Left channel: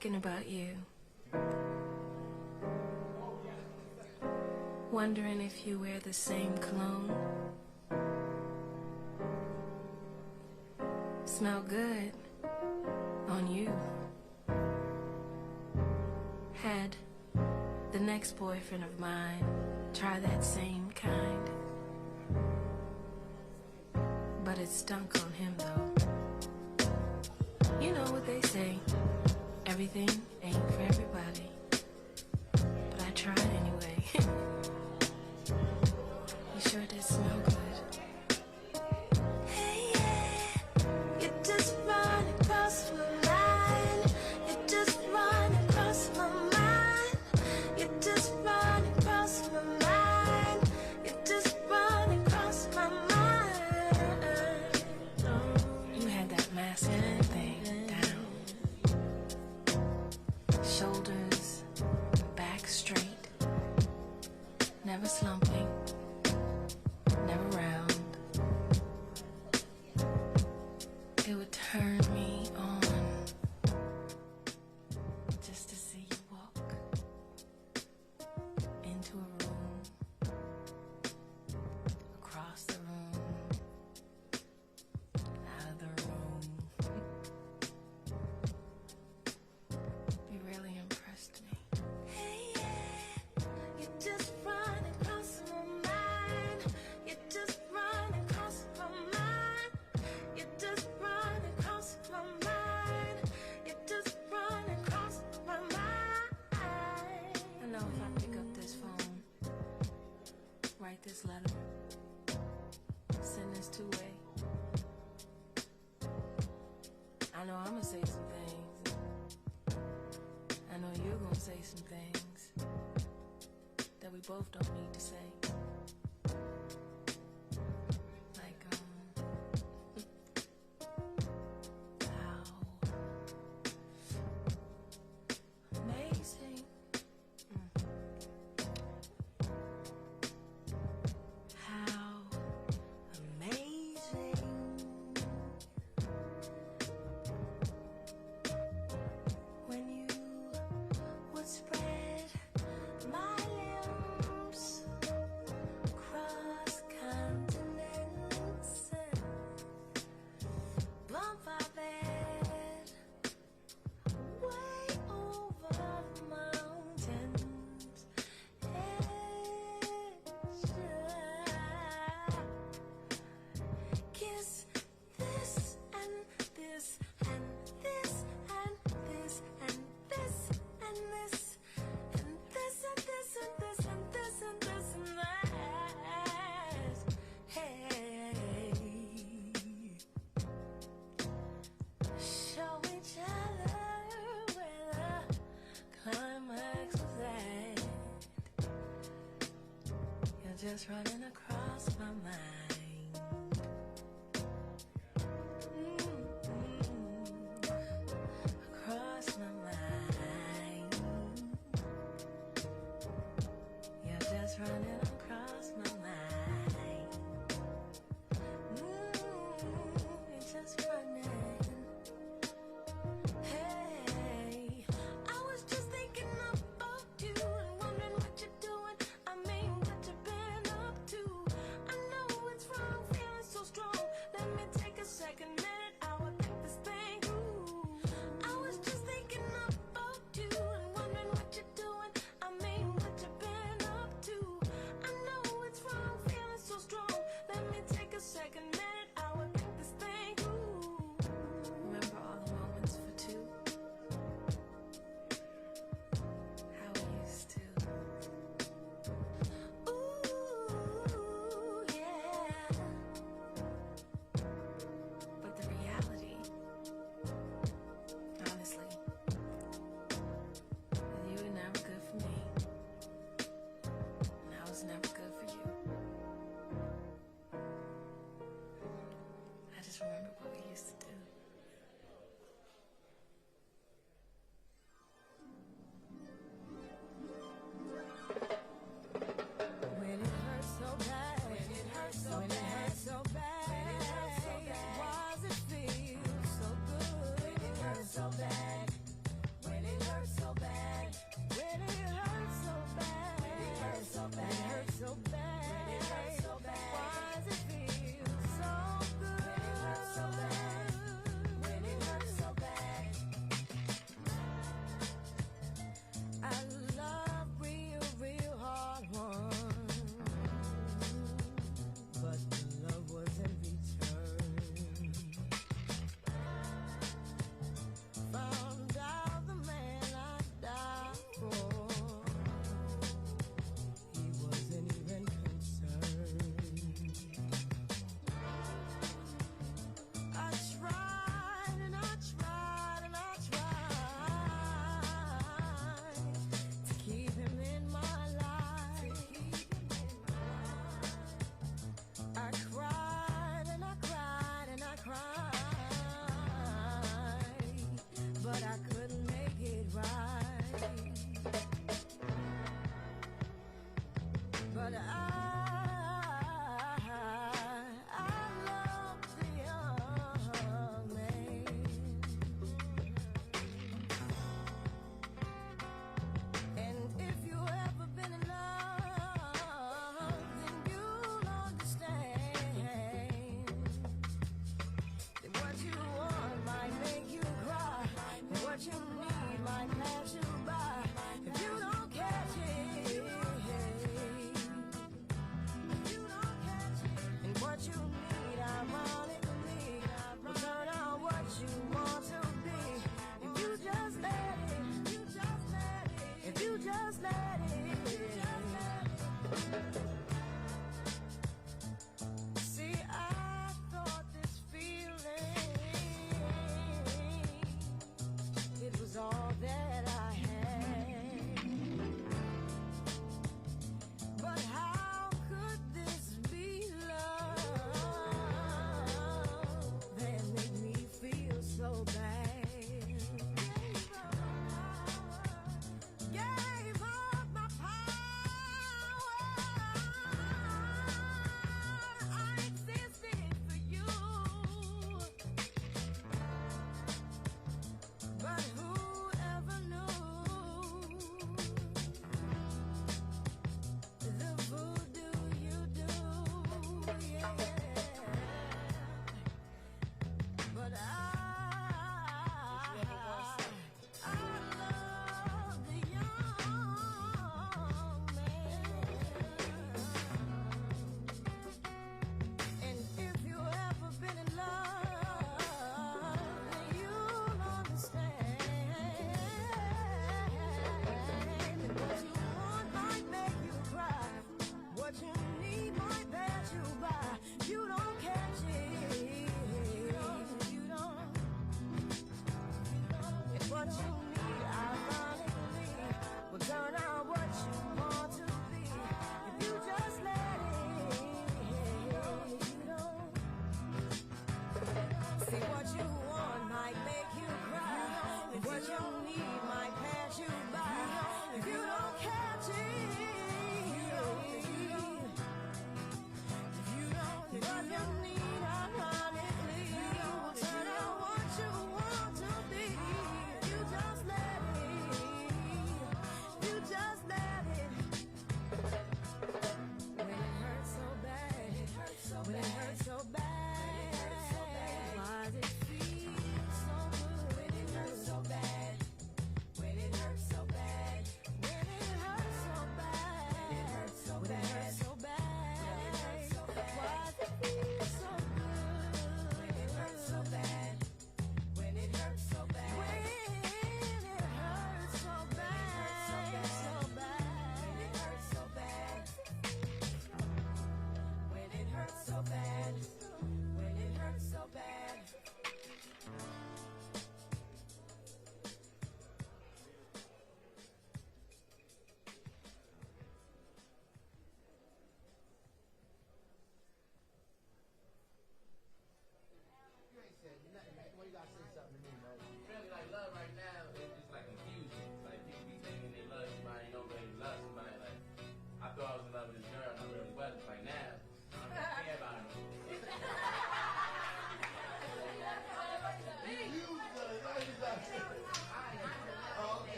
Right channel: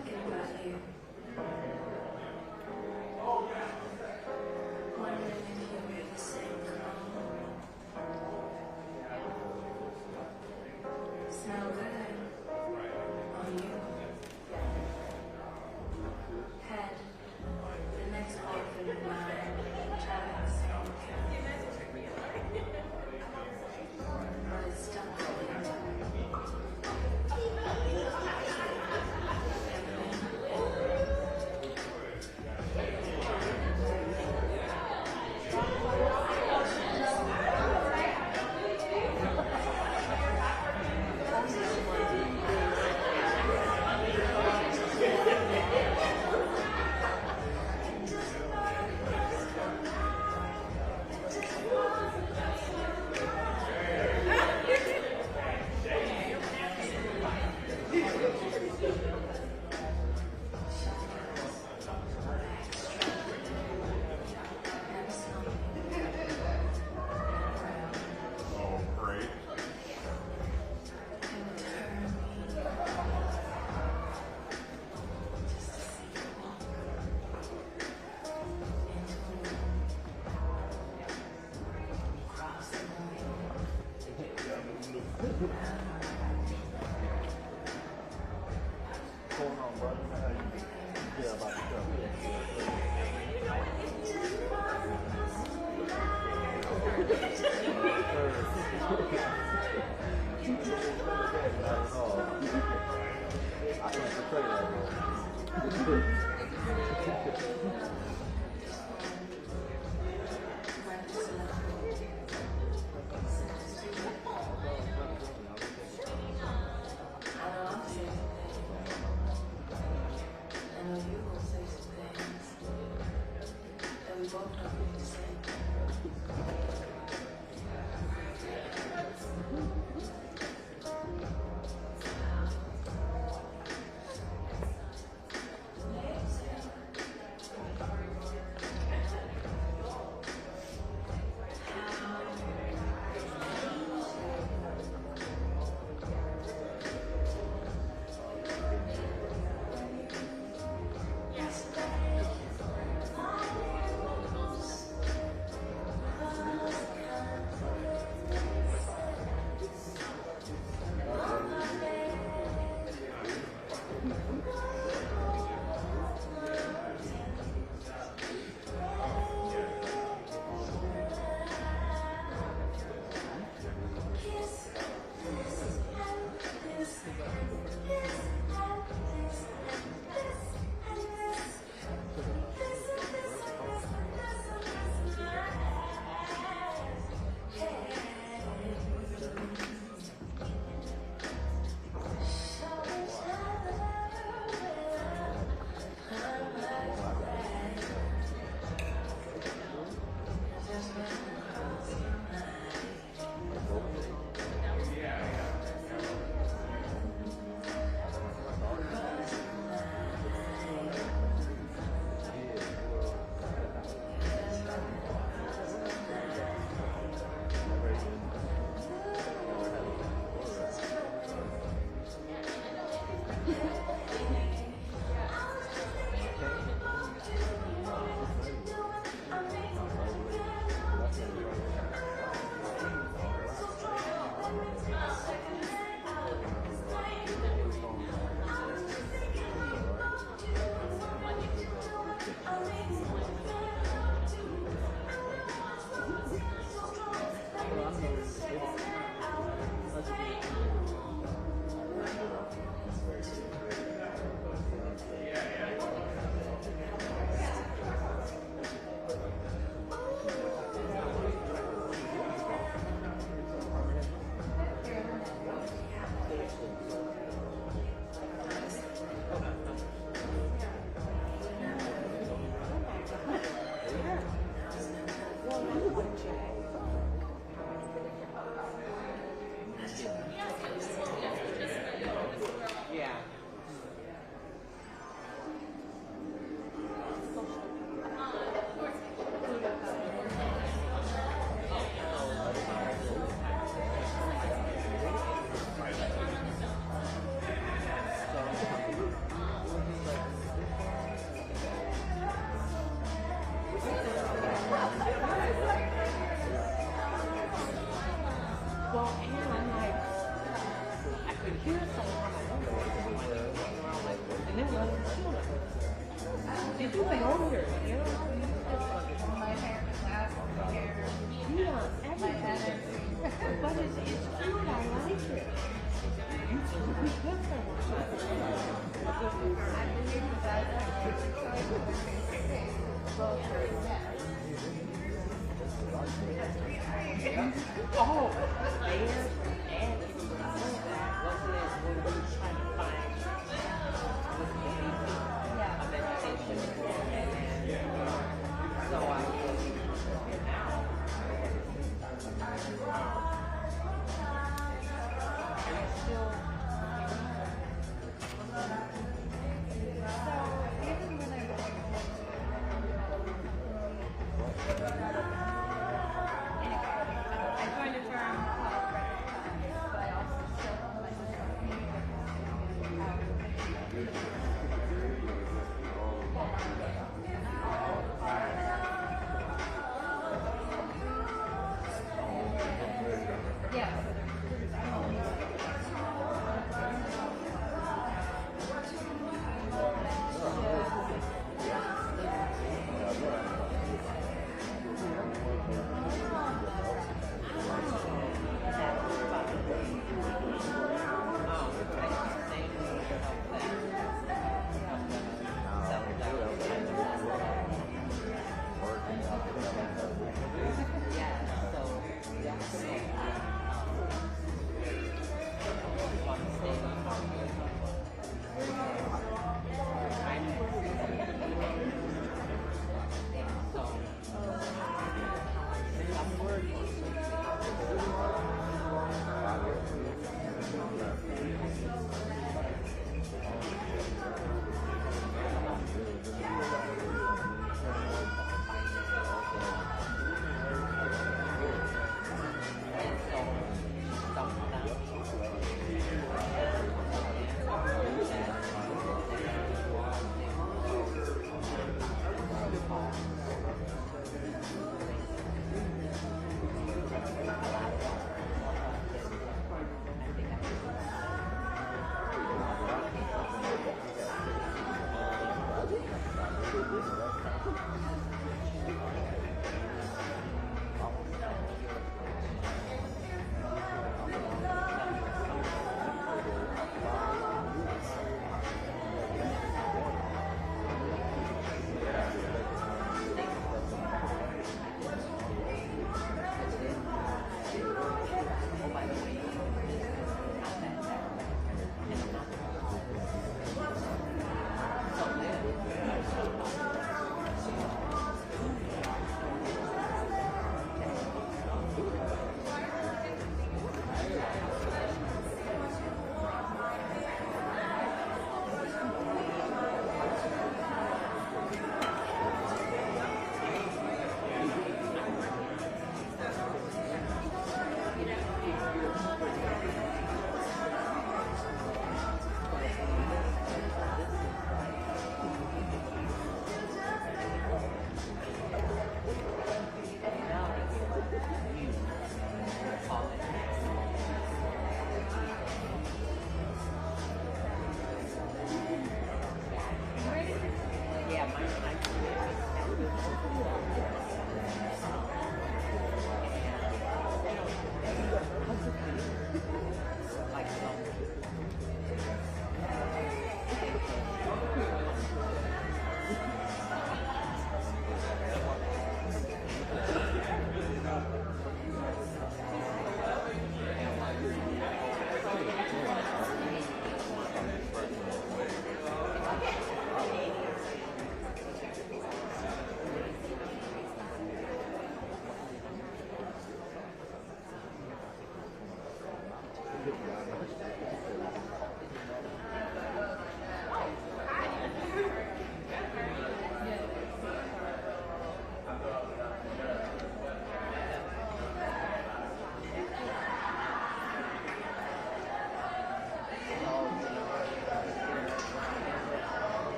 thinking about you, wondering if you wear the same cologne. Smell good on you. Had the next boyfriend of mine try that same kind, but it stuck on him though. You know what they say, everything ain't for everybody. But I try anyway. It sure does smell good. It doesn't bother us alright. It doesn't bother us alright. It doesn't bother us alright. It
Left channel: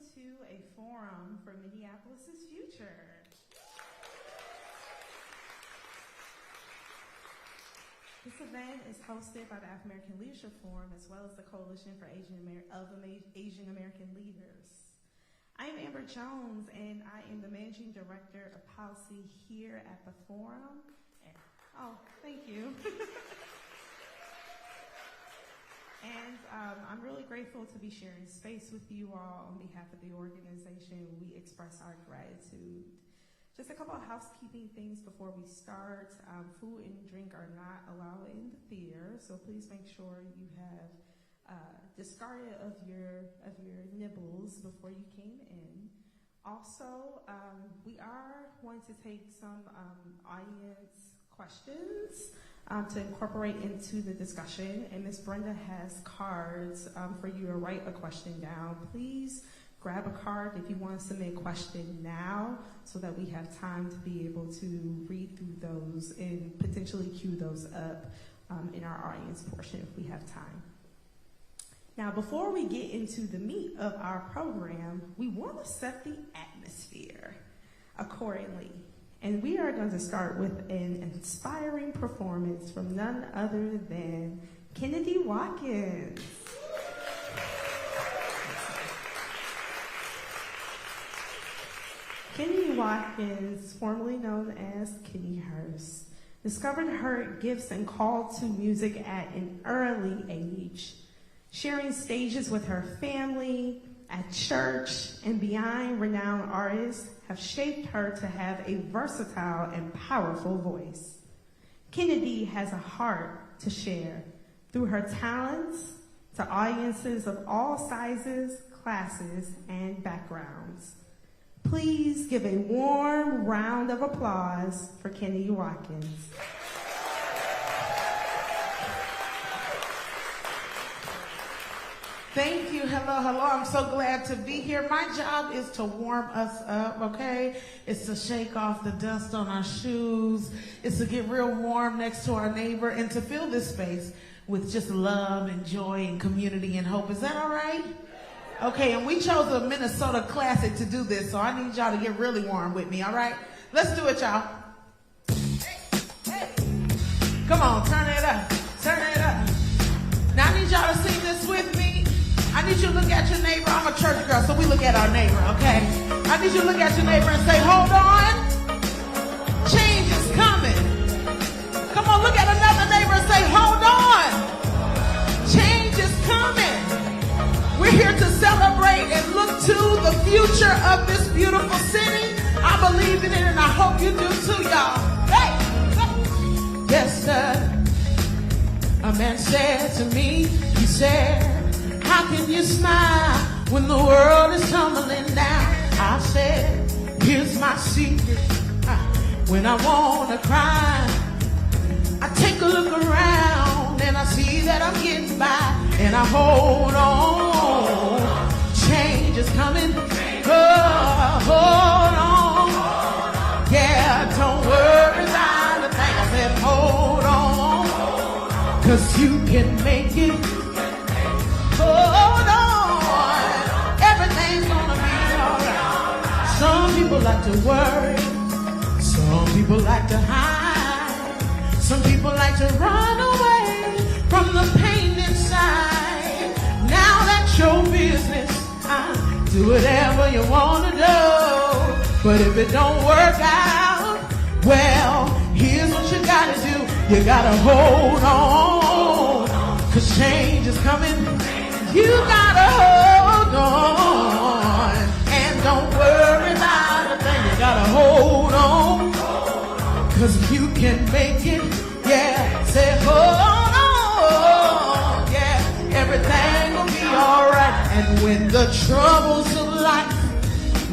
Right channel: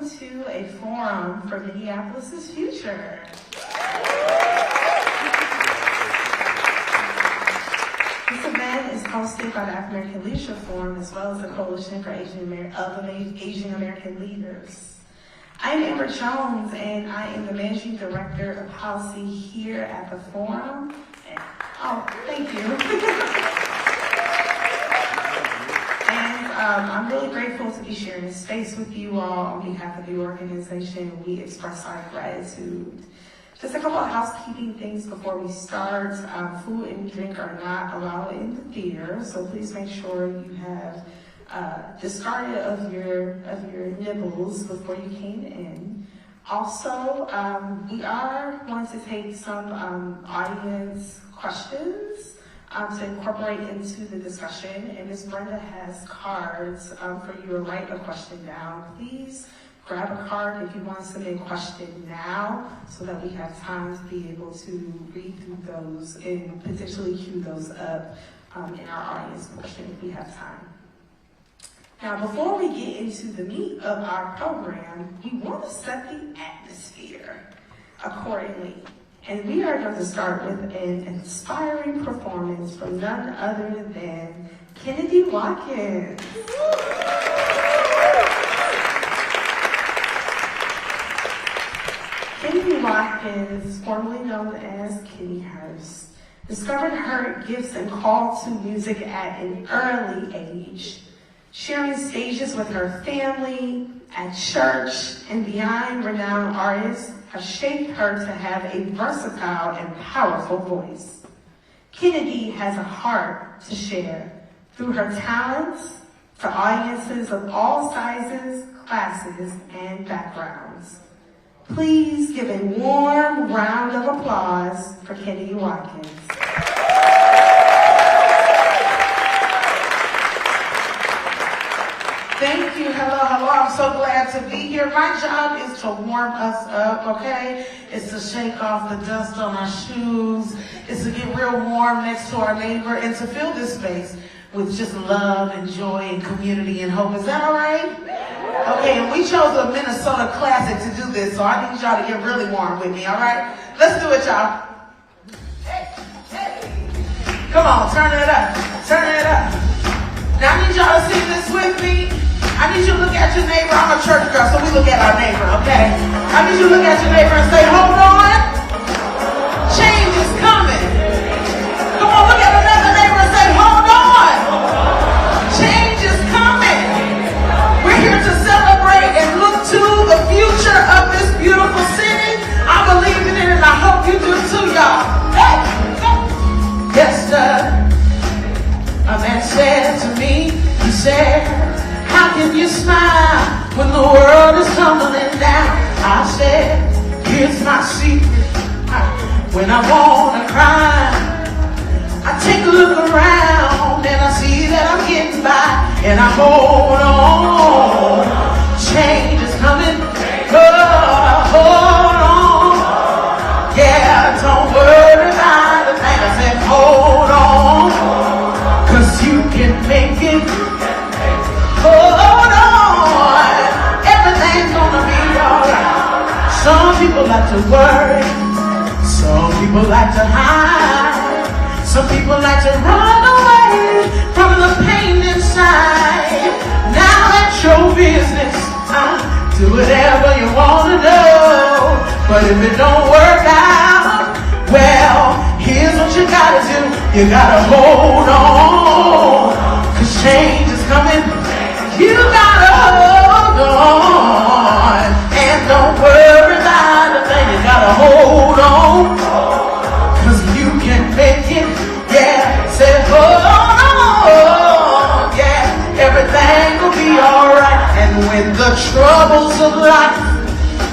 to a forum for Minneapolis' future. This event is hosted by the African American Leadership Forum as well as the Coalition for Asian American Leaders. I am Amber Jones, and I am the Managing Director of Policy here at the forum. Oh, thank you. And I'm really grateful to be sharing this space with you all on behalf of the organization. We express our gratitude. Just a couple of housekeeping things before we start. Food and drink are not allowed in the theater, so please make sure you have discarded of your nibbles before you came in. Also, we are going to take some audience questions to incorporate into the discussion, and Ms. Brenda has cards for you to write a question down. Please grab a card if you want to submit a question now so that we have time to be able to read through those and potentially cue those up in our audience portion if we have time. Now, before we get into the meat of our program, we want to set the atmosphere accordingly. And we are going to start with an inspiring performance from none other than Kennedy Watkins. Kennedy Watkins, formerly known as Kenny Hurst, discovered her gifts and call to music at an early age. Sharing stages with her family, at church, and beyond, renowned artists have shaped her to have a versatile and powerful voice. Kennedy has a heart to share through her talents to audiences of all sizes, classes, and backgrounds. Please give a warm round of applause for Kennedy Watkins. Thank you. Hello. I'm so glad to be here. My job is to warm us up, okay? It's to shake off the dust on our shoes. It's to get real warm next to our neighbor and to fill this space with just love and joy and community and hope. Is that all right? Okay, and we chose a Minnesota classic to do this, so I need y'all to get really warm with me, all right? Let's do it, y'all. Come on, turn it up. Turn it up. Now I need y'all to sing this with me. I need you to look at your neighbor. I'm a church girl, so we look at our neighbor, okay? I need you to look at your neighbor and say, hold on. Change is coming. Come on, look at another neighbor and say, hold on. Change is coming. We're here to celebrate and look to the future of this beautiful city. I believe in it, and I hope you do too, y'all. Hey. Yes, sir. A man said to me, he said, how can you smile when the world is tumbling down? I said, here's my secret. When I wanna cry, I take a look around and I see that I'm getting by, and I hold on. Change is coming. Oh, hold on. Yeah, don't worry about a thing. I said, hold on, 'cause you can make it. Hold on, everything's gonna be alright. Some people like to worry, some people like to hide, some people like to run away from the pain inside. Now that's your business, do whatever you wanna do, but if it don't work out, well, here's what you gotta do. You gotta hold on, 'cause change is coming. You gotta hold on, and don't worry about a thing. You gotta hold on, 'cause you can make it. Yeah, say hold on. Yeah, everything will be alright. And when the troubles of life,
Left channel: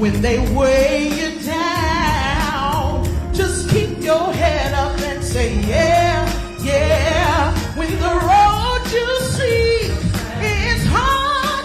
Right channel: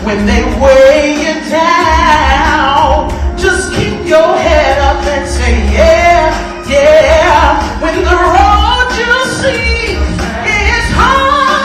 when they weigh you down, just keep your head up and say yeah, yeah. When the road you see is hard,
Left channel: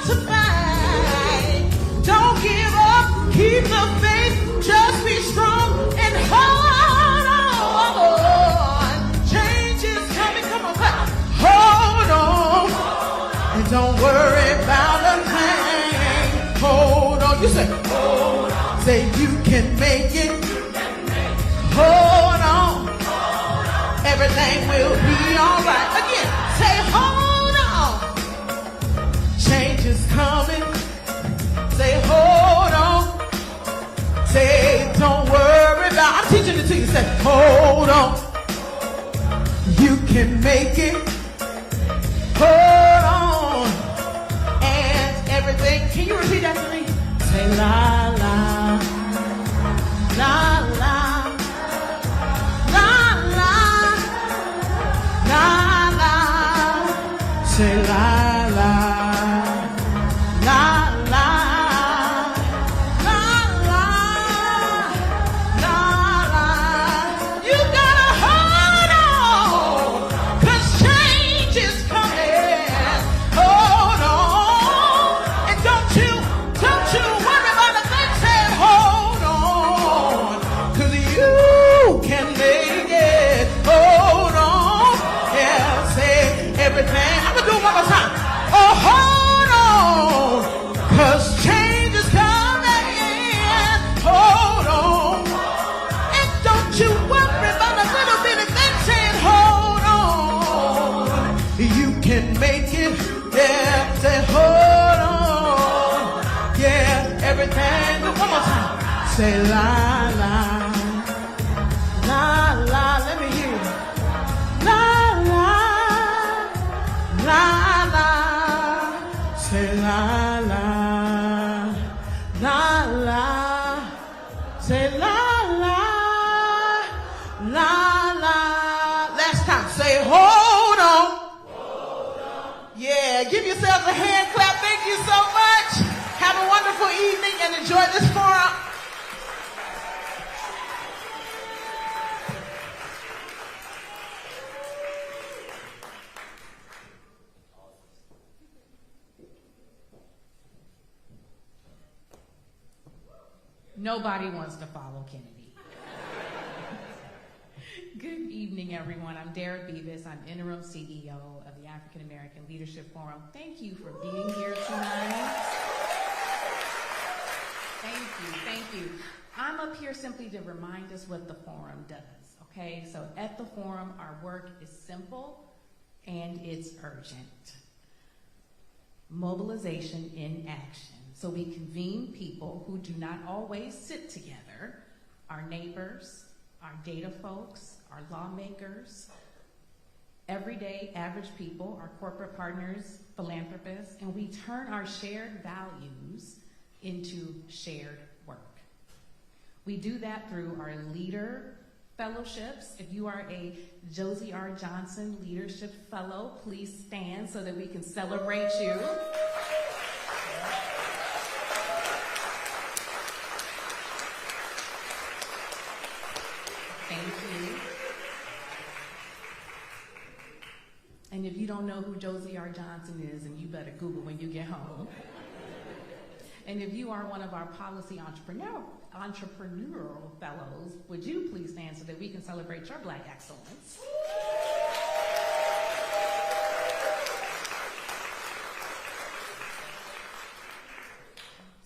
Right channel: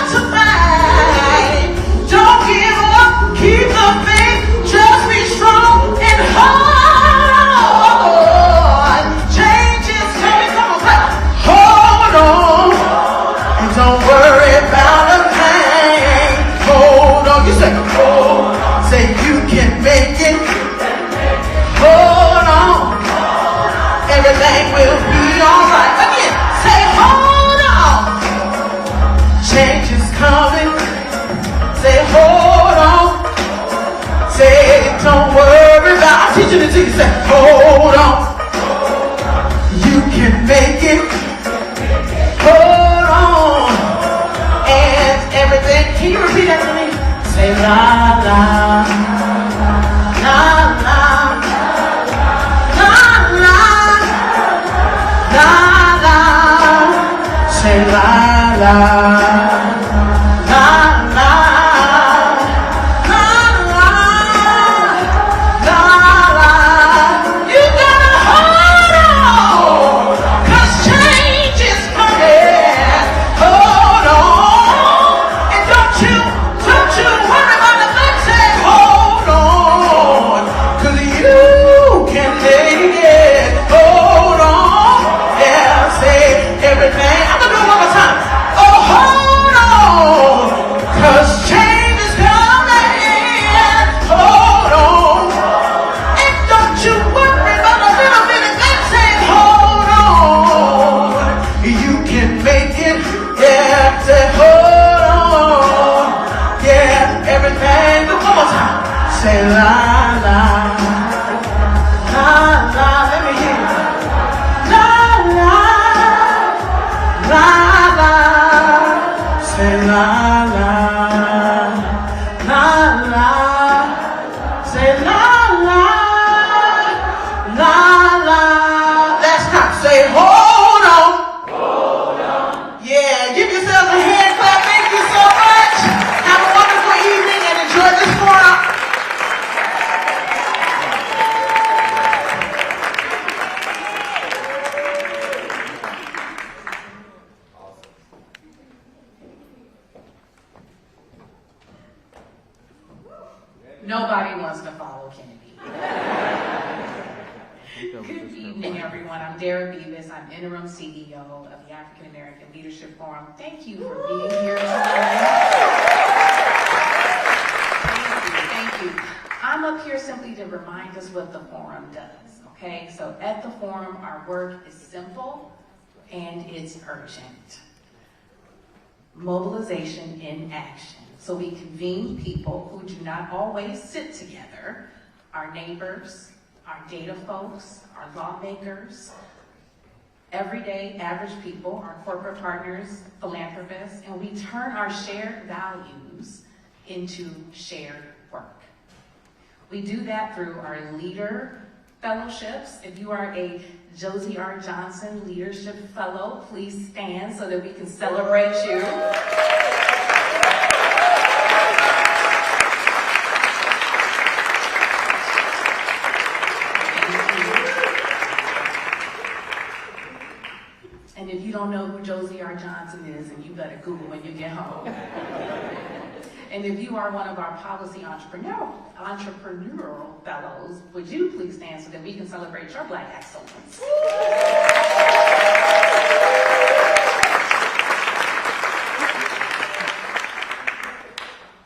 Nobody wants to follow Kennedy. Good evening, everyone. I'm Dara Beavis. I'm interim CEO of the African American Leadership Forum. Thank you for being here today. Thank you. I'm up here simply to remind us what the forum does. Okay, so at the forum, our work is simple and it's urgent. Mobilization in action. So we convene people who do not always sit together, our neighbors, our data folks, our lawmakers, everyday average people, our corporate partners, philanthropists, and we turn our shared values into shared work. We do that through our leader fellowships. If you are a Josie R. Johnson Leadership Fellow, please stand so that we can celebrate you. And if you don't know who Josie R. Johnson is, then you better Google when you get home. And if you are one of our policy entrepreneurial fellows, would you please stand so that we can celebrate your Black excellence?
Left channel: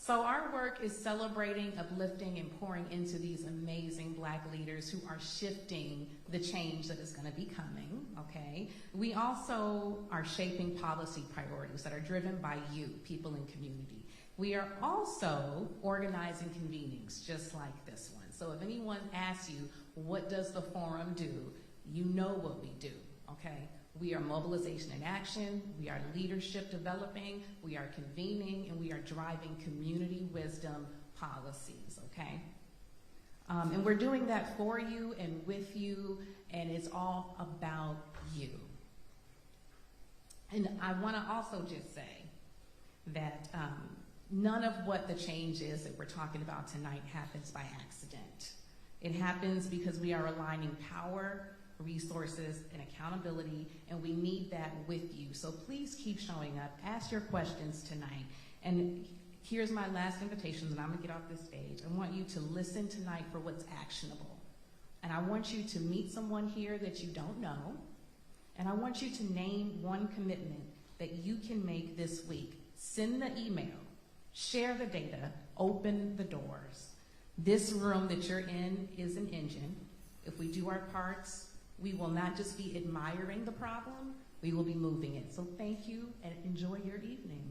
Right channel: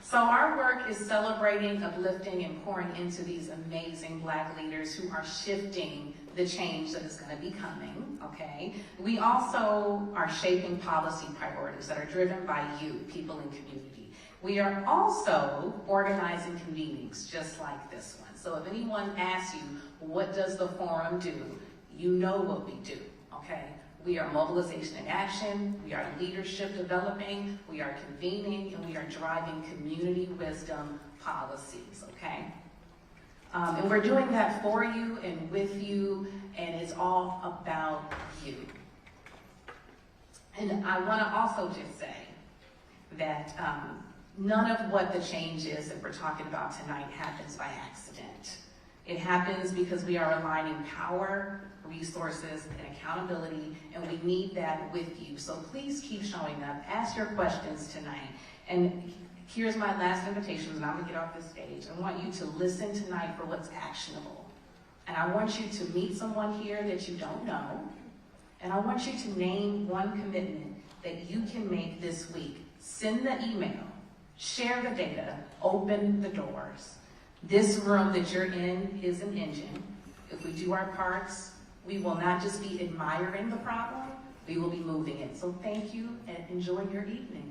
So our work is celebrating, uplifting, and pouring into these amazing Black leaders who are shifting the change that is going to be coming, okay? We also are shaping policy priorities that are driven by you, people in community. We are also organizing meetings just like this one. So if anyone asks you, what does the forum do? You know what we do, okay? We are mobilization in action, we are leadership developing, we are convening, and we are driving community wisdom policies, okay? And we're doing that for you and with you, and it's all about you. And I want to also just say that none of what the change is that we're talking about tonight happens by accident. It happens because we are aligning power, resources, and accountability, and we need that with you. So please keep showing up. Ask your questions tonight. And here's my last invitation, and I'm going to get off the stage. I want you to listen tonight for what's actionable. And I want you to meet someone here that you don't know. And I want you to name one commitment that you can make this week. Send the email. Share the data, open the doors. This room that you're in is an engine. If we do our parts, we will not just be admiring the problem, we will be moving it. So thank you and enjoy your evening.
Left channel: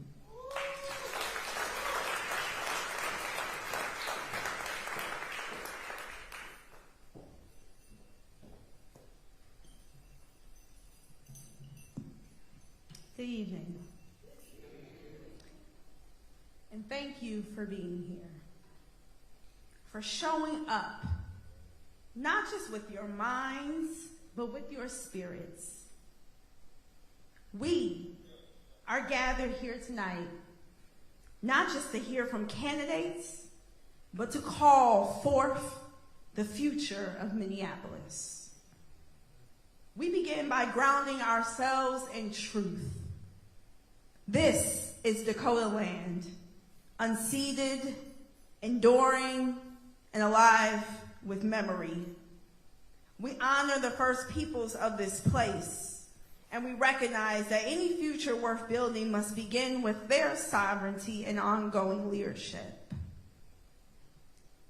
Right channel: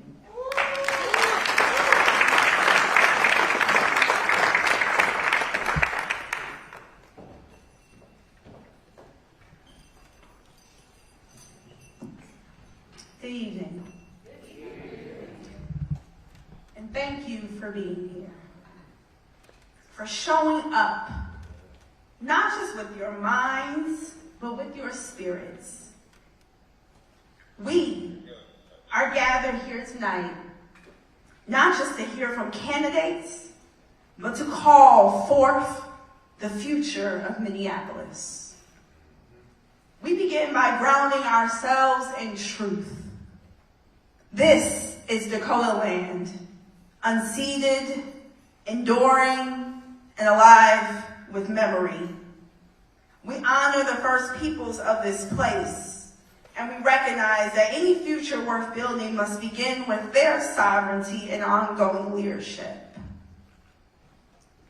Good evening. And thank you for being here, for showing up, not just with your minds, but with your spirits. We are gathered here tonight, not just to hear from candidates, but to call forth the future of Minneapolis. We begin by grounding ourselves in truth. This is Dakota land, unceded, enduring, and alive with memory. We honor the first peoples of this place, and we recognize that any future worth building must begin with their sovereignty and ongoing leadership.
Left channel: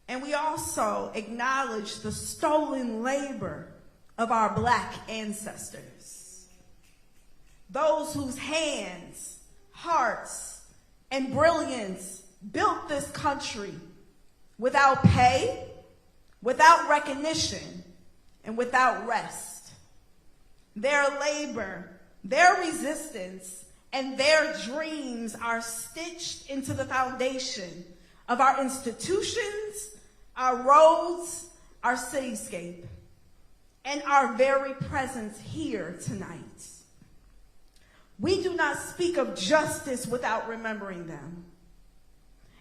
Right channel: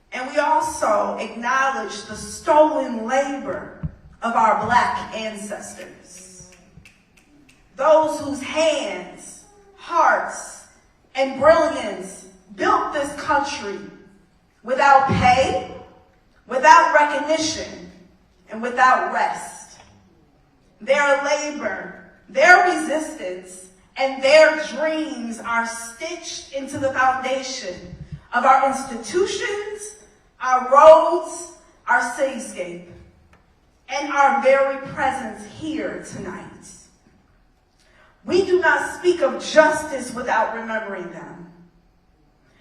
And we also acknowledge the stolen labor of our Black ancestors, those whose hands, hearts, and brilliance built this country without pay, without recognition, and without rest. Their labor, their resistance, and their dreams are stitched into the foundation of our institutions, our roads, our cityscape, and our very presence here tonight. We do not speak of justice without remembering them.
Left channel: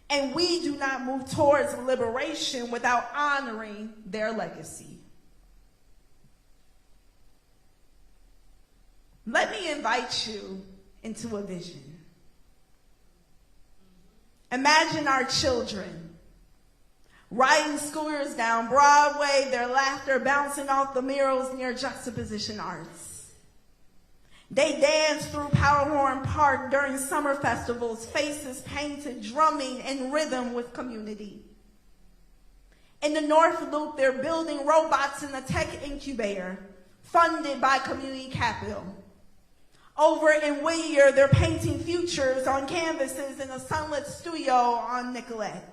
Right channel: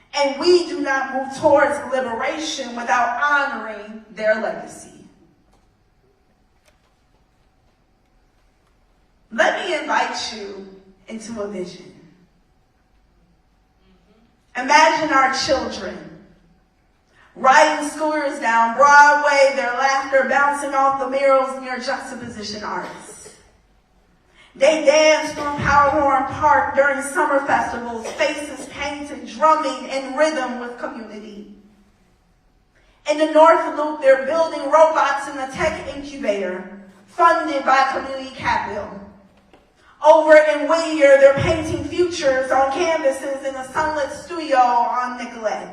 And we do not move towards liberation without honoring their legacy. Let me invite you into a vision. Imagine our children riding scooters down Broadway, their laughter bouncing off the murals near Juxtaposition Arts. They dance from Powderhorn Park during summer festivals, faces painted, drumming in rhythm with community. In the North Loop, they're building robots in a tech incubator funded by community capital. Over in Whittier, they're painting futures on canvases in a sunlit studio on Nicollet.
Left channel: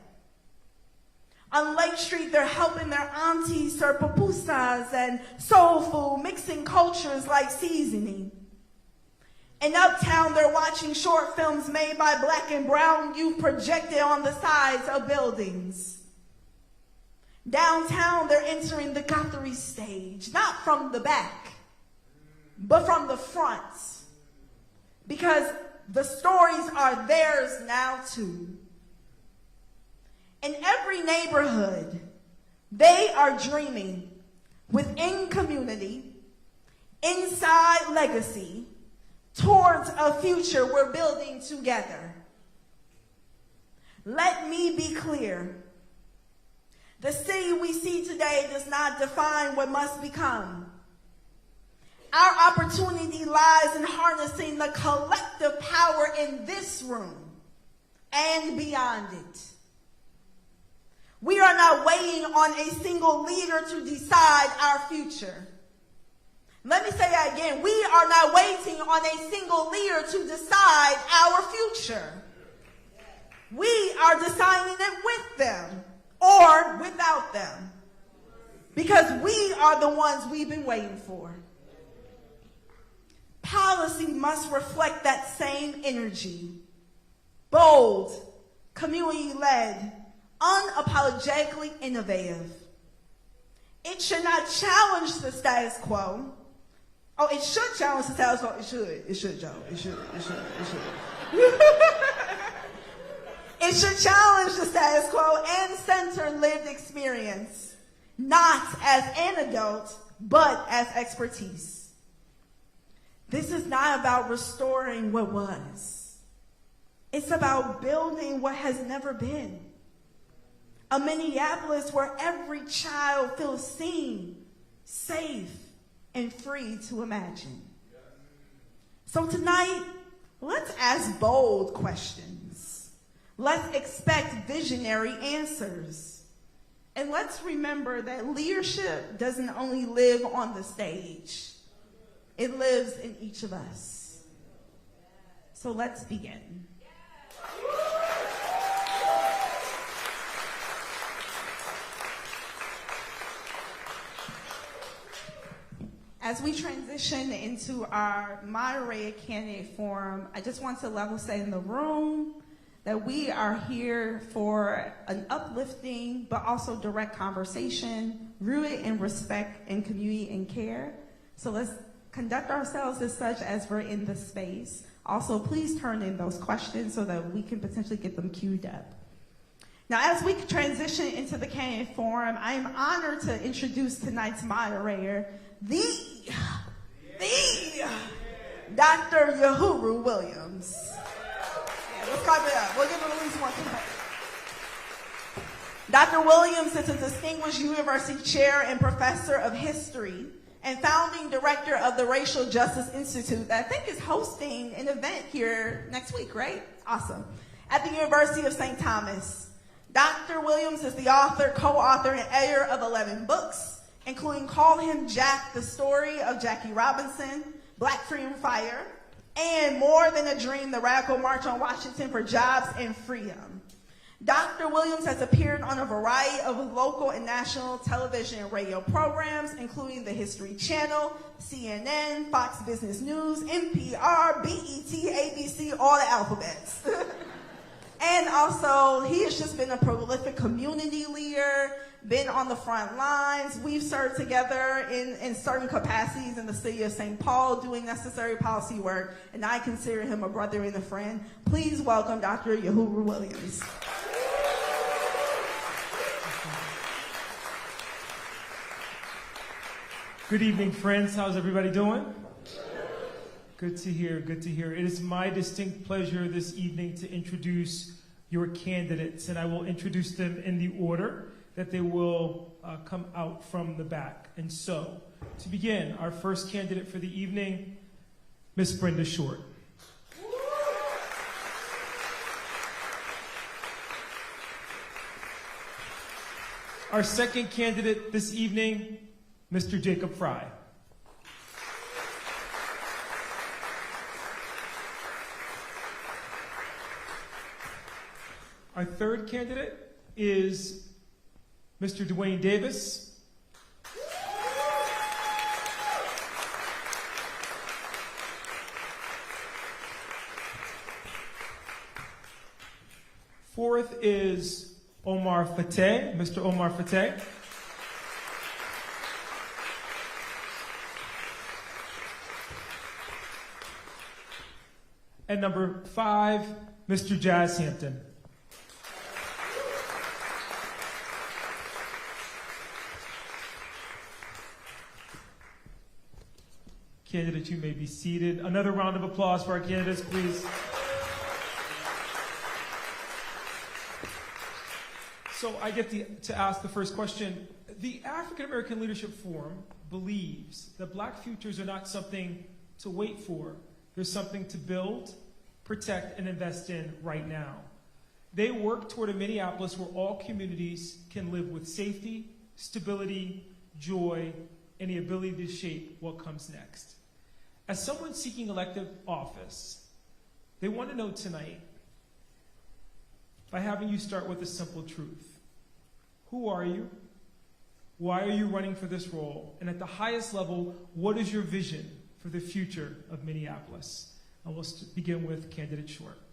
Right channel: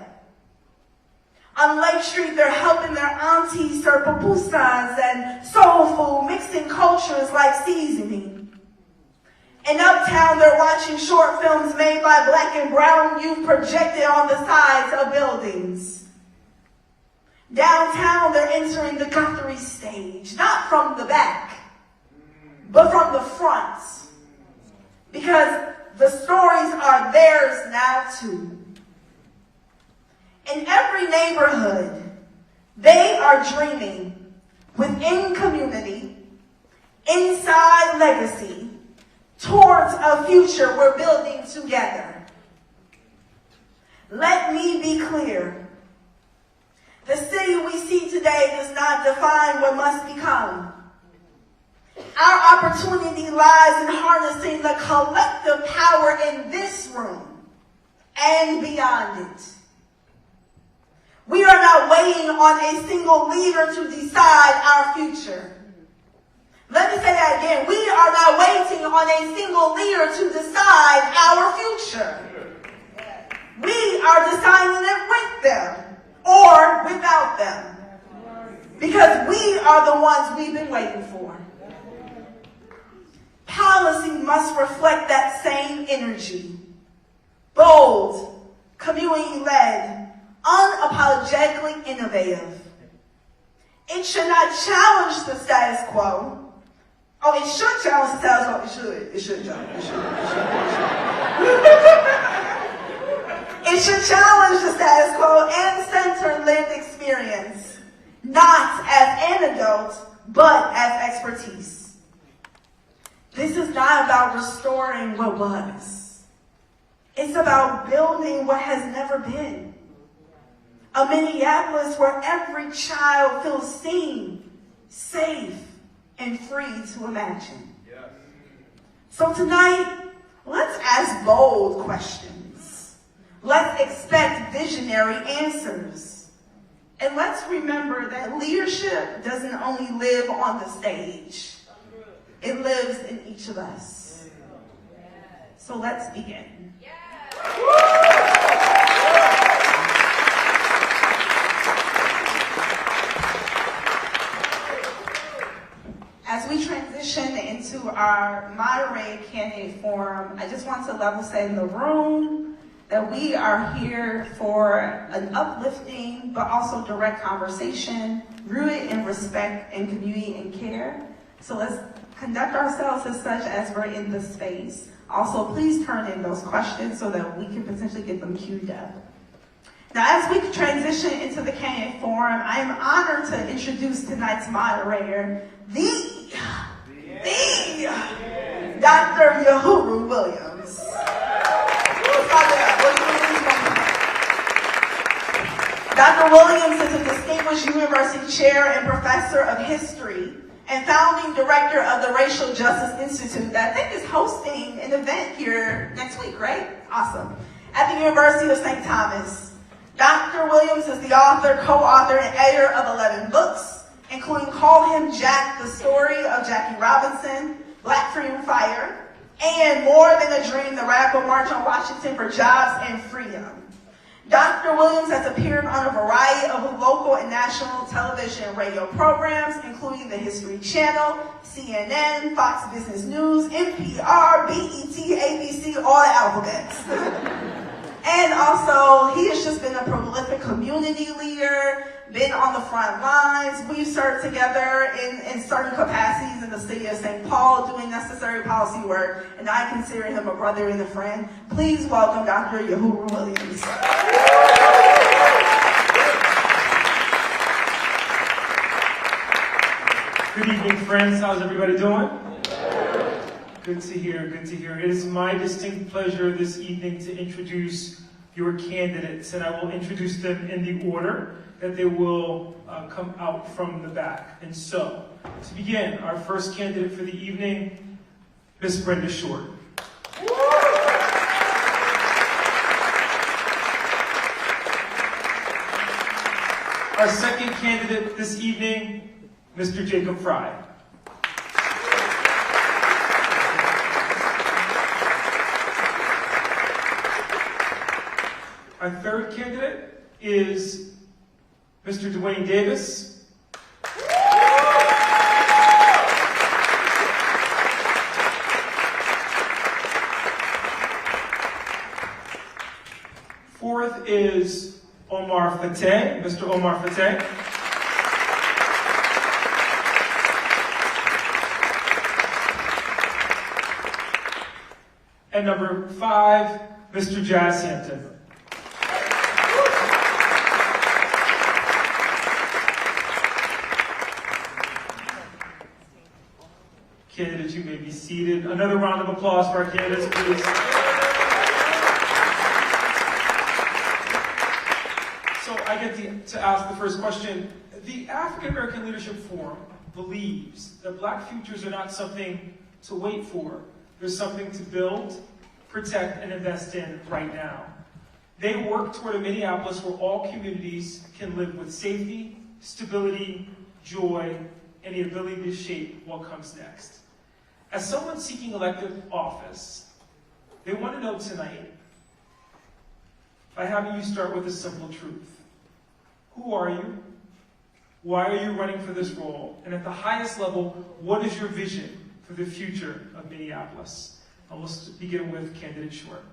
On Lake Street, they're helping their aunties serve pupusas and soul food, mixing cultures like seasoning. In Uptown, they're watching short films made by Black and brown youth projected on the sides of buildings. Downtown, they're entering the Capri stage, not from the back, but from the front. Because the stories are theirs now too. In every neighborhood, they are dreaming within community, inside legacy, towards a future we're building together. Let me be clear. The city we see today does not define what must become. Our opportunity lies in harnessing the collective power in this room and beyond it. We are not waiting on a single leader to decide our future. Let me say that again. We are not waiting on a single leader to decide our future. We are deciding it with them or without them. Because we are the ones we've been waiting for. Policy must reflect that same energy. Bold, community-led, unapologetically innovative. It should not challenge the status quo. Oh, it should challenge the status quo. It should challenge. It should challenge the status quo and center lived experience, not as anecdotes, but as expertise. This is not about restoring what was. It's about building what has never been. A Minneapolis where every child feels seen, safe, and free to imagine. Yes. So tonight, let's ask bold questions. Let's expect visionary answers. And let's remember that leadership doesn't only live on the stage. It lives in each of us. So let's begin. As we transition into our moderated candidate forum, I just want to level set in the room that we are here for an uplifting but also direct conversation rooted in respect and community and care. So let's conduct ourselves as such as we're in the space. Also, please turn in those questions so that we can potentially get them queued up. Now, as we transition into the Candid Forum, I am honored to introduce tonight's moderator, the Dr. Uhuru Williams. Dr. Williams is a distinguished university chair and professor of history and founding director of the Racial Justice Institute that I think is hosting an event here next week, right? Awesome. At the University of St. Thomas. Dr. Williams is the author, co-author, and editor of 11 books, including Call Him Jack, the story of Jackie Robinson, Black Freedom Fighter, and More Than a Dream, the Radical March on Washington for Jobs and Freedom. Dr. Williams has appeared on a variety of local and national television and radio programs, including the History Channel, CNN, Fox Business News, NPR, BET, ABC, all the alphabets. And also, he has just been a prolific community leader, been on the front lines. We served together in certain capacities in the city of St. Paul, doing necessary policy work, and I consider him a brother and a friend. Please welcome Dr. Uhuru Williams. Good evening, friends. How's everybody doing? Good to hear, good to hear. It is my distinct pleasure this evening to introduce your candidates, and I will introduce them in the order that they will come out from the back. And so, to begin, our first candidate for the evening, Ms. Brenda Short. Our second candidate this evening, Mr. Jacob Fry. Our third candidate is Mr. Dwayne Davis. Fourth is Omar Fateh, Mr. Omar Fateh. And number 5, Mr. Jazz Hampton. Candidates, you may be seated. Another round of applause for our candidates, please. So I get to ask the first question. The African American Leadership Forum believes that Black futures are not something to wait for. They're something to build, protect, and invest in right now. They work toward a Minneapolis where all communities can live with safety, stability, joy, and the ability to shape what comes next. As someone seeking elected office, they want to know tonight, by having you start with a simple truth. Who are you? Why are you running for this role? And at the highest level, what is your vision for the future of Minneapolis? And let's begin with candidate Short.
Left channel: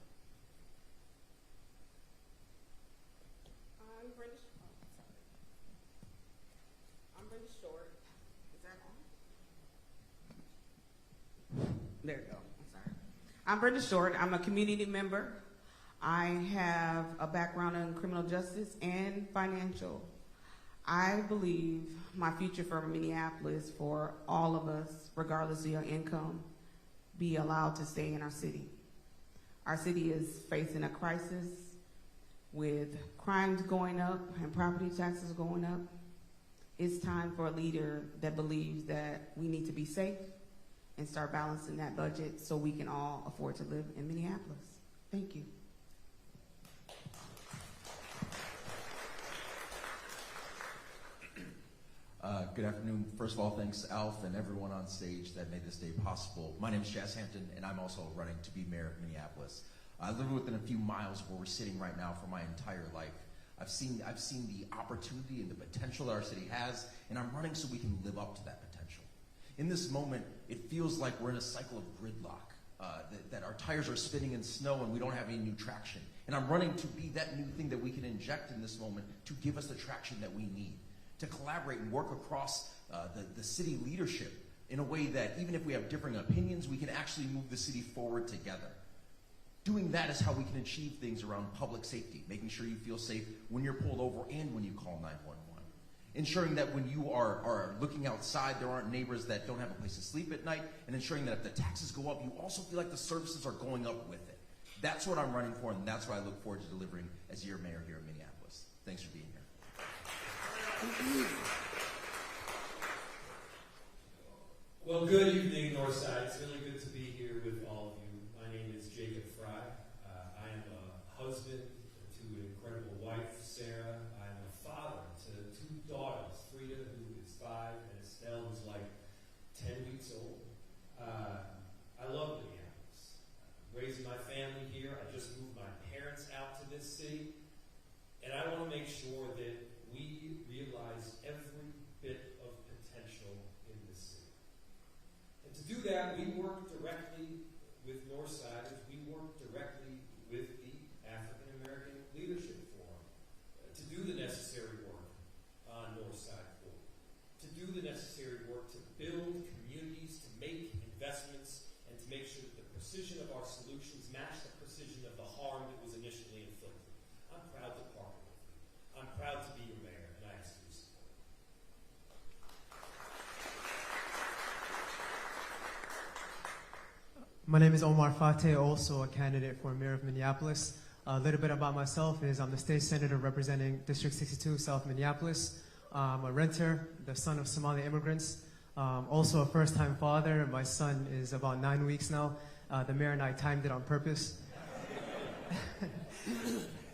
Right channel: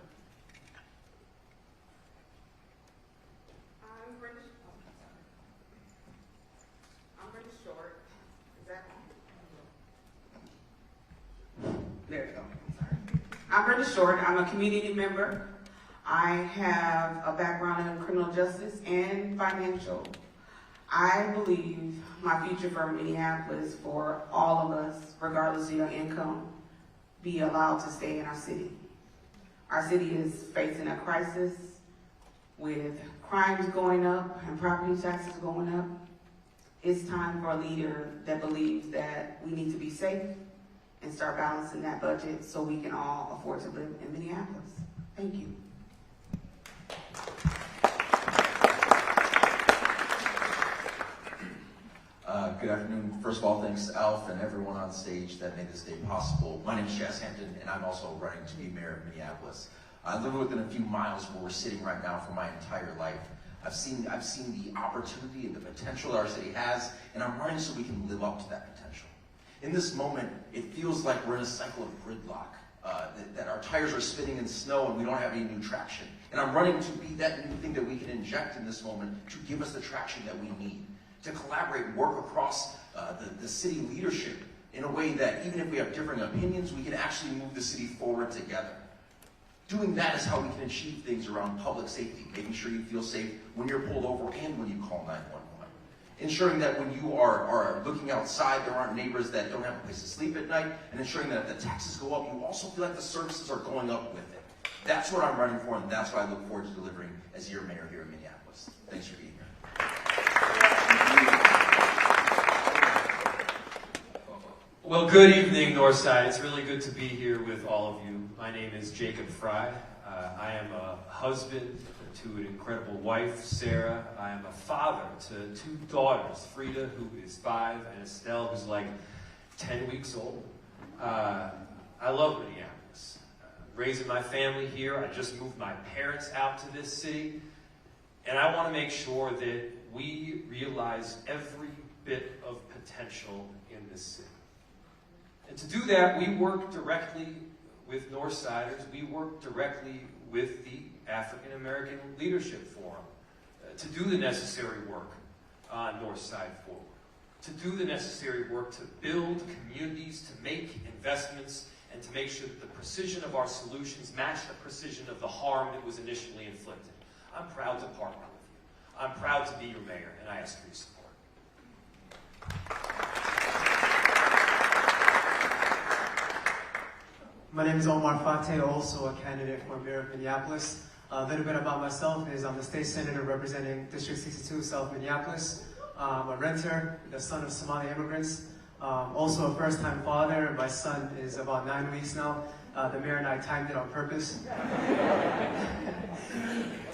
I'm Brenda Short. I'm a community member. I have a background in criminal justice and financial. I believe my future for Minneapolis, for all of us, regardless of your income, be allowed to stay in our city. Our city is facing a crisis with crimes going up and property taxes going up. It's time for a leader that believes that we need to be safe and start balancing that budget so we can all afford to live in Minneapolis. Thank you. Good afternoon. First of all, thanks to Alf and everyone on stage that made this day possible. My name is Jazz Hampton, and I'm also running to be mayor of Minneapolis. I live within a few miles where we're sitting right now for my entire life. I've seen the opportunity and the potential that our city has, and I'm running so we can live up to that potential. In this moment, it feels like we're in a cycle of gridlock, that our tires are spinning in snow and we don't have any new traction. And I'm running to be that new thing that we can inject in this moment to give us the traction that we need, to collaborate and work across the city leadership in a way that even if we have different opinions, we can actually move the city forward together. Doing that is how we can achieve things around public safety, making sure you feel safe when you're pulled over and when you call 911. Ensuring that when you are looking outside, there aren't neighbors that don't have a place to sleep at night, and ensuring that if the taxes go up, you also feel like the services are going up with it. That's what I'm running for, and that's what I look forward to delivering as your mayor here in Minneapolis. Thanks for being here. Well, good evening, Northside. It's really good to be here with all of you. My name is Jacob Fry. I am a husband to an incredible wife, Sarah. I am a father to 2 daughters, Frida, who is 5, and Estelle, who's like 10 weeks old. I love Minneapolis. Raising my family here, I just moved my parents out to this city, and I want to make sure that we realize every bit of potential in this city. And to do that, we work directly with Northsiders. We work directly with the African American Leadership Forum to do the necessary work on Northside Forward, to do the necessary work to build communities, to make investments, and to make sure that the precision of our solutions match the precision of the harm that was initially inflicted. I'm proud to partner with you. I'm proud to be your mayor, and I ask for your support. My name is Omar Fateh, also a candidate for mayor of Minneapolis. A little bit about myself is I'm a state senator representing District 62, South Minneapolis. I'm a renter, the son of Somali immigrants. Also a first-time father. My son is about 9 weeks now. The mayor and I timed it on purpose.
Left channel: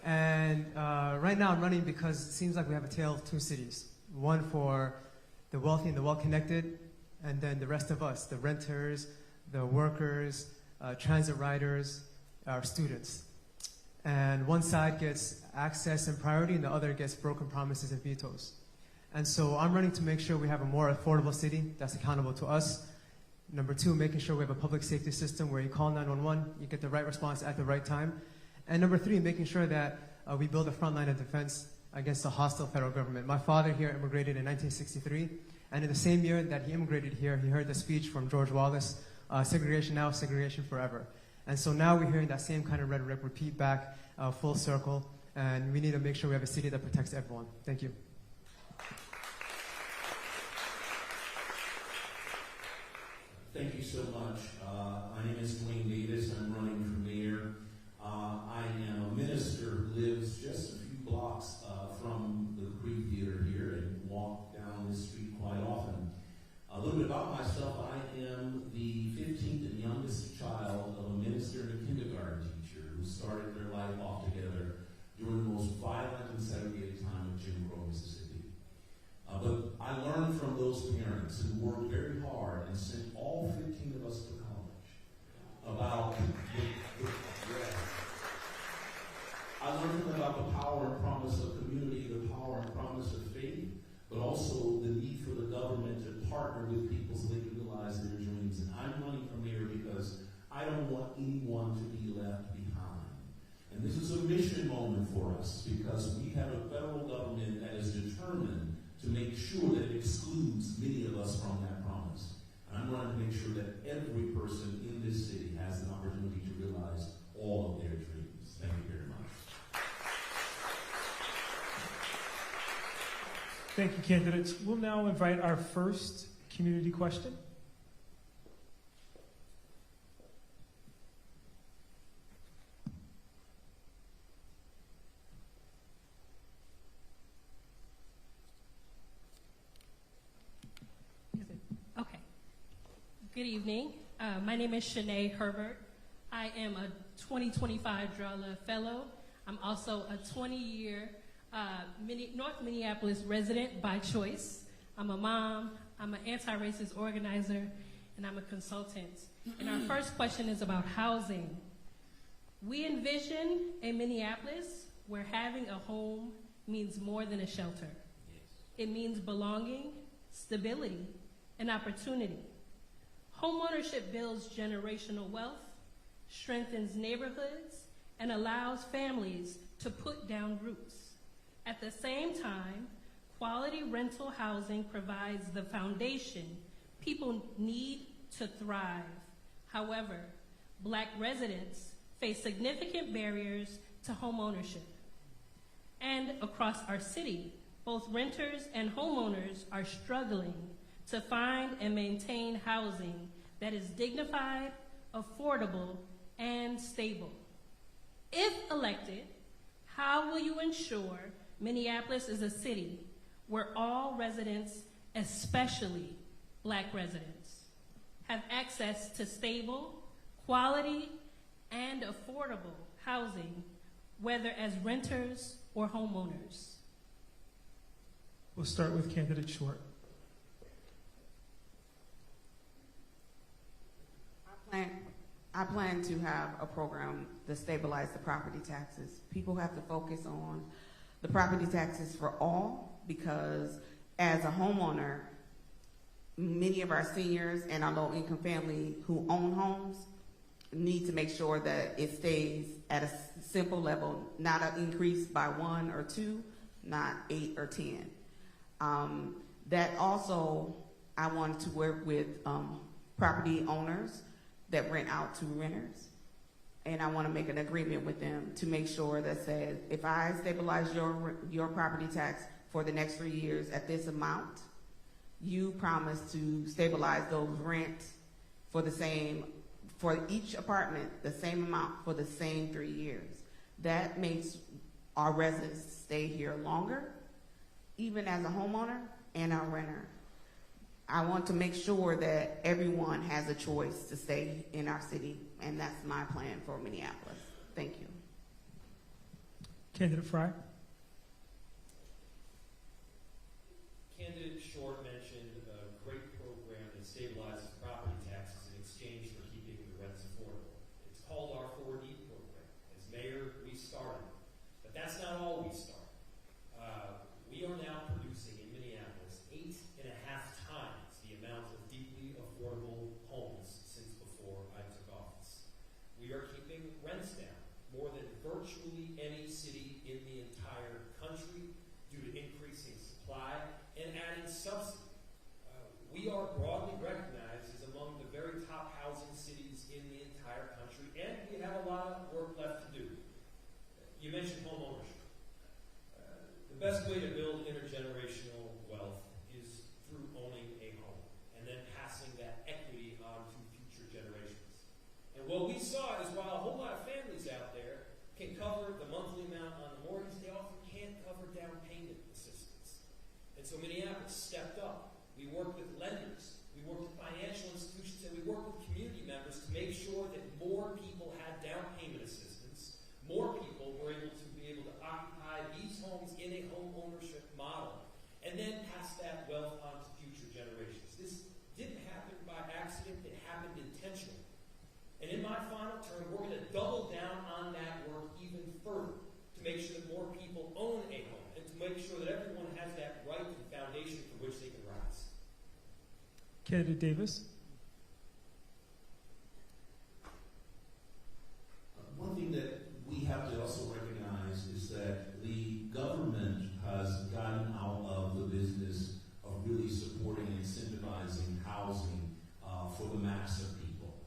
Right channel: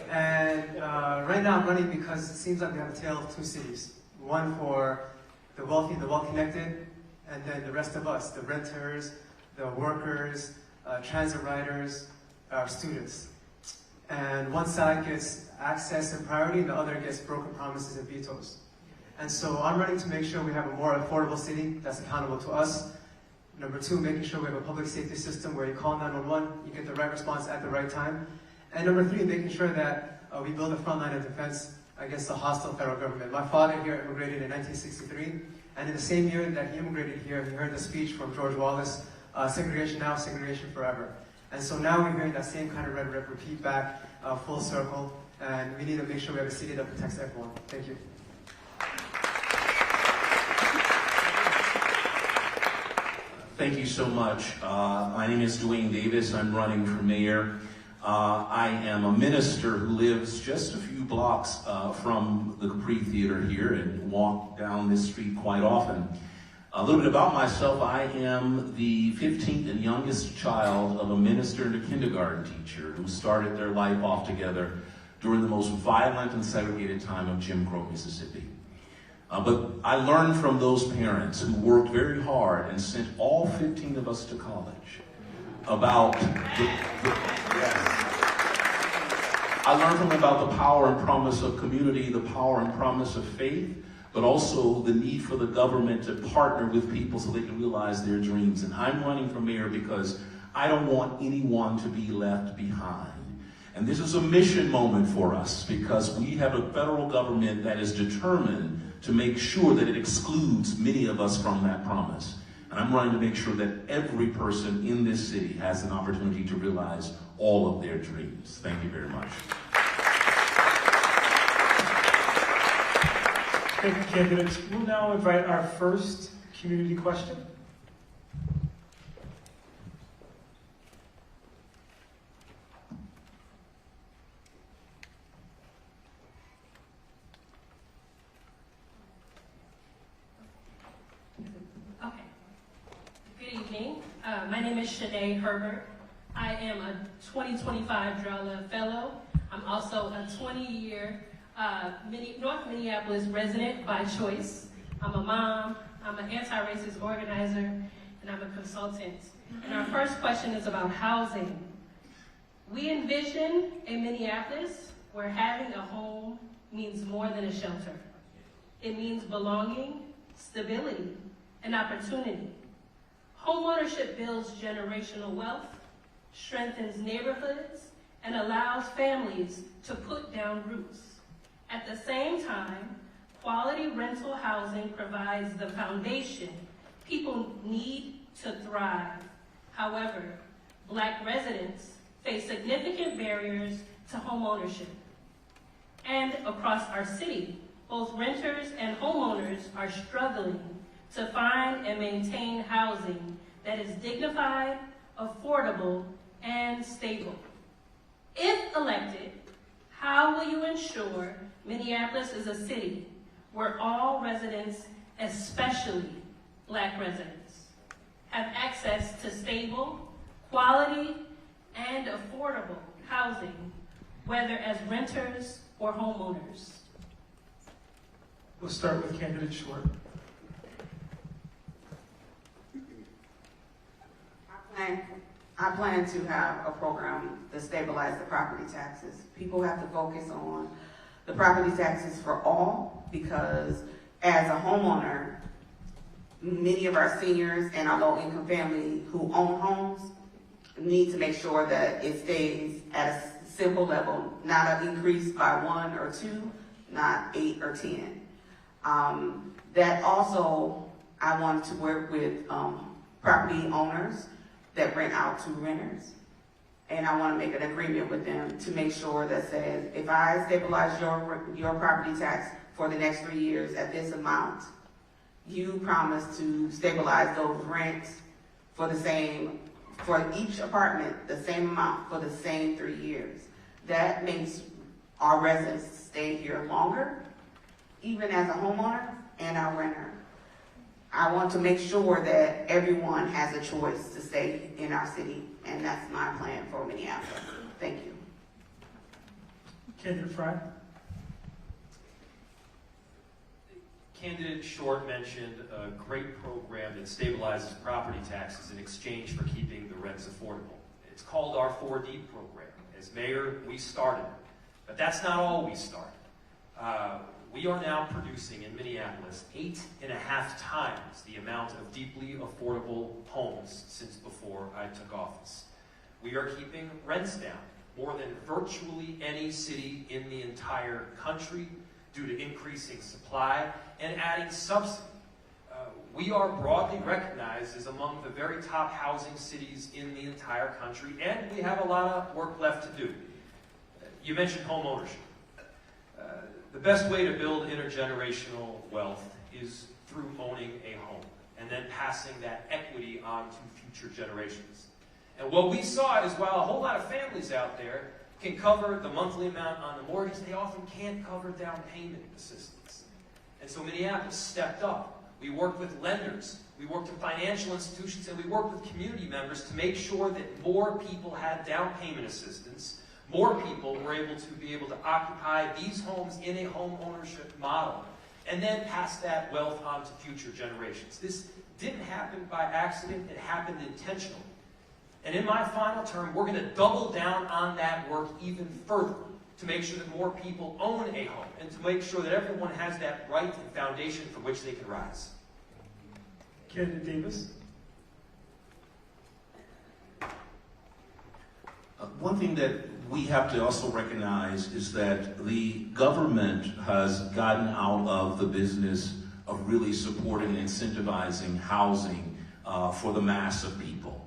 And right now I'm running because it seems like we have a tale of 2 cities. One for the wealthy, the well-connected, and then the rest of us, the renters, the workers, transit riders, students. And one side gets access and priority, and the other gets broken promises and vetoes. And so I'm running to make sure we have a more affordable city that's accountable to us. Number 2, making sure we have a public safety system where you call 911, you get the right response at the right time. And number 3, making sure that we build a front line of defense against a hostile federal government. My father here immigrated in 1963, and in the same year that he immigrated here, he heard the speech from George Wallace, segregation now, segregation forever. And so now we're hearing that same kind of rhetoric repeat back, full circle, and we need to make sure we have a city that protects everyone. Thank you. Thank you so much. My name is Dwayne Davis. I'm running for mayor. I am a minister who lives just a few blocks from the Capri Theater here and walk down this street quite often. A little bit about myself. I am the 15th and youngest child of a minister and a kindergarten teacher who started their life off together during the most violent and segregated time of Jim Crow, Mississippi. But I learned from those parents who worked very hard and sent all 15 of us to college about I learned from them about the power and promise of community, the power and promise of faith, but also the need for the government to partner with people so they can realize their dreams. And I'm running for mayor because I don't want anyone to be left behind. And this is a mission moment for us because we have a federal government that is determined to make sure that it excludes many of us from that promise. And I'm running to make sure that every person in this city has an opportunity to realize all of their dreams. Thank you very much. Thank you, candidates. We'll now invite our first community question. Okay. Good evening. My name is Shanae Herbert. I am a 2025 Drella Fellow. I'm also a 20-year North Minneapolis resident by choice. I'm a mom, I'm an anti-racist organizer, and I'm a consultant. And our first question is about housing. We envision in Minneapolis where having a home means more than a shelter. It means belonging, stability, and opportunity. Homeownership builds generational wealth, strengthens neighborhoods, and allows families to put down roots. At the same time, quality rental housing provides the foundation People need to thrive. However, Black residents face significant barriers to homeownership. And across our city, both renters and homeowners are struggling to find and maintain housing that is dignified, affordable, and stable. If elected, how will you ensure Minneapolis is a city where all residents, especially Black residents, have access to stable, quality, and affordable housing, whether as renters or homeowners? We'll start with candidate Short. I plan to have a program to stabilize the property taxes. People have to focus on the property taxes for all, because as a homeowner, many of our seniors and our low-income family who own homes need to make sure that it stays at a simple level, not increased by 1 or 2, not 8 or 10. That also, I want to work with property owners that rent out to renters. And I want to make an agreement with them to make sure that says, if I stabilize your property tax for the next 3 years at this amount, you promise to stabilize those rents for each apartment, the same amount for the same 3 years. That makes our residents stay here longer, even as a homeowner and a renter. I want to make sure that everyone has a choice to stay in our city, and that's my plan for Minneapolis. Thank you. Candidate Fry. Candidate Short mentioned a great program that stabilizes property taxes in exchange for keeping the rents affordable. It's called our 4D program. As mayor, we started it. But that's not all we started. We are now producing in Minneapolis 8.5 times the amount of deeply affordable homes since before I took office. We are keeping rents down more than virtually any city in the entire country due to increasing supply and adding subsidy. We are broadly recognized as among the very top housing cities in the entire country, and we have a lot of work left to do. You mentioned home ownership. The best way to build intergenerational wealth is through owning a home and then passing that equity on to future generations. And what we saw is while a whole lot of families out there can cover the monthly amount on the mortgage, they often can't cover down payment assistance. And so Minneapolis stepped up. We worked with lenders, we worked with financial institutions, and we worked with community members to make sure that more people had down payment assistance. More people were able to occupy these homes in a home ownership model and then pass that wealth on to future generations. This didn't happen by accident, it happened intentionally. And in my final term, we're going to double down on that work even further to make sure that more people own a home and to make sure that everyone has that right and foundation for which they can rise. Candidate Davis. One thing that we have to also recognize is that the government has gotten out of the business of really supporting and incentivizing housing for the mass of people.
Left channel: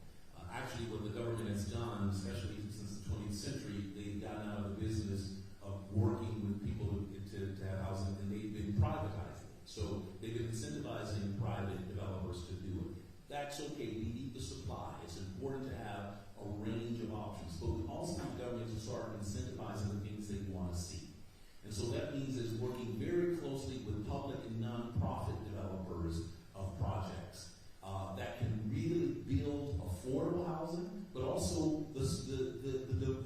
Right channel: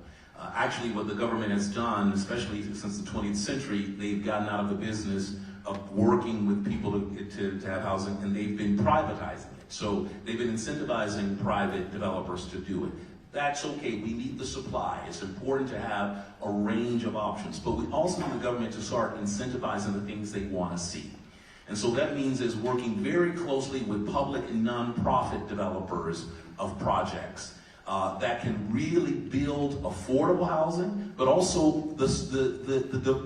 Actually, what the government has done, especially since the 20th century, they've gotten out of the business of working with people to have housing, and they've been privatizing it. So they've been incentivizing private developers to do it. That's okay, we need the supply. It's important to have a range of options, but we also need the government to start incentivizing the things they want to see. And so that means is working very closely with public and nonprofit developers of projects that can really build affordable housing, but also the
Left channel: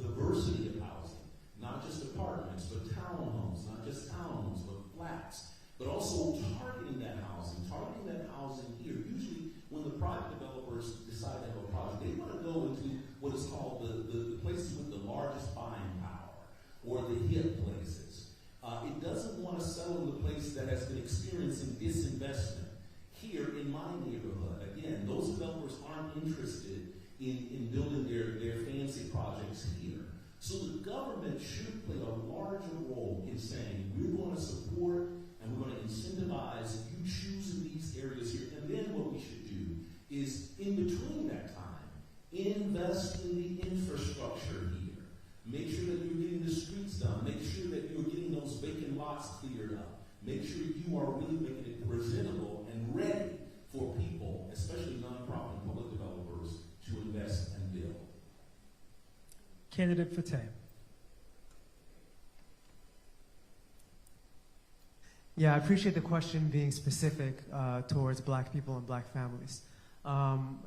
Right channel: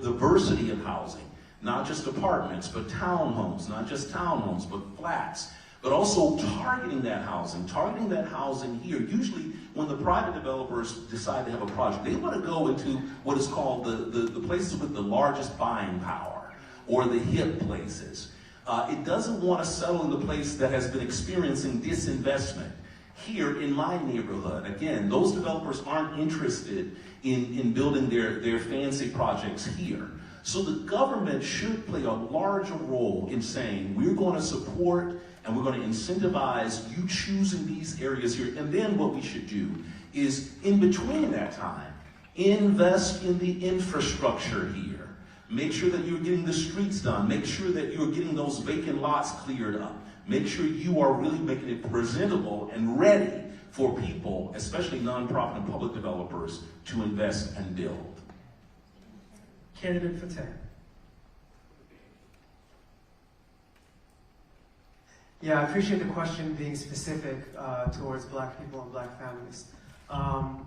diversity of housing, not just apartments, but townhomes, not just townhomes, but flats, but also targeting that housing here. Usually when the private developers decide to have a project, they want to go into what is called the places with the largest buying power, or the hip places. It doesn't want to settle in the place that has been experiencing disinvestment. Here in my neighborhood, again, those developers aren't interested in building their fancy projects here. So the government should play a larger role in saying we're going to support And we're going to incentivize you choosing these areas here. And then what we should do is, in between that time, invest in the infrastructure here. Make sure that you're getting the streets done. Make sure that you're getting those vacant lots cleared up. Make sure you are really making it presentable and ready for people, especially nonprofit and public developers, to invest and build. Candidate for 10. Yeah, I appreciate the question being specific towards black people and black families.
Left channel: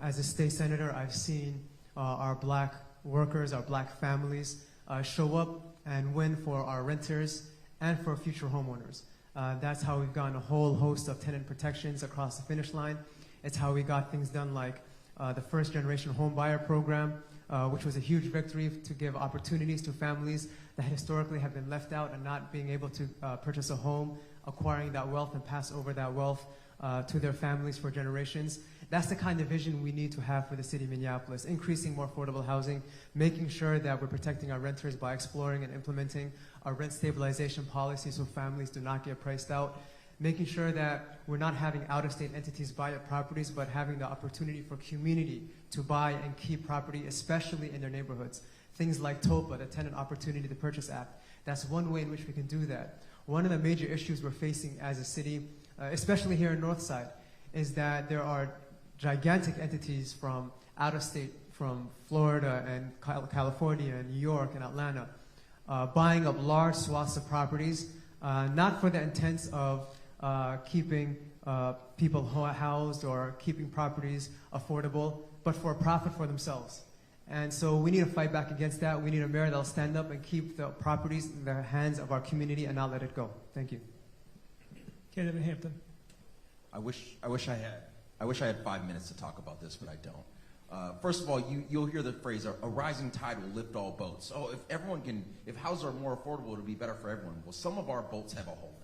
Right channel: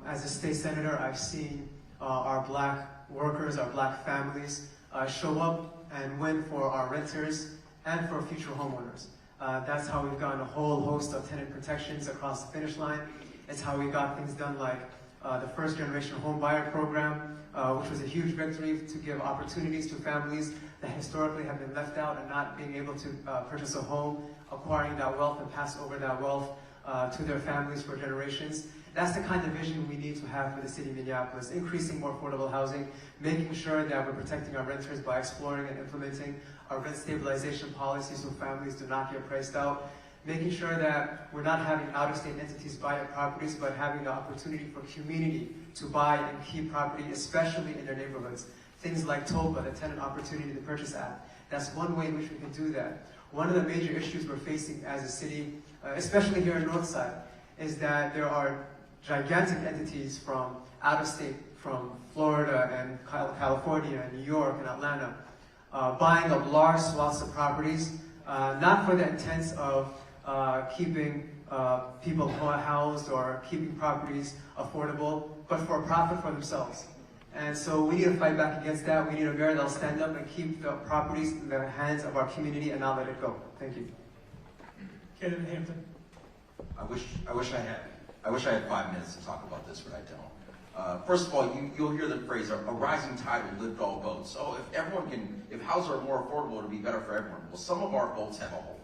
As a state senator, I've seen our black workers, our black families show up and win for our renters and for future homeowners. That's how we've gotten a whole host of tenant protections across the finish line. It's how we got things done like the first generation home buyer program, which was a huge victory to give opportunities to families that historically have been left out and not being able to purchase a home, acquiring that wealth and pass over that wealth to their families for generations. That's the kind of vision we need to have for the city of Minneapolis, increasing more affordable housing, making sure that we're protecting our renters by exploring and implementing our rent stabilization policies so families do not get priced out, making sure that we're not having out-of-state entities buy properties, but having the opportunity for community to buy and keep property, especially in their neighborhoods. Things like TOBA, the Tenant Opportunity to Purchase Act. That's one way in which we can do that. One of the major issues we're facing as a city, especially here in Northside, is that there are gigantic entities from out of state, from Florida and California and New York and Atlanta, buying up large swaths of properties, not for the intent of keeping people housed or keeping properties affordable, but for a profit for themselves. And so we need to fight back against that. We need a mayor that'll stand up and keep the properties in the hands of our community and not let it go. Thank you. Candidate Hampton. I wish I had 5 minutes to talk about this, but I don't. First of all, you'll hear the phrase, a rising tide will lift all boats. So if houses are more affordable, it'll be better for everyone. Well, some of our boats have a hole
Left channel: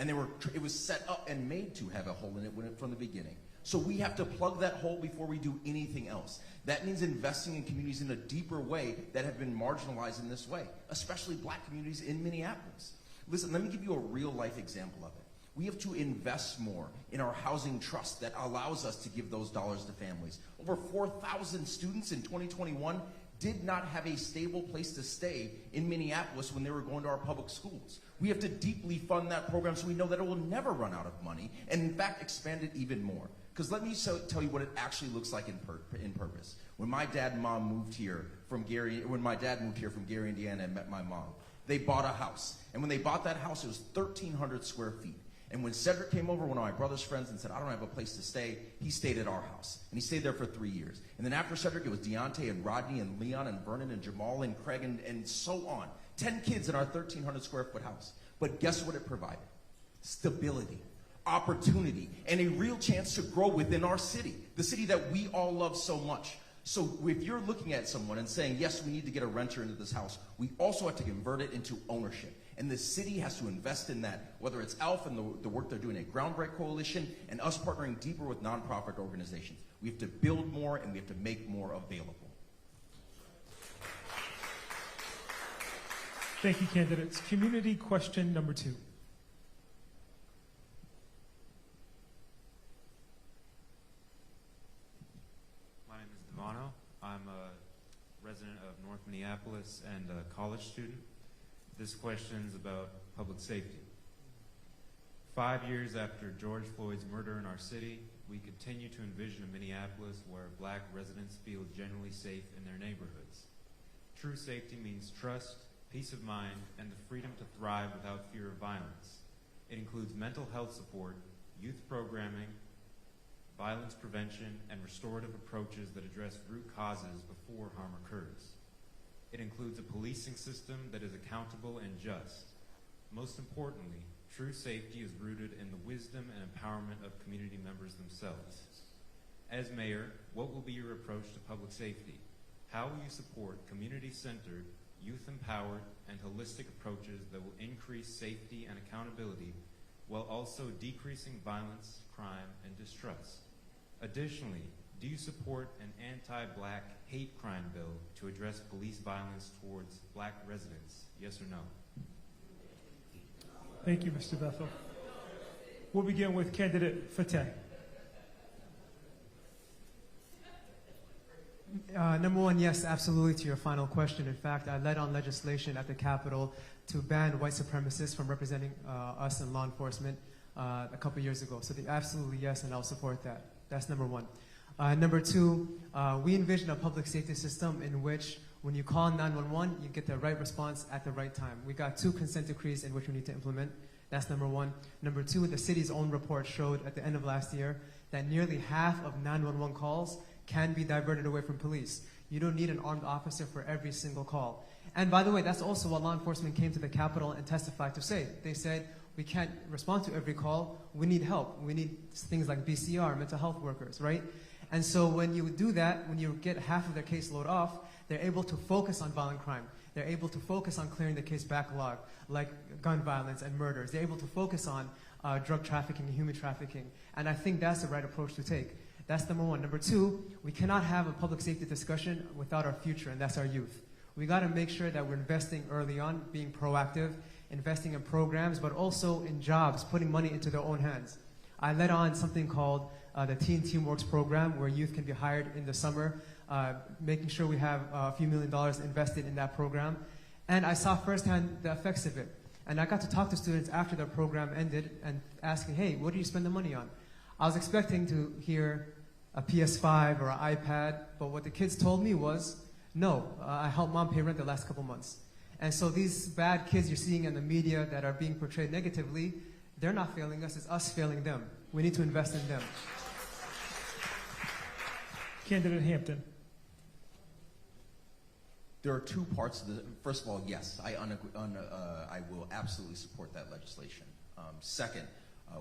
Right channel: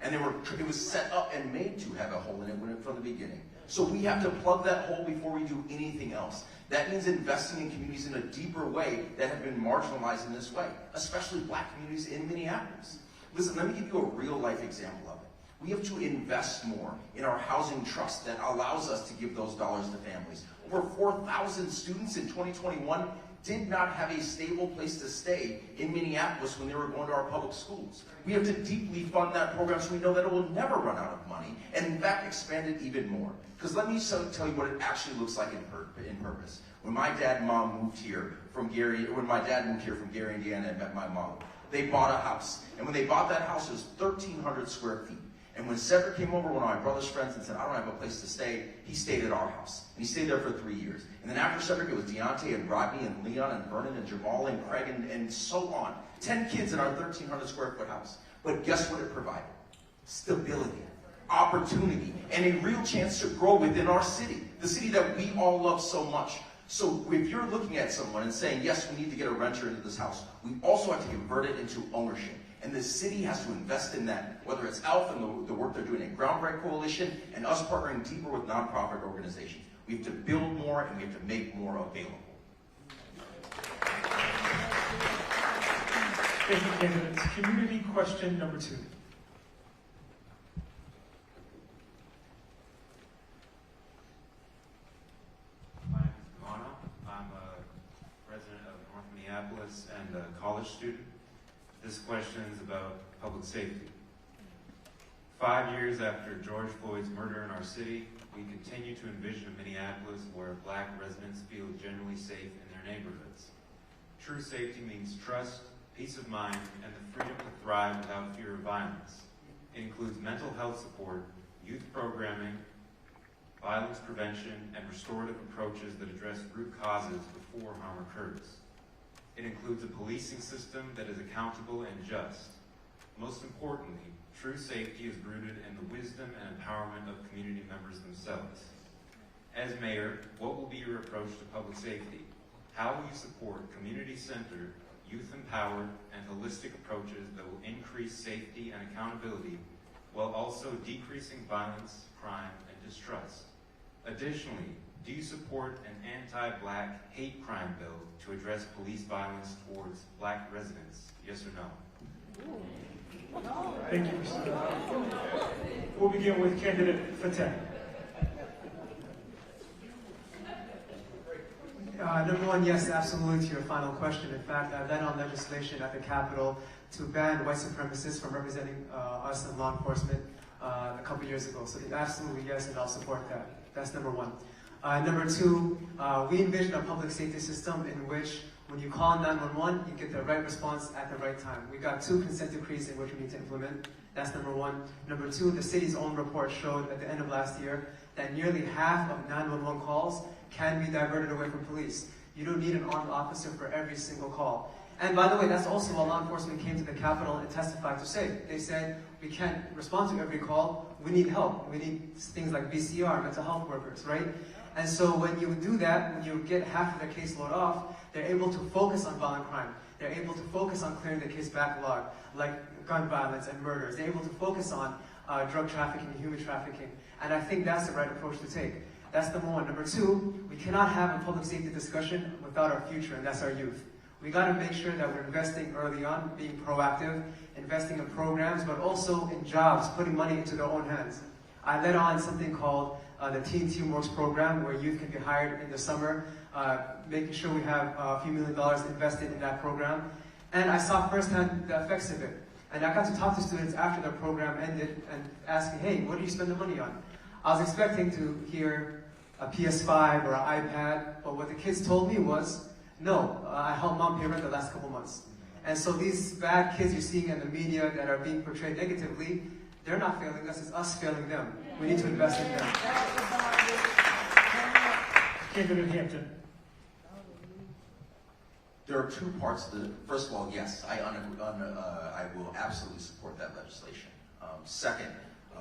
in it. And it was set up and made to have a hole in it from the beginning. So we have to plug that hole before we do anything else. That means investing in communities in a deeper way that have been marginalized in this way, especially black communities in Minneapolis. Listen, let me give you a real-life example of it. We have to invest more in our housing trust that allows us to give those dollars to families. Over 4,000 students in 2021 did not have a stable place to stay in Minneapolis when they were going to our public schools. We have to deeply fund that program so we know that it will never run out of money, and in fact expand it even more. Because let me tell you what it actually looks like in purpose. When my dad and mom moved here from Gary, Indiana, and met my mom, they bought a house. And when they bought that house, it was 1,300 square feet. And when Cedric came over, one of my brother's friends, and said, I don't have a place to stay, he stayed at our house. And he stayed there for 3 years. And then after Cedric, it was Deontay and Rodney and Leon and Vernon and Jamal and Craig and so on. 10 kids in our 1,300 square foot house. But guess what it provided? Stability, opportunity, and a real chance to grow within our city, the city that we all love so much. So if you're looking at someone and saying, yes, we need to get a renter into this house, we also have to convert it into ownership. And the city has to invest in that, whether it's ALF and the work they're doing at Groundbreak Coalition and us partnering deeper with nonprofit organizations. We have to build more and we have to make more available. Thank you, candidates. Community question number 2. And a college student. This question is about public safety. 5 years after George Floyd's murder in our city, we continue to envision a Minneapolis where black residents feel generally safe in their neighborhoods. True safety means trust, peace of mind, and the freedom to thrive without fear of violence. It includes mental health support, youth programming, violence prevention, and restorative approaches that address root causes before harm occurs. It includes a policing system that is accountable and just. Most importantly, true safety is rooted in the wisdom and empowerment of community members themselves. As mayor, what will be your approach to public safety? How will you support community-centered, youth-empowered, and holistic approaches that will increase safety and accountability while also decreasing violence, crime, and distrust? Additionally, do you support an anti-black hate crime bill to address police violence towards black residents? Yes or no? Thank you, Mr. Bethel. begin with candidate Fateh. Number one, yes, absolutely, to your final question. In fact, I led on legislation at the Capitol to ban white supremacists from representing us in law enforcement a couple years ago. So absolutely, yes, and I'll support that. That's number one. Number two, we envision a public safety system in which when you call 911, you get the right response at the right time. We got 2 consent decrees in which we need to implement. That's number one. Number two, the city's own report showed at the end of last year that nearly half of 911 calls can be diverted away from police. You don't need an armed officer for every single call. And by the way, that's also what law enforcement came to the Capitol and testified to say. They said, we can't respond to every call, we need help. We need things like BCR, mental health workers, right? And so when you do that, when you get half of their caseload off, they're able to focus on violent crime. They're able to focus on clearing the case backlog, like gun violence and murders. They're able to focus on drug trafficking and human trafficking. And I think that's the right approach to take. That's number one. Number two, we cannot have a public safety discussion without our future, and that's our youth. We got to make sure that we're investing early on, being proactive, investing in programs, but also in jobs, putting money into their own hands. I led on something called the Teen Teamworks program, where youth can be hired in the summer, making sure we have a few $1 million invested in that program. And I saw firsthand the effects of it. And I got to talk to students after the program ended and ask me, hey, what do you spend the money on? I was expecting to hear a PS5 or an iPad, but what the kids told me was, no, I helped mom pay rent the last couple months. And so these bad kids you're seeing in the media that are being portrayed negatively, they're not failing us, it's us failing them. We need to invest in them. Candidate Hampton. There are 2 parts to the, first of all, yes, I will absolutely support that legislation. Second,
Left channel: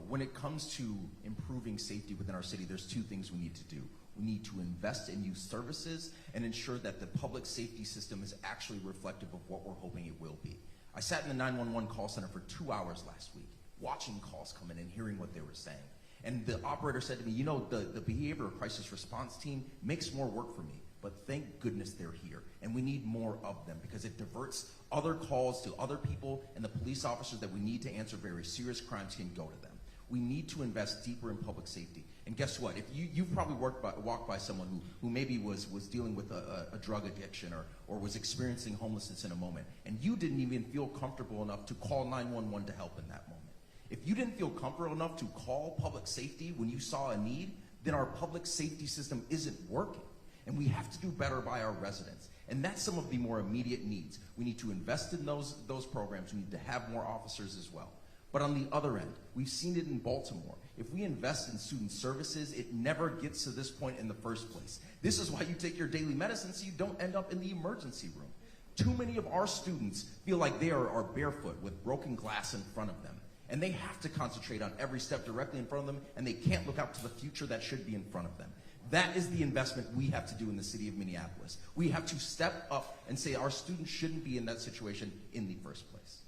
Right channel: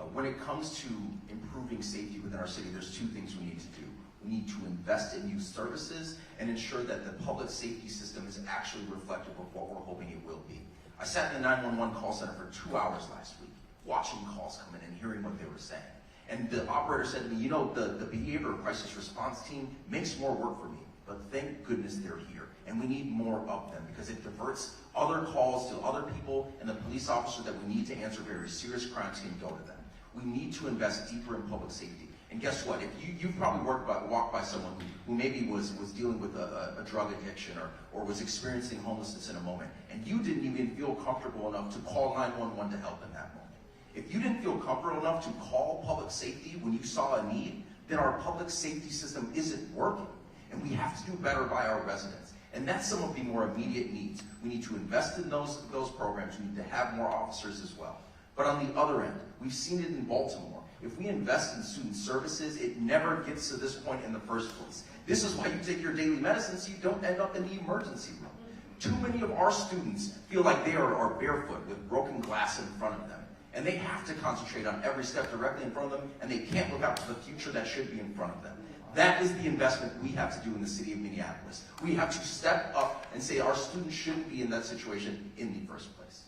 when it comes to improving safety within our city, there's 2 things we need to do. We need to invest in youth services and ensure that the public safety system is actually reflective of what we're hoping it will be. I sat in the 911 call center for 2 hours last week, watching calls come in and hearing what they were saying. And the operator said to me, you know, the behavioral crisis response team makes more work for me, but thank goodness they're here. And we need more of them because it diverts other calls to other people and the police officers that we need to answer very serious crimes can go to them. We need to invest deeper in public safety. And guess what? If you've probably walked by someone who maybe was dealing with a drug addiction or was experiencing homelessness in a moment, and you didn't even feel comfortable enough to call 911 to help in that moment. If you didn't feel comfortable enough to call public safety when you saw a need, then our public safety system isn't working. And we have to do better by our residents. And that's some of the more immediate needs. We need to invest in those programs. We need to have more officers as well. But on the other end, we've seen it in Baltimore. If we invest in student services, it never gets to this point in the first place. This is why you take your daily medicine so you don't end up in the emergency room. Too many of our students feel like they are barefoot with broken glass in front of them. And they have to concentrate on every step directly in front of them, and they can't look out to the future that should be in front of them. That is the investment we have to do in the city of Minneapolis. We have to step up and say our students shouldn't be in that situation in the first place.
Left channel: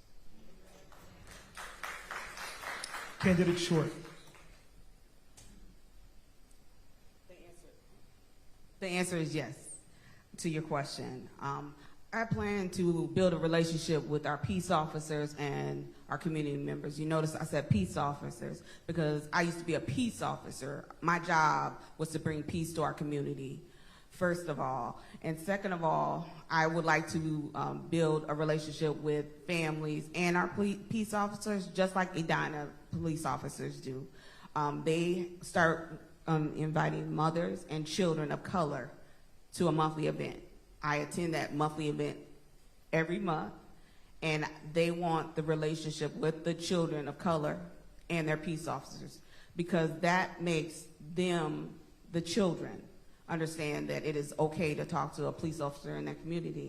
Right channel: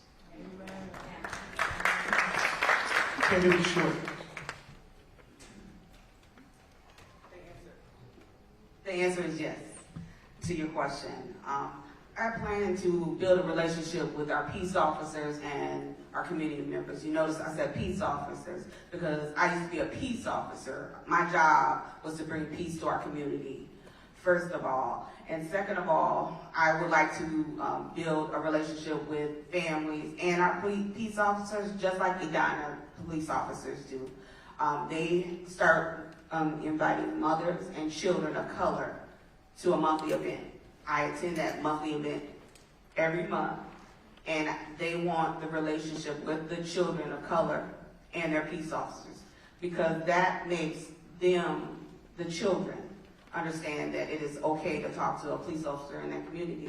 Candidate Short. The answer is yes to your question. I plan to build a relationship with our peace officers and our community members. You notice I said peace officers because I used to be a peace officer. My job was to bring peace to our community, first of all. And second of all, I would like to build a relationship with families and our peace officers, just like Edina police officers do. They start inviting mothers and children of color to a monthly event. I attend that monthly event every month, and they want the relationship with the children of color and their peace officers because that makes them, the children, understand that it is okay to talk to a police officer in that community.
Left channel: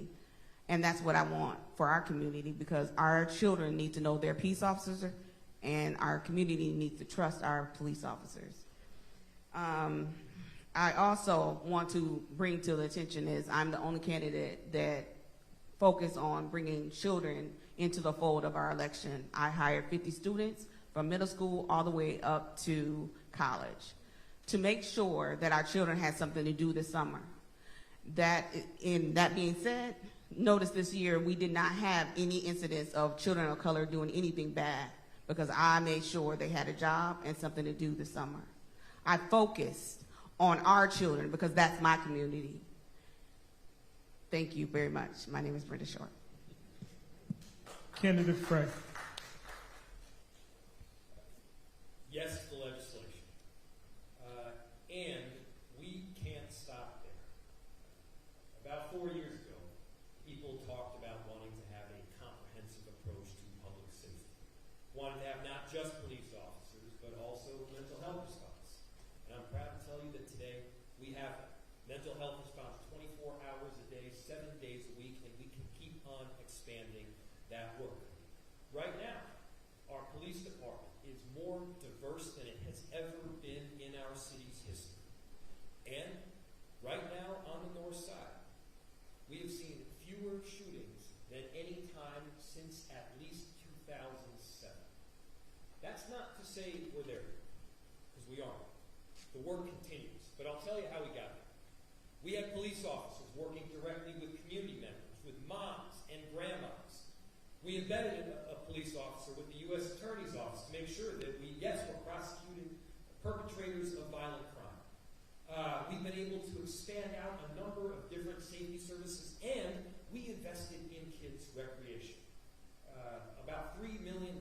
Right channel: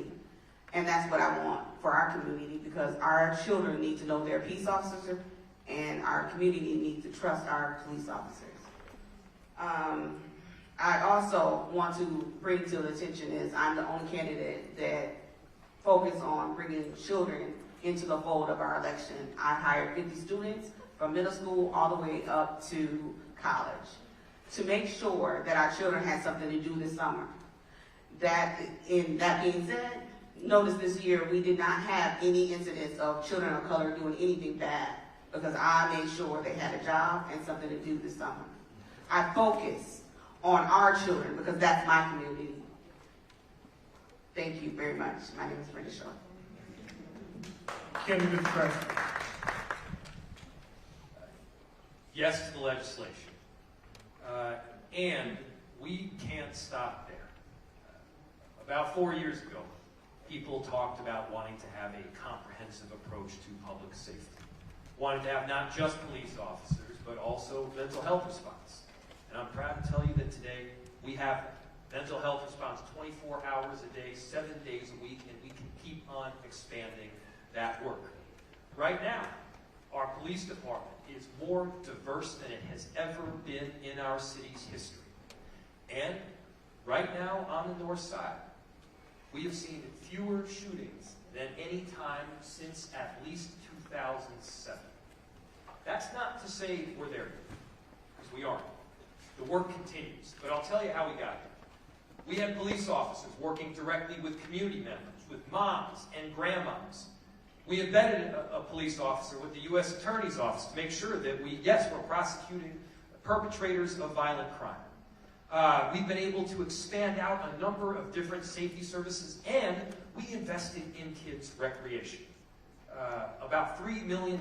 And that's what I want for our community because our children need to know their peace officer and our community needs to trust our police officers. I also want to bring to the attention is I'm the only candidate that focus on bringing children into the fold of our election. I hired 50 students from middle school all the way up to college to make sure that our children had something to do this summer. That being said, notice this year we did not have any incidents of children of color doing anything bad because I made sure they had a job and something to do this summer. I focus on our children because that's my community. Thank you very much. My name is Brenda Shaw. Candidate Fred. Yes to the legislation. And we can't stop there. About 4 years ago, people talked about wanting to have a comprehensive approach to public safety. Wanted to have not just police officers, but also mental health response. And I'm proud to tell you that today we have mental health response 24 hours a day, 7 days a week, and we can keep on expanding that work. Right now, our police department is more diverse than it has ever been in our city's history. And right now on the north side, we have seen fewer shootings than any time since at least 2007. That's not to say we're there, because we aren't. The work continues, but I'll tell you how we got there. We have police officers working directly with community members, with moms and grandmoms. We embedded a police officer with the U.S. Attorney's Office to make sure that we're prosecuting perpetrators of violent crime. We've been able to expand out a number of different safety services, and we invested in kids' recreation. About $3 million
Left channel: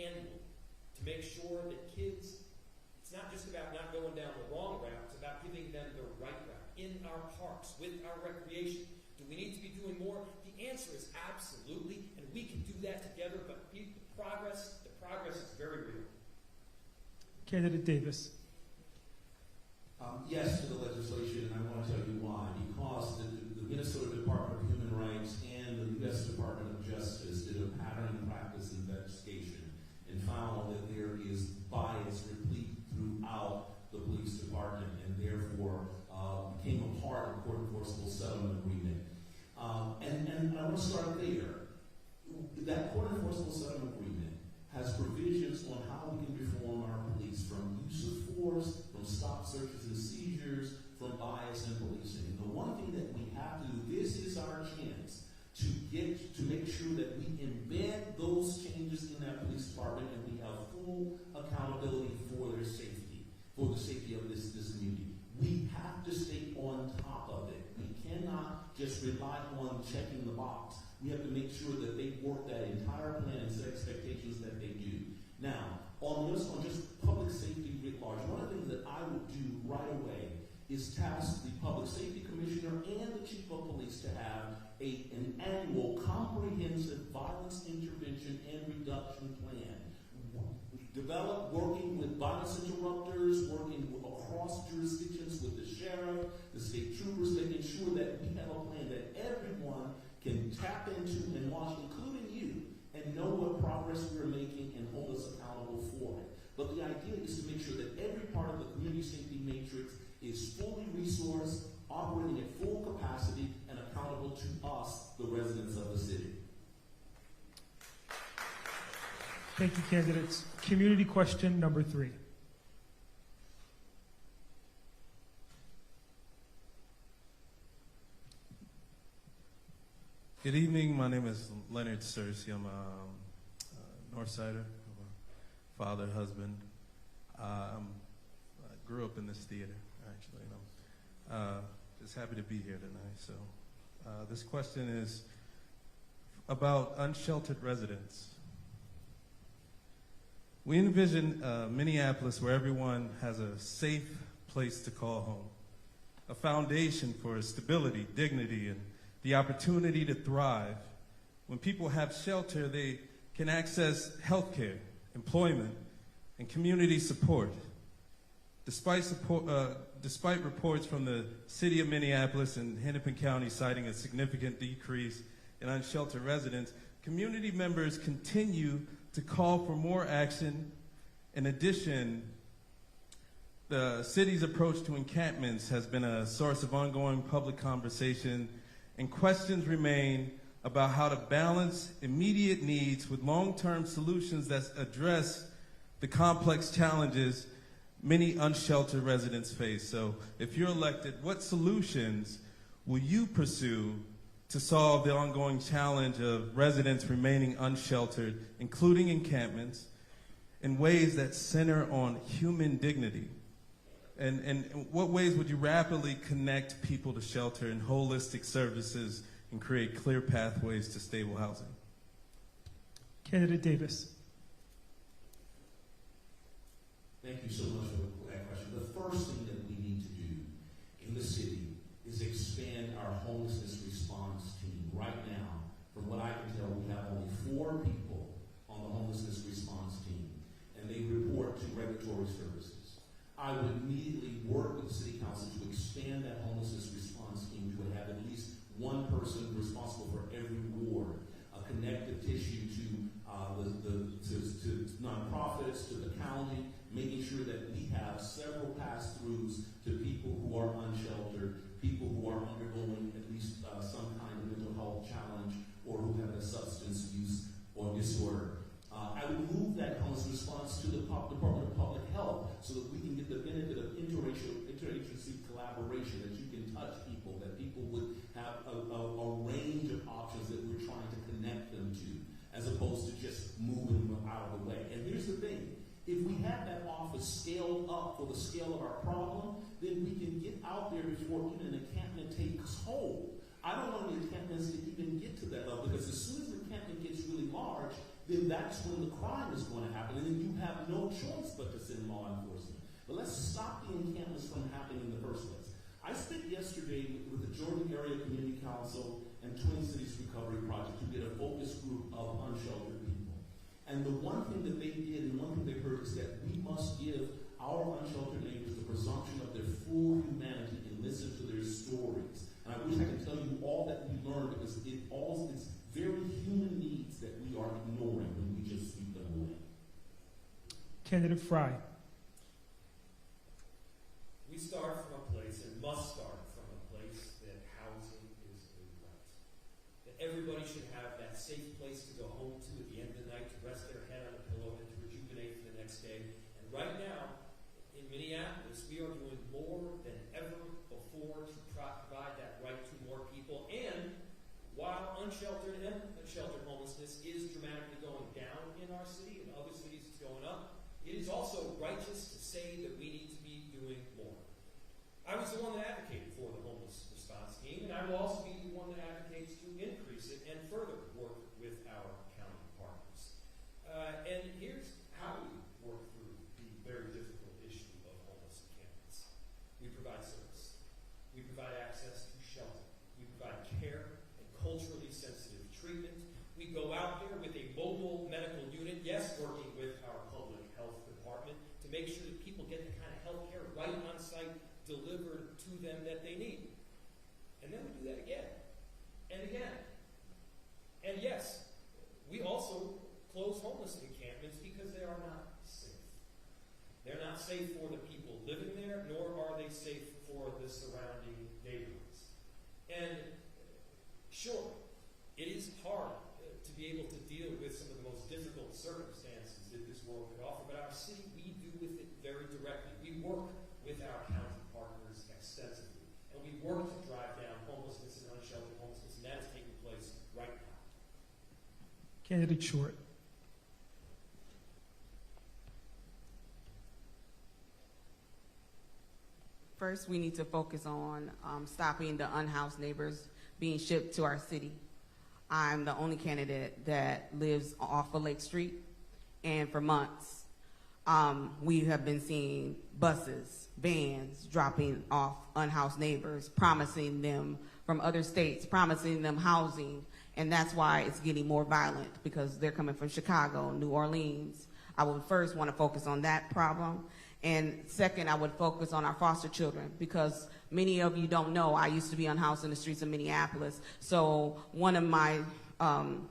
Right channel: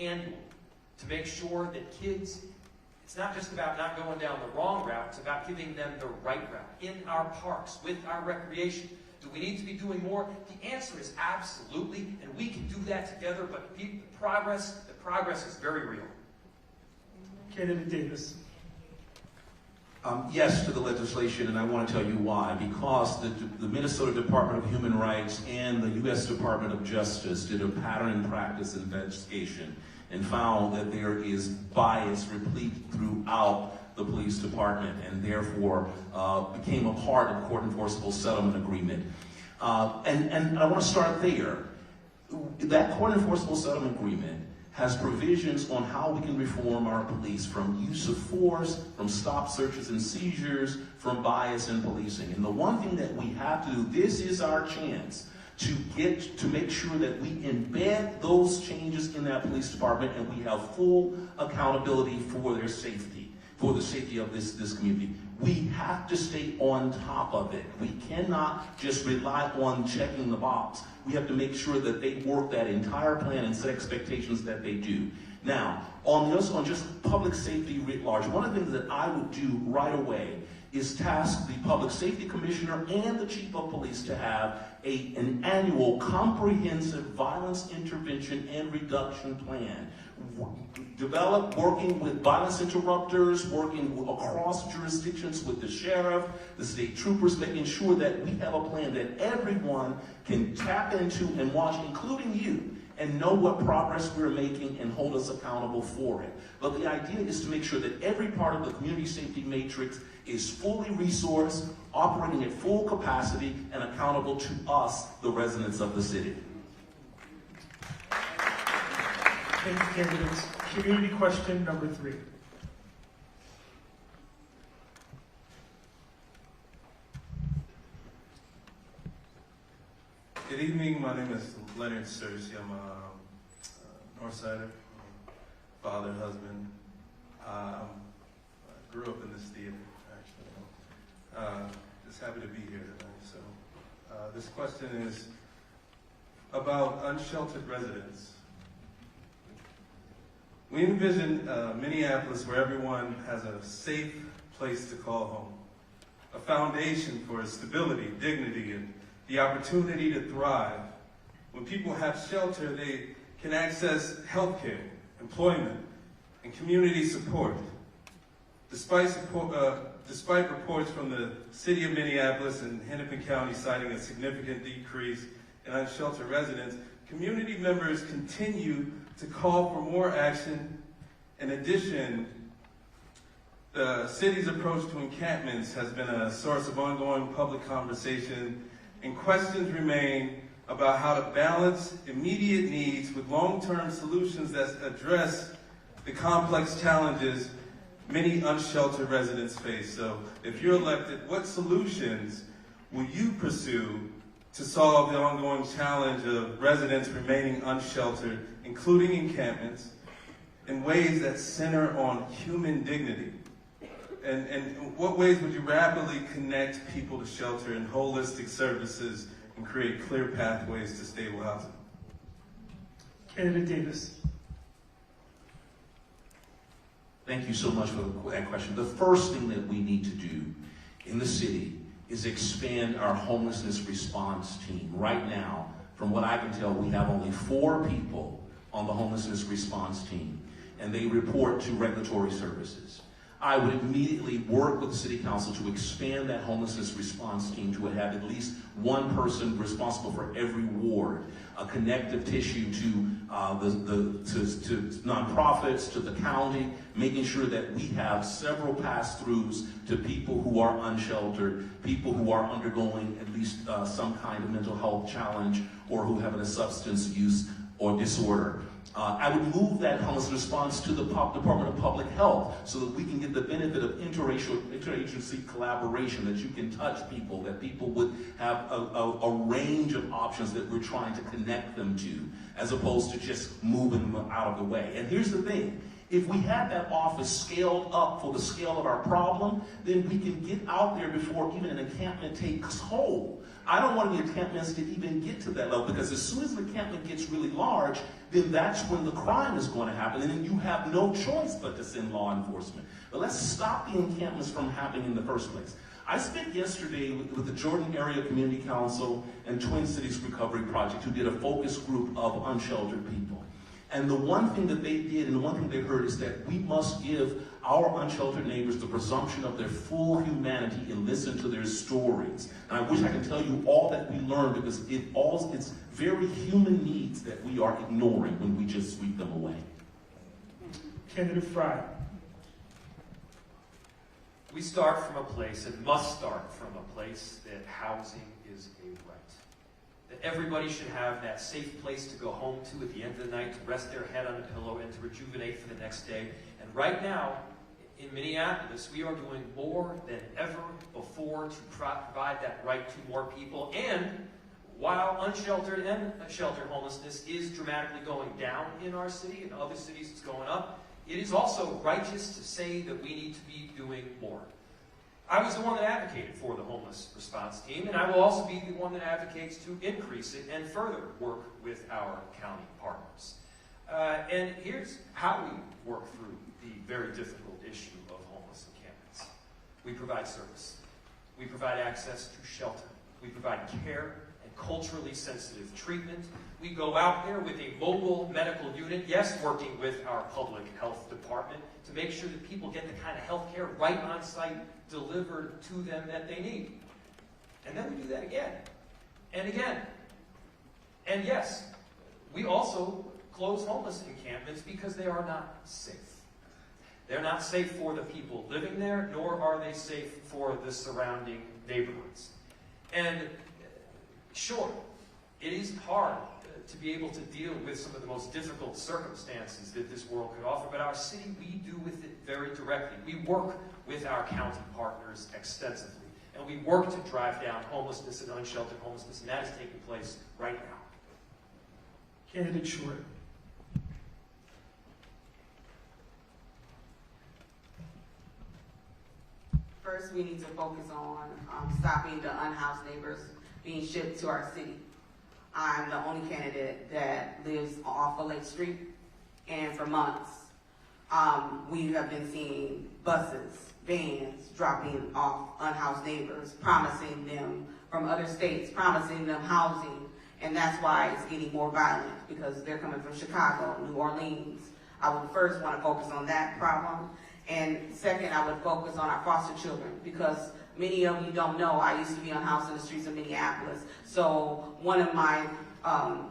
annually to make sure that kids, it's not just about not going down the wrong route, it's about giving them the right route in our parks, with our recreation. Do we need to be doing more? The answer is absolutely, and we can do that together, but the progress is very real. Candidate Davis. Yes to the legislation, and I want to tell you why. Because the Minnesota Department of Human Rights and the U.S. Department of Justice did a pattern and practice investigation and found that there is bias replete throughout the police department, and therefore became a part of the court enforceable settlement agreement. And I want to start there. That court enforceable settlement agreement has provisions on how we can reform our police from use of force, from stop searches and seizures, from bias in policing. And the one thing that we have to do, this is our chance to make sure that we embed those changes in that police department, and we have full accountability for their safety, for the safety of this community. We have to stay on top of it. We cannot just rely on checking the box. We have to make sure that they work that entire plan and set expectations that they do. Now, on just public safety writ large, one of the things that I would do right away is task the Public Safety Commissioner and the Chief of Police to have an annual comprehensive violence intervention and reduction plan. Develop, working with violence interrupters, working across jurisdictions with the sheriff, the state troopers, making sure that we have a plan that everyone can tap into and watch, including you, and know what progress we're making and hold us accountable for it. But the idea is to make sure that every part of the community safety matrix is fully resourced, operating at full capacity, and accountable to us, the residents of the city. Thank you, candidates. Community question number 3. Good evening. My name is Leonard Cersei. I'm a Northsider, father, husband. I grew up in this theater, actually. Just happy to be here tonight. So, this question is about unsheltered residents. We envision Minneapolis where everyone has a safe place to call home, a foundation for stability, dignity, and the opportunity to thrive. When people have shelter, they can access health care, employment, and community support. Despite reports from the city of Minneapolis and Hennepin County citing a significant decrease in unsheltered residents, community members continue to call for more action. In addition, the city's approach to encampments has been a source of ongoing public conversation, and questions remain about how to balance immediate needs with long-term solutions that address the complex challenges many unsheltered residents face. So if you're elected, what solutions will you pursue to solve the ongoing challenge of residents remaining unsheltered, including encampments, in ways that center on human dignity? And in what ways would you rapidly connect people to shelter and holistic services and create clear pathways to stable housing? Candidate Davis. Thank you so much for that question. The first thing that we need to do in the city is expand our homelessness response team. Right now, from what I can tell, we have only 4 people on the homelessness response team, and they report to regulatory services. I would immediately work with the City Council to expand that homelessness response team to have at least one person responsible for every ward, a connective tissue to nonprofits, to the county, making sure that we have several pass-throughs to people who are unsheltered, people who are undergoing at least some kind of mental health challenge, or who have a substance use or disorder. I would move that homeless response to the Department of Public Health so that we can get the benefit of interagency collaboration, that you can touch people, that people would have a range of options that we're trying to connect them to, as opposed to just moving them out of the way. And here's the thing. If we have that office scaled up for the scale of our problem, then we can get out there before even an encampment takes hold. I don't want the encampments to even get to that level, because as soon as the encampment gets really large, then that's when the crime is going to happen, and then you have no choice but to send law enforcement. But let's stop the encampments from happening in the first place. I spent yesterday with the Jordan Area Community Council and Twin Cities Recovery Project, who did a focus group of unsheltered people. And the one thing that they did, and the one thing they heard, is that we must give our unsheltered neighbors the presumption of their full humanity and listen to their stories. And I wish I could tell you all that we learned, because it's very human needs that we are ignoring when we just sweep them away. Candidate Fry. We start from a place, and must start from a place, that housing is a right. That everybody should have that safe place to go home to at the end of the night, to rest their head on a pillow and to rejuvenate for the next day. And right now, in Minneapolis, we are doing more than ever before to provide that right to more people. And while unsheltered and sheltered homelessness is dramatically going down in our city, in other cities it's going up, it is also righteous to say that we need to be doing more. I was the one that advocated for the homeless response team, and I will also be the one that advocates to increase it and further work with our county partners. And here's how we work through the very difficult issue of homeless encampments. We provide service. We provide access to shelter. We provide care and culturally sensitive treatment. We go out there with a mobile medical unit, yes, working with our public health department, to make sure that people get the kind of health care right on site delivered to them that they need. And then we do that again and again. And yes, we also close homeless encampments because they are not safe. They're not safe for the people living there, nor are they safe for the surrounding neighborhoods. And sure, it is hard to be able to deal with some of the most difficult circumstances that this world could offer, but our city, we do with it very directly. We work with our county partners extensively, and we work to drive down homelessness and unsheltered homelessness, and that is taking place right now. Candidate Short. First, we need to focus on stopping the unhoused neighbors being shipped to our city. I'm the only candidate that lives off of Lake Street, and for months, we have been seeing buses, vans dropping off unhoused neighbors, promising them from other states, promising them housing, and that's why it's getting more violent, because they're coming from Chicago, New Orleans. I would first want to focus on that problem, and second, I would focus on our foster children, because many of you don't know, I used to be unhoused in the streets of Minneapolis. So one of my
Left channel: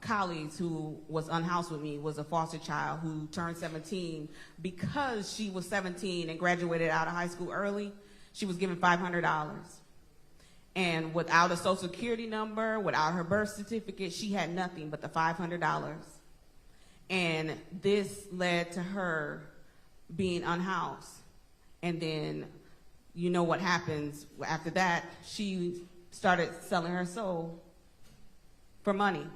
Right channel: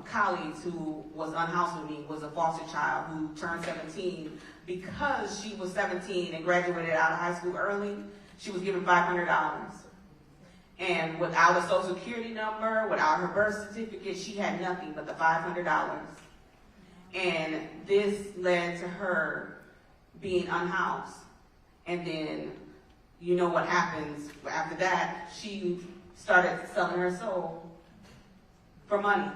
colleagues who was unhoused with me was a foster child who turned 17. Because she was 17 and graduated out of high school early, she was given $500. And without a social security number, without her birth certificate, she had nothing but the $500. And this led to her being unhoused. And then, you know what happens after that, she started selling her soul. for money.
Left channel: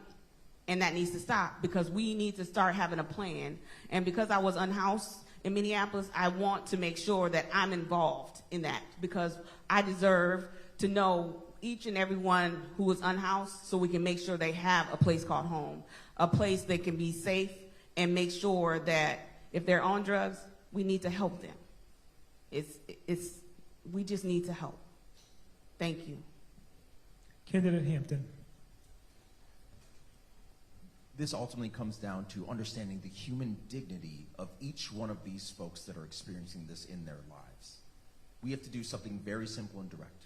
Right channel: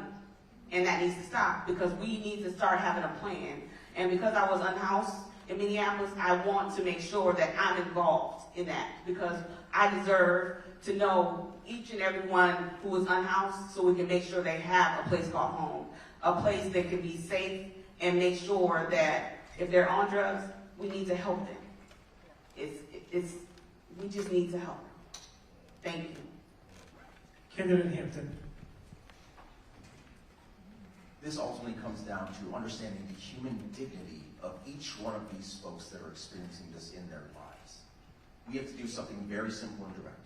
And that needs to stop because we need to start having a plan. And because I was unhoused in Minneapolis, I want to make sure that I'm involved in that because I deserve to know each and every one who is unhoused so we can make sure they have a place called home, a place that can be safe and make sure that if they're on drugs, we need to help them. We just need to help. Thank you. Candidate Hampton. This ultimately comes down to understanding the human dignity of each one of these folks that are experiencing this in their lives. We have to do something very simple and direct.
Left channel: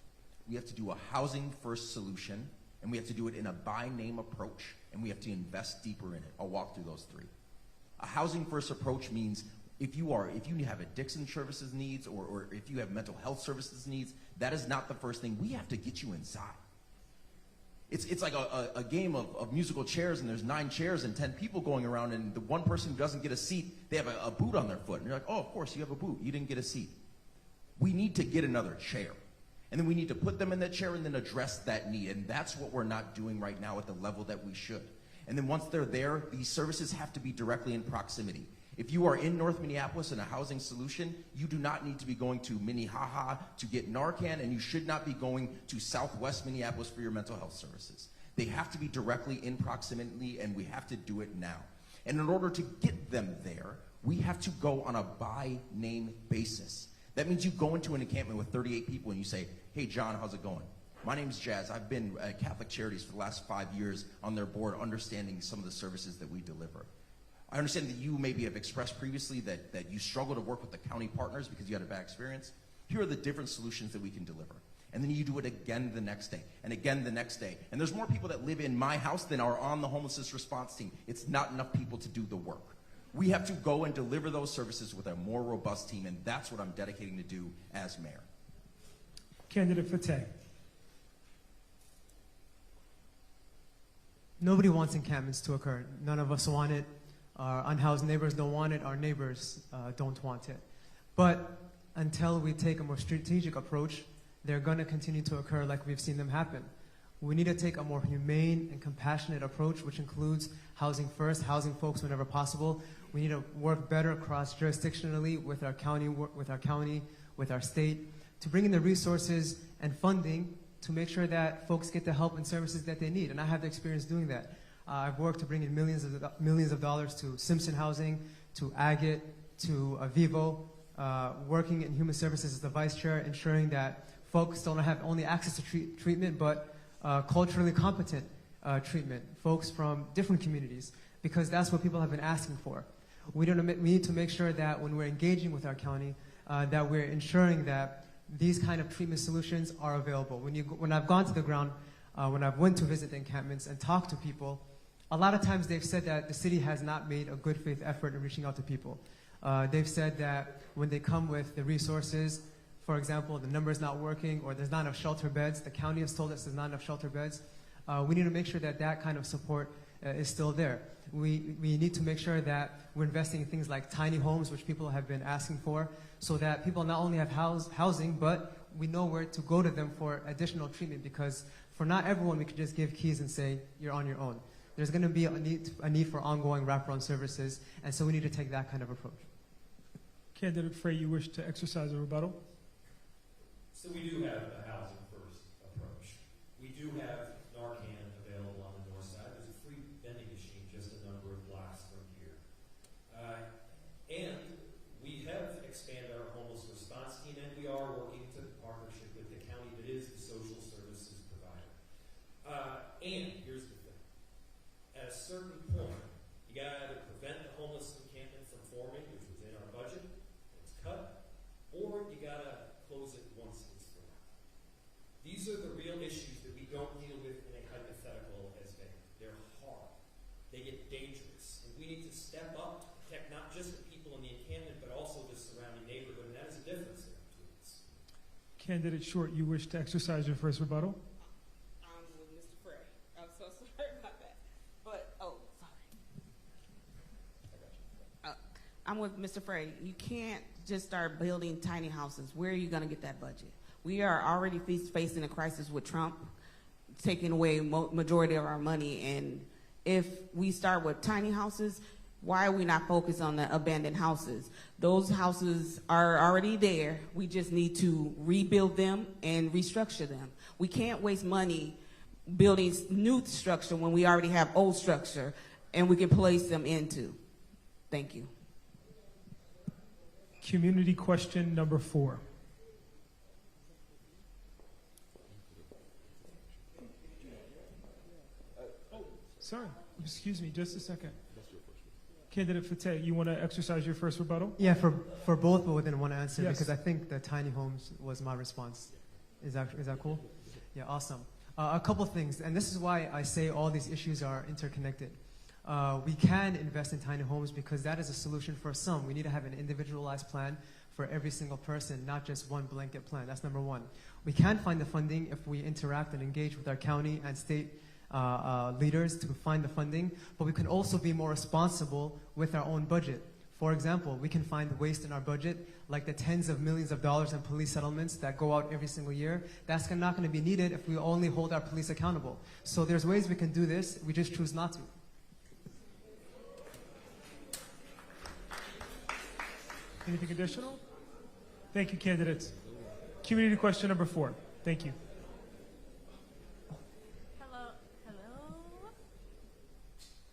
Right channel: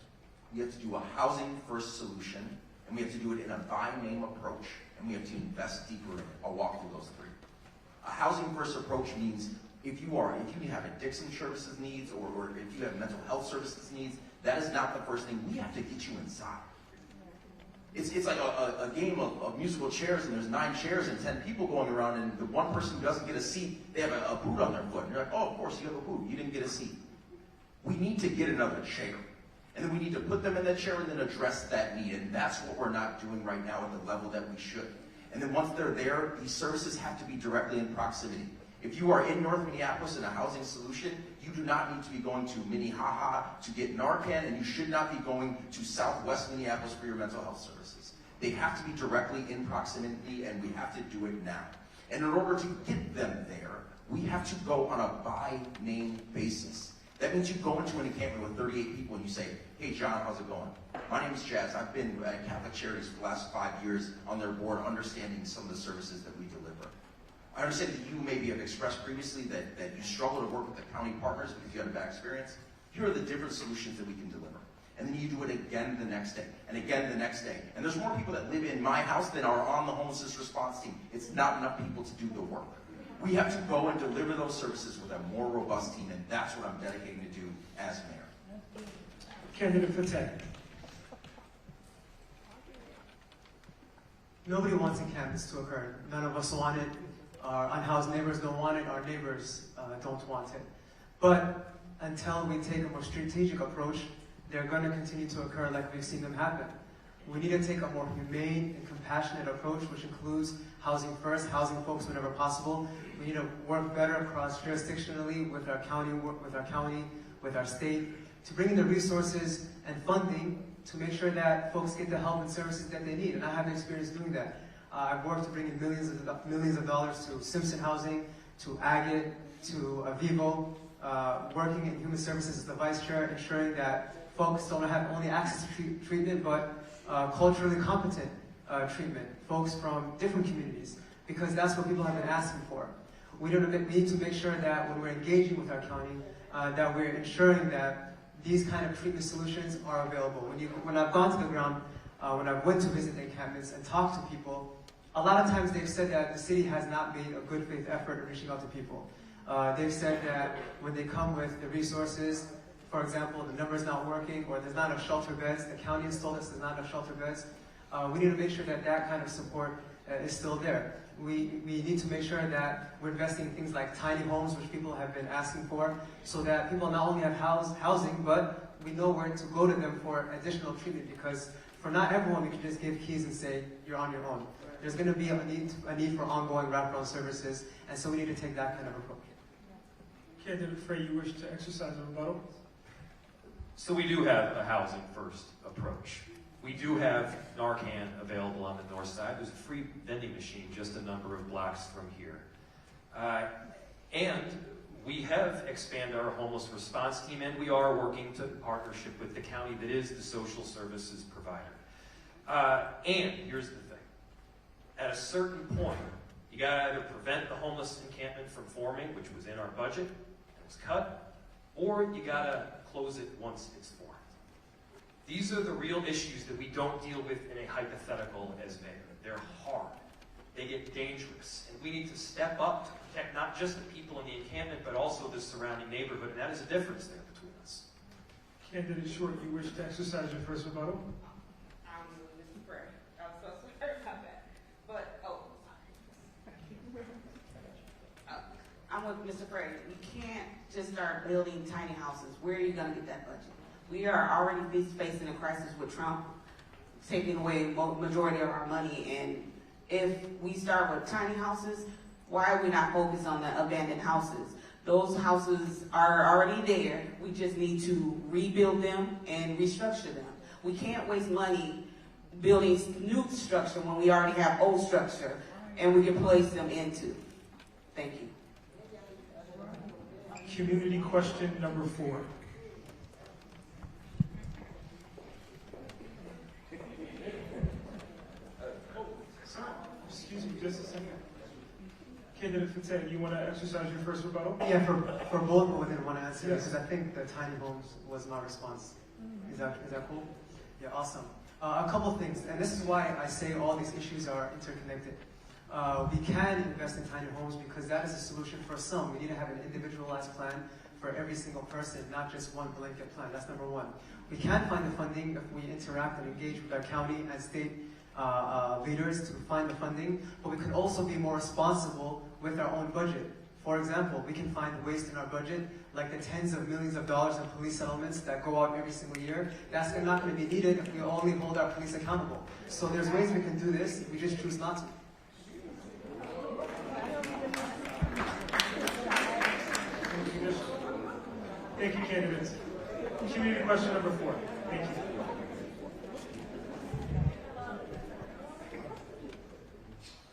We have to do a housing first solution, and we have to do it in a by name approach, and we have to invest deeper in it. I'll walk through those three. A housing first approach means if you have addiction services needs or if you have mental health services needs, that is not the first thing. We have to get you inside. It's like a game of musical chairs, and there's 9 chairs and 10 people going around, and the one person who doesn't get a seat, they have a boot on their foot. And you're like, oh, of course, you have a boot. You didn't get a seat. We need to get another chair. And then we need to put them in that chair and then address that need. And that's what we're not doing right now at the level that we should. And then once they're there, these services have to be directly in proximity. If you are in North Minneapolis in a housing solution, you do not need to be going to Minnehaha to get Narcan, and you should not be going to Southwest Minneapolis for your mental health services. They have to be directly in proximity, and we have to do it now. And in order to get them there, we have to go on a by-name basis. That means you go into an encampment with 38 people and you say, hey, John, how's it going? My name's Jazz. I've been at Catholic Charities for the last 5 years on their board, understanding some of the services that we deliver. I understand that you maybe have expressed previously that you struggle to work with the county partners because you had a bad experience. Here are the different solutions that we can deliver. And then you do it again the next day, and again the next day. And there's more people that live in my house than are on the homelessness response team. It's not enough people to do the work. We have to go and deliver those services with a more robust team, and that's what I'm dedicating to do as mayor. Candidate Fateh. Nobody wants encampments to occur. None of us want it. Our unhoused neighbors don't want it. Our neighbors don't want it. But until we take a more strategic approach, they're going to continue to occur like we've seen them happen. We need to take a more humane and compassionate approach, which includes housing first, housing folks whenever possible. We need to work better across jurisdictionally with our county, with our state, to bring in the resources and funding to make sure that folks get the help and services that they need. And I have experience doing that. I've worked to bring in millions of dollars to Simpson Housing, to Agate, to Vivo, working in human services as the vice chair, ensuring that folks don't have only access to treatment, but culturally competent treatment, folks from different communities, because that's what people have been asking for. We need to make sure that when we're engaging with our county, that we're ensuring that these kind of treatment solutions are available. When I've gone to the ground, when I went to visit encampments and talked to people, a lot of times they've said that the city has not made a good faith effort in reaching out to people. They've said that when they come with the resources, for example, the number's not working, or there's not enough shelter beds, the county has told us there's not enough shelter beds. We need to make sure that that kind of support is still there. We need to make sure that we're investing in things like tiny homes, which people have been asking for, so that people not only have housing, but we know where to go to them for additional treatment, because for not everyone, we can just give keys and say, you're on your own. There's going to be a need for ongoing wraparound services, and so we need to take that kind of approach. Candidate Frey, you wish to exercise a rebuttal? So we do have a housing first approach. We do have Narcan available on the north side. There's a free vending machine just a number of blocks from here. And we have expanded our homeless response team, and we are working to partnership with the county that is the social services provider. And here's the thing. At a certain point, you gotta either prevent the homeless encampment from forming, which was in our budget, and it's cut, or you gotta close it once it's formed. These are the real issues that we don't deal with in a hypothetical as mayor. They're hard. They get dangerous. And we need to step up to protect not just the people in the encampment, but also the surrounding neighborhood. And that is a difference there between us. Candidate Short, you wish to exercise your first rebuttal? I'm with Mr. Frey. I was supposed to clarify that. But, I'm with Mr. Frey. You can't just start building tiny houses. Where are you going to get that budget? We are already facing a crisis with Trump. taking away majority of our money. And if we start with tiny houses, why are we not focused on the abandoned houses? Those houses are already there. We just need to rebuild them and restructure them. We can't waste money building new structure when we already have old structure and we can place them into. Thank you. Community question number 4. Sorry, excuse me, just a second. Candidate Fateh, you want to exercise your first rebuttal? Yeah, for both, but within one answer, Yes. because I think the tiny homes was my response. Is that cool? Yeah, awesome. A couple of things, and this is why I say all these issues are interconnected. We can invest in tiny homes because that is a solution for some. We need to have an individualized plan for every single person, not just one blanket plan. That's number one. We can find the funding if we interact and engage with our county and state leaders to find the funding, but we could also be more responsible with our own budget. For example, we can find waste in our budget, like the tens of millions of dollars in police settlements that go out every single year. That's not going to be needed if we only hold our police accountable. So there's ways we can do this, we just choose not to. Thank you, candidates. Community question number 4. Thank you.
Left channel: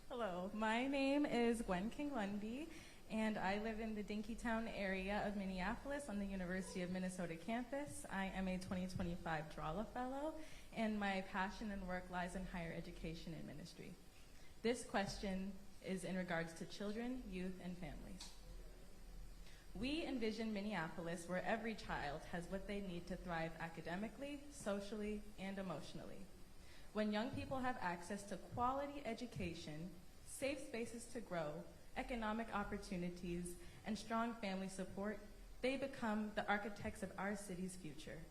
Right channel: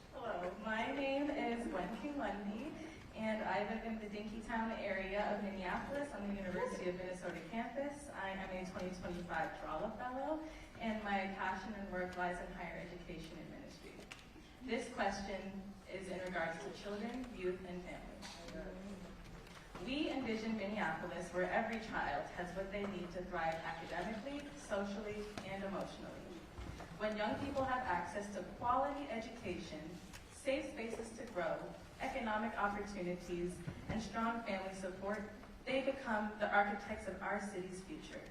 Hello, my name is Gwen King-Lundy, and I live in the Dinkytown area of Minneapolis on the University of Minnesota campus. I am a 2025 Drawla Fellow, and my passion and work lies in higher education and ministry. This question is in regards to children, youth, and families. We envision Minneapolis where every child has what they need to thrive academically, socially, and emotionally. When young people have access to quality education, safe spaces to grow, economic opportunities, and strong family support, they become the architects of our city's future.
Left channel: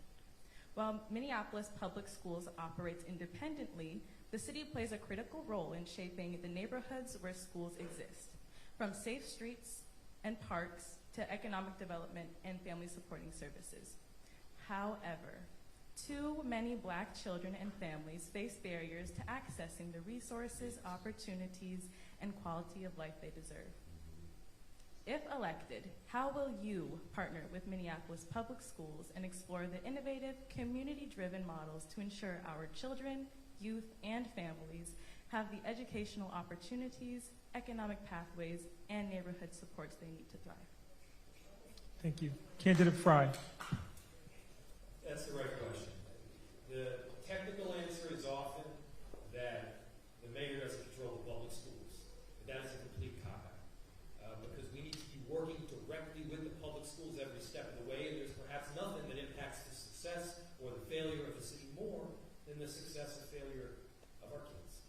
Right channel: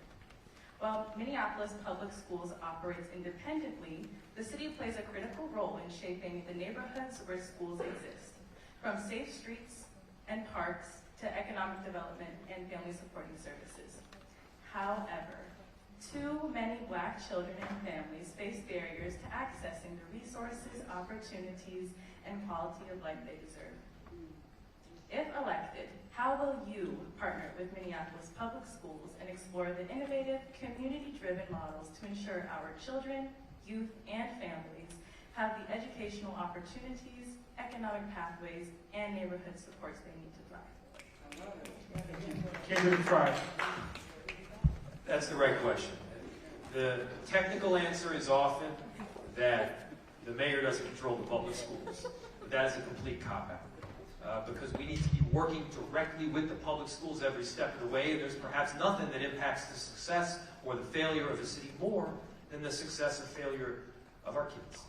While Minneapolis Public Schools operates independently, the city plays a critical role in shaping the neighborhoods where schools exist, from safe streets and parks to economic development and family supporting services. However, too many Black children and families face barriers to accessing the resources, opportunities, and quality of life they deserve. If elected, how will you partner with Minneapolis Public Schools and explore the innovative, community-driven models to ensure our children, youth, and families have the educational opportunities, economic pathways, and neighborhood supports they need to thrive? Thank you. Candidate Fry. That's the right question. The technical answer is often that the mayor doesn't control the public schools. But that is a complete cop-out. Because we need to be working directly with the public schools every step of the way, and there's perhaps nothing that impacts the success or the failure of the city more than the success or failure of our kids.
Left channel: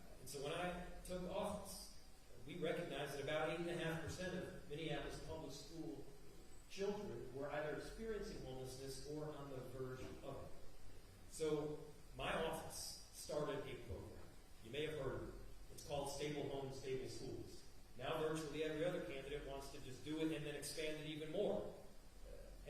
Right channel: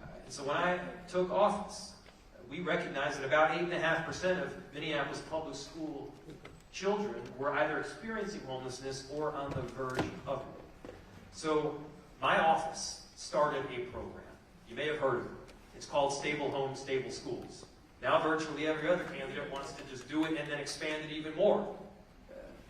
And so when I took office, we recognized that about 8.5% of Minneapolis public school children were either experiencing homelessness or on the verge of it. So my office started a program. You may have heard of it. It's called Stable Homes, Stable Schools. Now virtually every other candidate wants to just do it and then expand it even more.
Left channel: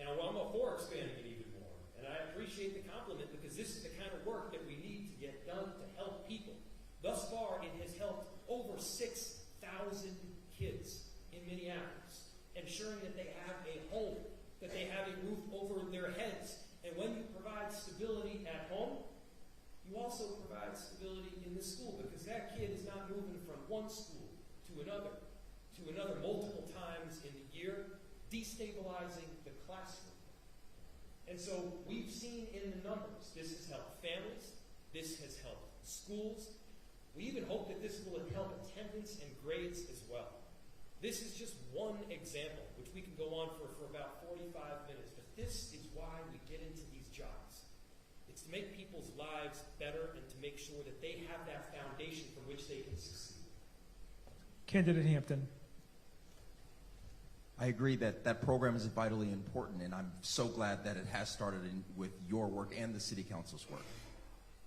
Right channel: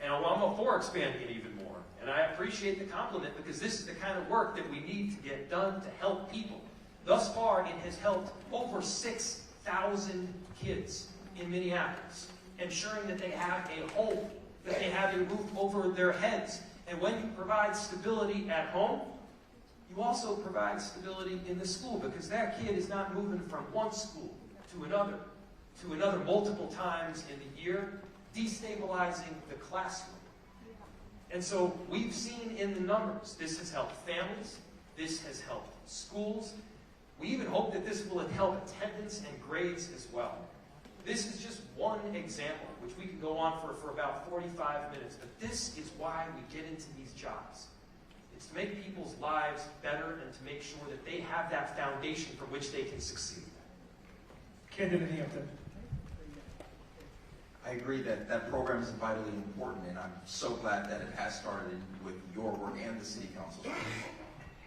And I'm all for expanding it even more. And I appreciate the compliment because this is the kind of work that we need to get done to help people. Thus far, it has helped over 6,000 kids in Minneapolis, ensuring that they have a home, that they have a roof over their heads. And when you provide stability at home, you also provide stability in the school because that kid is not moving from one school to another multiple times in the year, destabilizing the classroom. And so we've seen in the numbers, this has helped families, this has helped schools. We even hope that this will help attendance and grades as well. This is just one example, which we could go on for about 45 minutes, but this is why we get into these jobs. It's to make people's lives better and to make sure that they have that foundation from which they can succeed. Candidate Hampton. I agree that that program is vitally important, and I'm so glad that it has started with your work and the city council's work.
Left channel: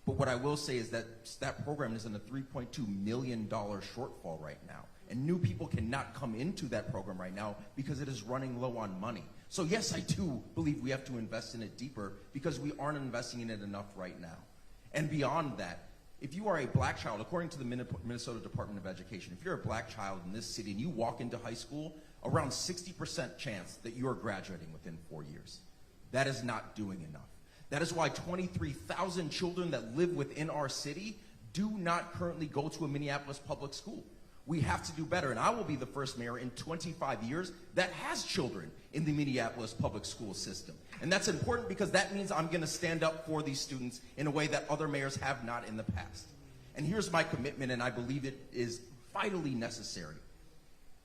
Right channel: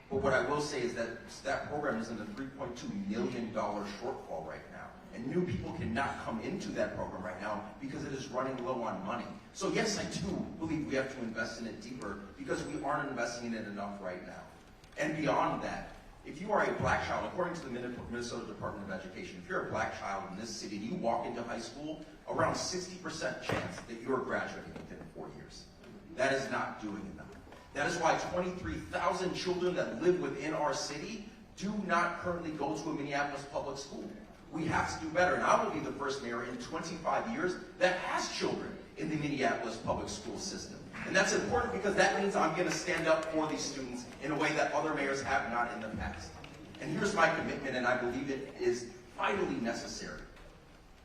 But what I will say is that that program is in a $3.2 million shortfall right now, and new people cannot come into that program right now because it is running low on money. So yes, I do believe we have to invest in it deeper because we aren't investing in it enough right now. And beyond that, if you are a black child, according to the Minnesota Department of Education, if you're a black child in this city and you walk into high school, around 60% chance that you are graduating within 4 years. That is not doing enough. That is why 23,000 children that live within our city do not currently go to a Minneapolis public school. We have to do better, and I will be the first mayor in 25 years that has children in the Minneapolis public school system. And that's important because that means I'm going to stand up for these students in a way that other mayors have not in the past. And here's my commitment, and I believe it is vitally necessary.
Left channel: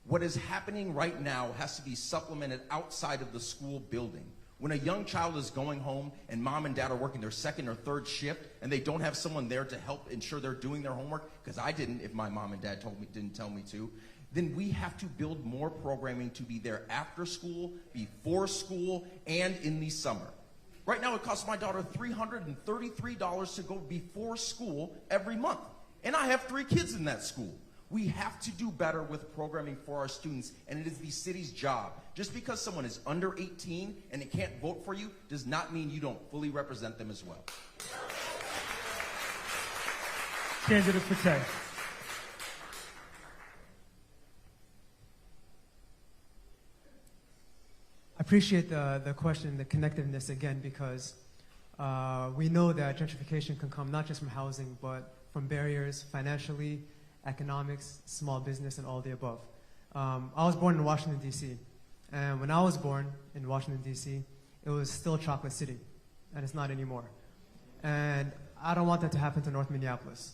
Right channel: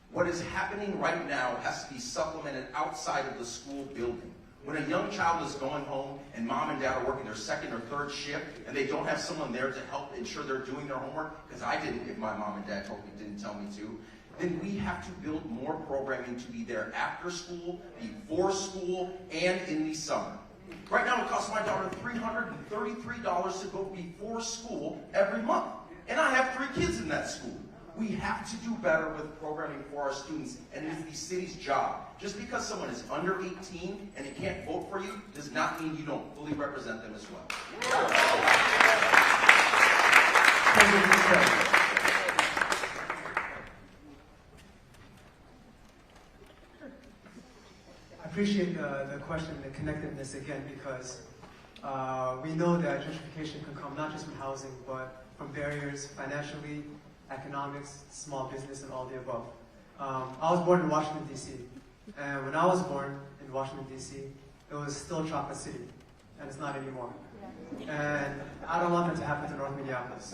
What is happening right now has to be supplemented outside of the school building. When a young child is going home and mom and dad are working their second or third shift and they don't have someone there to help ensure they're doing their homework, because I didn't if my mom and dad didn't tell me to, then we have to build more programming to be there after school, before school, and in the summer. Right now it costs my daughter $333 to go before school every month. And I have 3 kids in that school. We have to do better with programming for our students, and it is the city's job. Just because someone is under 18 and it can't vote for you does not mean you don't fully represent them as well. I appreciate the question, the connectedness again, because we know that gentrification can come not just from housing, but from barriers financially, economics, small business, and all the above. I was born in Washington, D.C., and when I was born in Washington, D.C., it was still Chocolate City, and it's not anymore. And I don't want that to happen to North Minneapolis.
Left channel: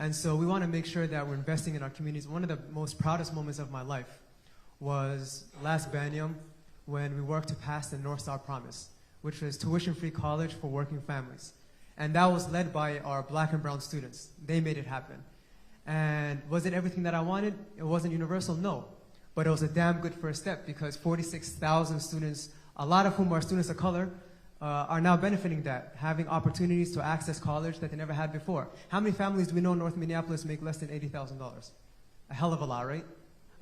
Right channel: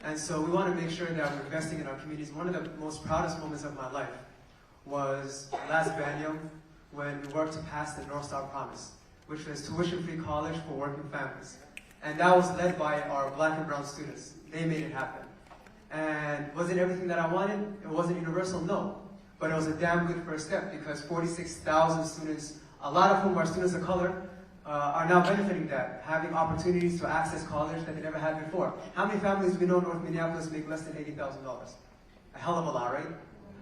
And so we want to make sure that we're investing in our communities. One of the most proudest moments of my life was last biennium when we worked to pass the North Star Promise, which was tuition-free college for working families. And that was led by our black and brown students. They made it happen. And was it everything that I wanted? It wasn't universal, no. But it was a damn good first step because 46,000 students, a lot of whom are students of color, are now benefiting that, having opportunities to access college that they never had before. How many families do we know in North Minneapolis make less than $80,000? A hell of a lot, right?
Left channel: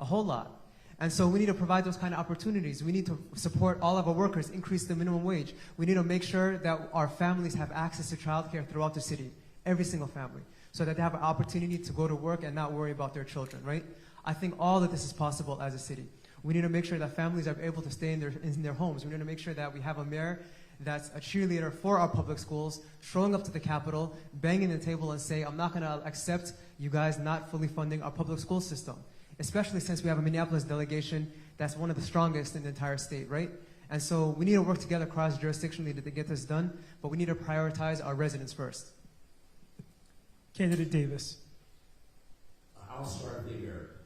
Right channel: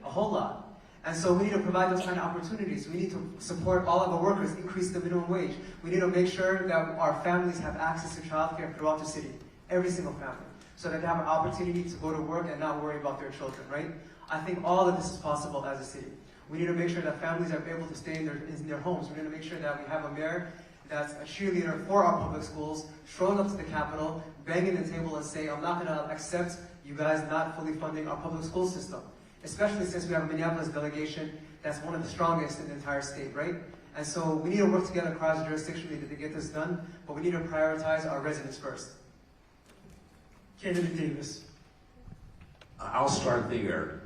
A whole lot. And so we need to provide those kind of opportunities. We need to support all of our workers, increase the minimum wage. We need to make sure that our families have access to childcare throughout the city, every single family, so that they have an opportunity to go to work and not worry about their children, right? I think all of this is possible as a city. We need to make sure that families are able to stay in their homes. We need to make sure that we have a mayor that's a cheerleader for our public schools, showing up to the Capitol, banging the table and saying, I'm not going to accept you guys not fully funding our public school system, especially since we have a Minneapolis delegation that's one of the strongest in the entire state, right? And so we need to work together across jurisdictionally to get this done, but we need to prioritize our residents first. Candidate Davis. I'll start there.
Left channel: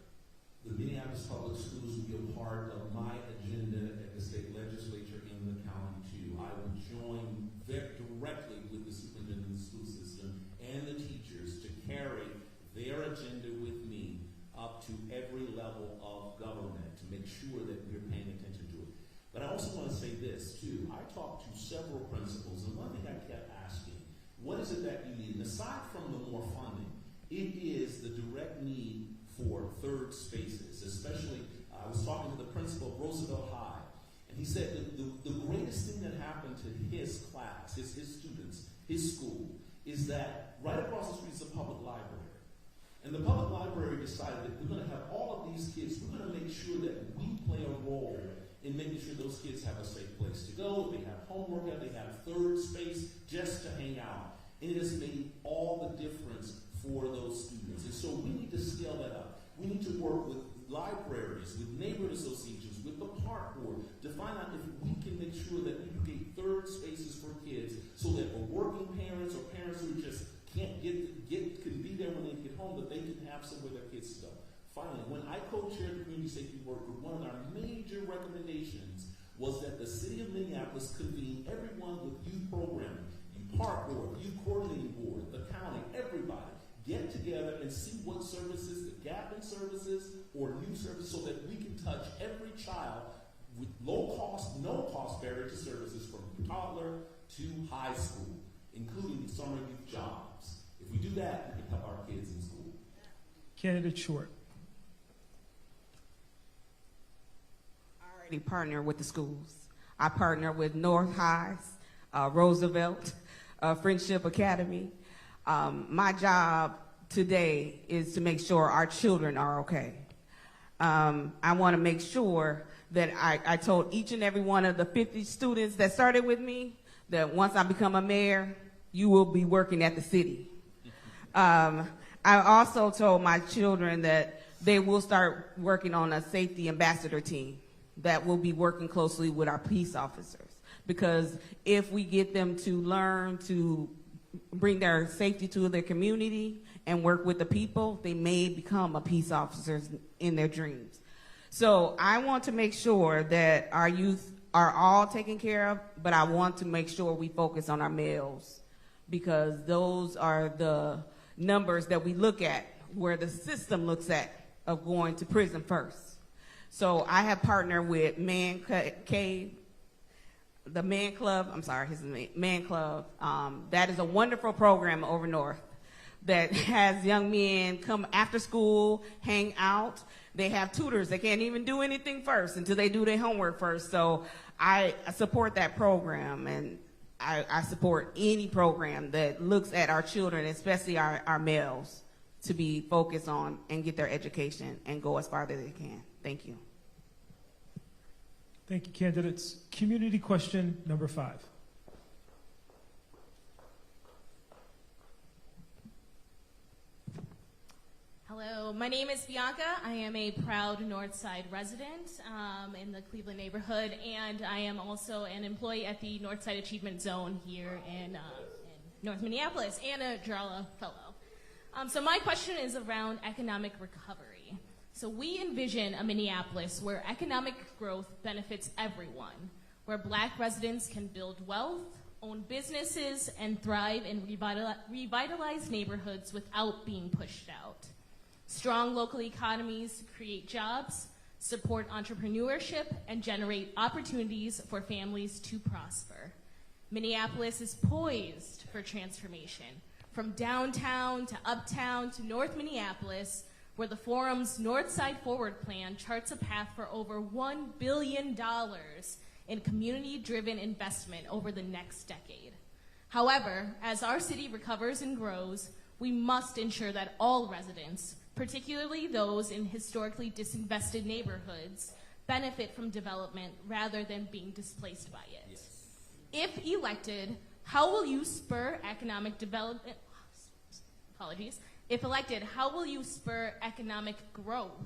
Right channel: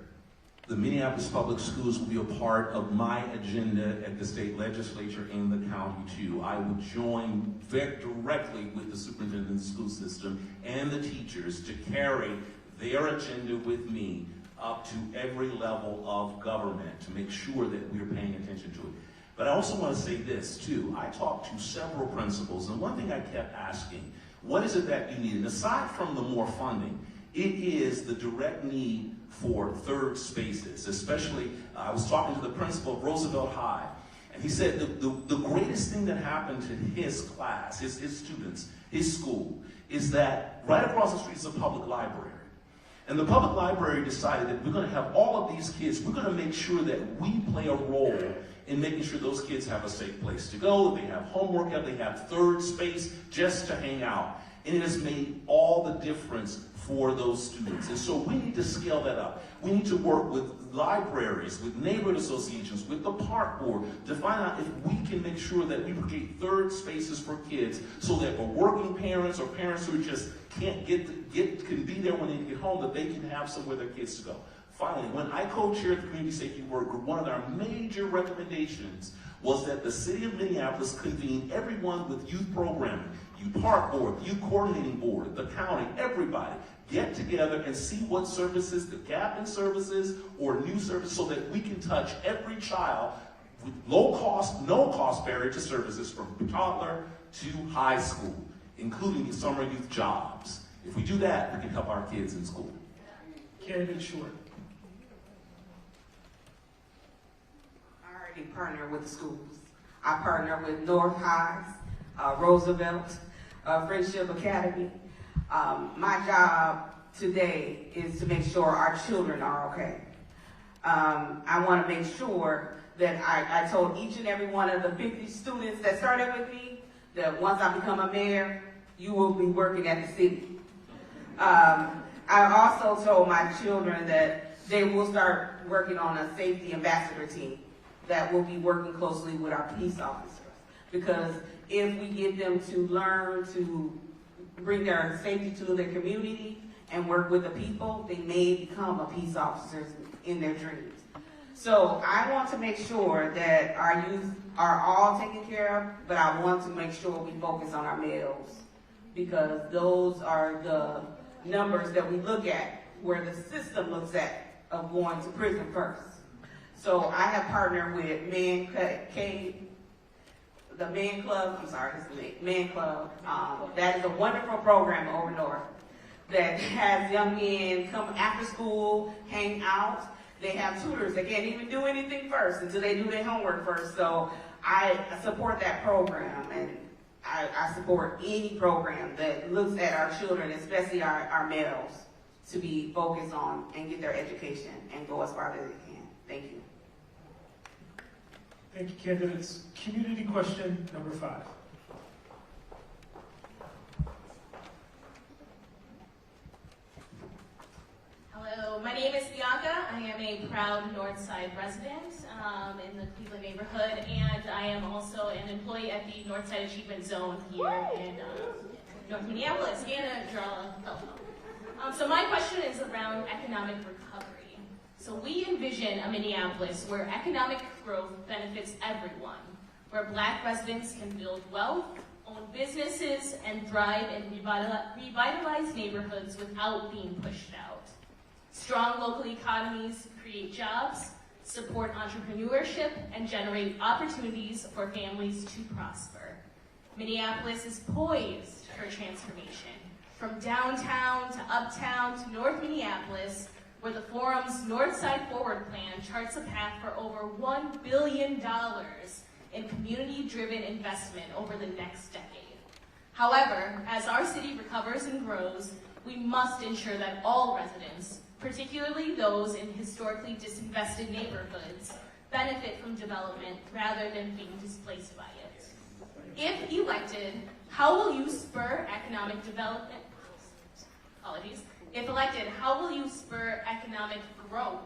The Minneapolis Public Schools will be a part of my agenda at the state legislature in the county too. I will join very directly with the superintendent of the school system and the teachers to carry their agenda with me up to every level of government to make sure that we're paying attention to it. But I also want to say this too. I talked to several principals, and one thing I kept asking, what is it that you need? And aside from the more funding, it is the direct need for third spaces, especially, I was talking to the principal of Roosevelt High, and he said the greatest thing that happened to his class, his students, his school, is that right across the street is a public library. And the public library decided that we're going to have all of these kids, we're going to make sure that we play a role in making sure those kids have a safe place to go, they have homework, they have third space just to hang out. And it has made all the difference for those students. And so we need to scale that up. We need to work with libraries, with neighborhood associations, with the park board to find out if we can make sure that we create third spaces for kids so that for working parents or parents who just can't can be there when they get home, that they can have somewhere their kids to go. Finally, when I co-chaired the community safety work group, one of our major recommendations was that the city of Minneapolis convene everyone with youth programming, youth park board, youth coordinating board, the county, everybody, get together and see what services, the gap in services or new services, so that we can touch every child with low cost, no cost barrier to services from toddler to high school, including summer youth jobs. If we do that, we can help our kids in school. Candidate Short. I already partner with the schools. I partner with North Highs, Roosevelt, Friendship Academy. My job today is to make sure our children are okay. I want to make sure that I told each and every one of the 50 students that started with me that once I become a mayor, you will be working at the city. I also told my children that they will start working on a safety ambassador team that will be working closely with our peace officers. Because if we get them to learn to bring their safety to their community and work with the people, they may become a peace officers in their dreams. So I want to make sure that our youth are all taken care of, but I want to make sure we focus on our males, because those are the numbers that we look at, where the system looks at of going to prison first. So I have partnered with the Man Club, Man Club. That is a wonderful program over north that has young men come after school, hang out. They have tutors. They can't even do anything first until they do their homework first. So I support that program, and I support any program that looks at our children, especially our males, to be focused on and get their education and go as far as they can. Thank you. Thank you, candidates. Community question number 5. Hello, my name is Bianca. I am a proud Northside resident in the Cleveland neighborhood, and I am also an employee at the Northside Achievement Zone here in North Minneapolis, and a Mayoral fellow. So my question is around economic recovery. So we envision a Minneapolis where economic growth benefits everyone, where Black residents can build wealth, own businesses, and thrive in revitalized neighborhoods without being pushed out. Strong local economies create jobs, support entrepreneurship, and generate opportunities for families to prosper. Minneapolis is poised for transformation, from downtown to uptown to North Minneapolis, where the Forum's Northside Forward Plan charts a path for over $1 billion in community-driven investment over the next decade. However, as our city recovers and grows, we must ensure that all residents, particularly those in historically disinvested neighborhoods, benefit from development rather than being displaced by it. If elected, how will you spur economic development? If elected, how will you spur economic growth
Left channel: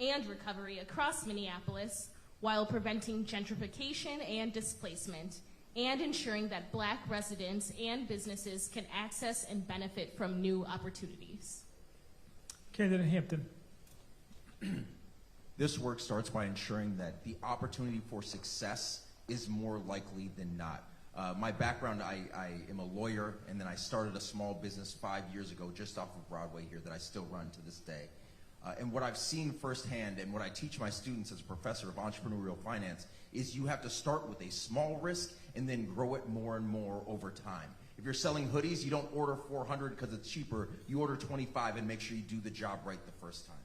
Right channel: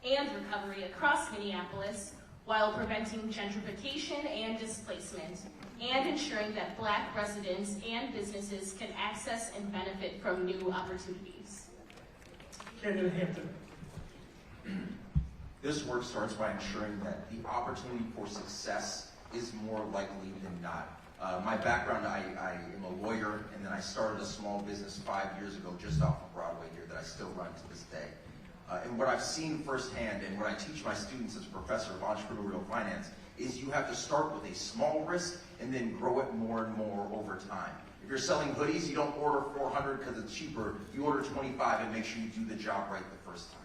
and recovery across Minneapolis while preventing gentrification and displacement, and ensuring that Black residents and businesses can access and benefit from new opportunities? Candidate Hampton. This work starts by ensuring that the opportunity for success is more likely than not. My background, I am a lawyer, and then I started a small business 5 years ago just off of Broadway here that I still run to this day. And what I've seen firsthand, and what I teach my students as a professor of entrepreneurial finance, is you have to start with a small risk and then grow it more and more over time. If you're selling hoodies, you don't order 400 because it's cheaper. You order 25 and make sure you do the job right the first time.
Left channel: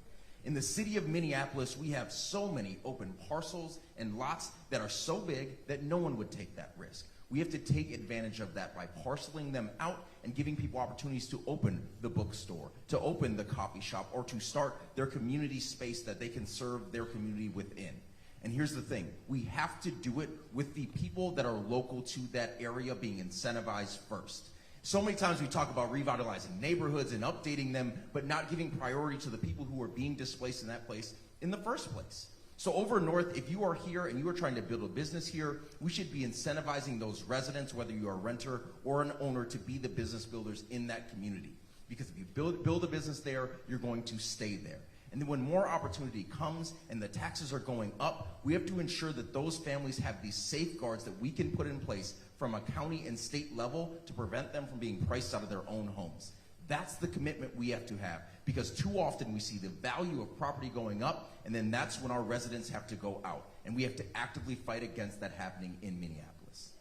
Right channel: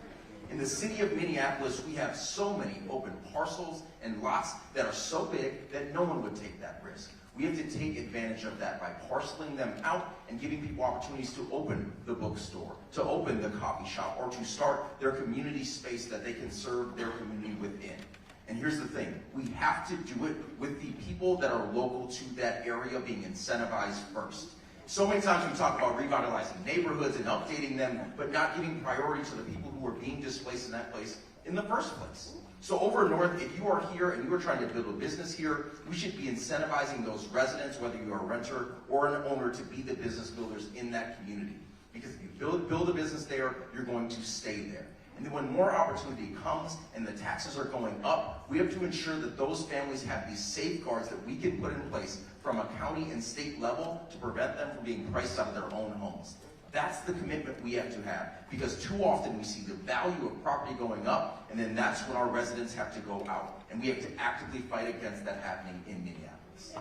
In the city of Minneapolis, we have so many open parcels and lots that are so big that no one would take that risk. We have to take advantage of that by parceling them out and giving people opportunities to open the bookstore, to open the coffee shop, or to start their community space that they can serve their community within. And here's the thing, we have to do it with the people that are local to that area being incentivized first. So many times we talk about revitalizing neighborhoods and updating them, but not giving priority to the people who are being displaced in that place in the first place. So over north, if you are here and you are trying to build a business here, we should be incentivizing those residents, whether you are a renter or an owner, to be the business builders in that community. Because if you build a business there, you're going to stay there. And then when more opportunity comes and the taxes are going up, we have to ensure that those families have these safeguards that we can put in place from a county and state level to prevent them from being priced out of their own homes. That's the commitment we have to have, because too often we see the value of property going up, and then that's when our residents have to go out. And we have to actively fight against that happening in Minneapolis.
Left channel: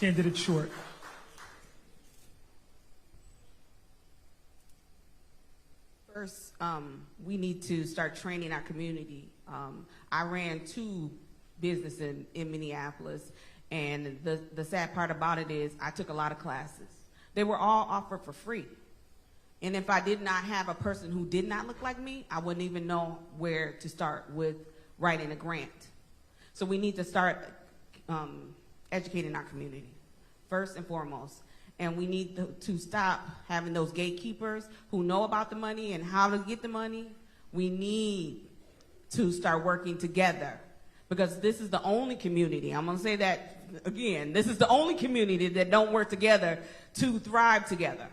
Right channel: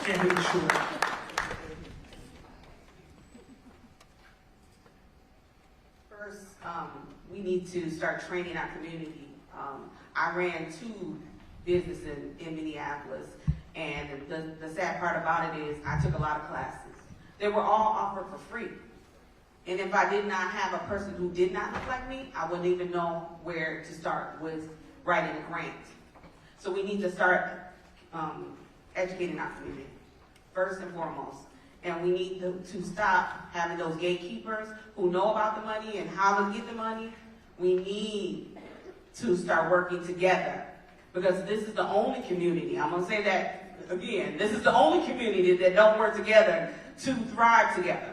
Candidate Short. First, we need to start training our community. I ran 2 businesses in Minneapolis, and the sad part about it is I took a lot of classes. They were all offered for free. And if I did not have a person who did not look like me, I wouldn't even know where to start with writing a grant. So we need to start educating our community, first and foremost. And we need to stop having those gatekeepers who know about the money and how to get the money. We need to start working together, because this is the only community, I'm gonna say that again, this is the only community that don't work together to thrive together.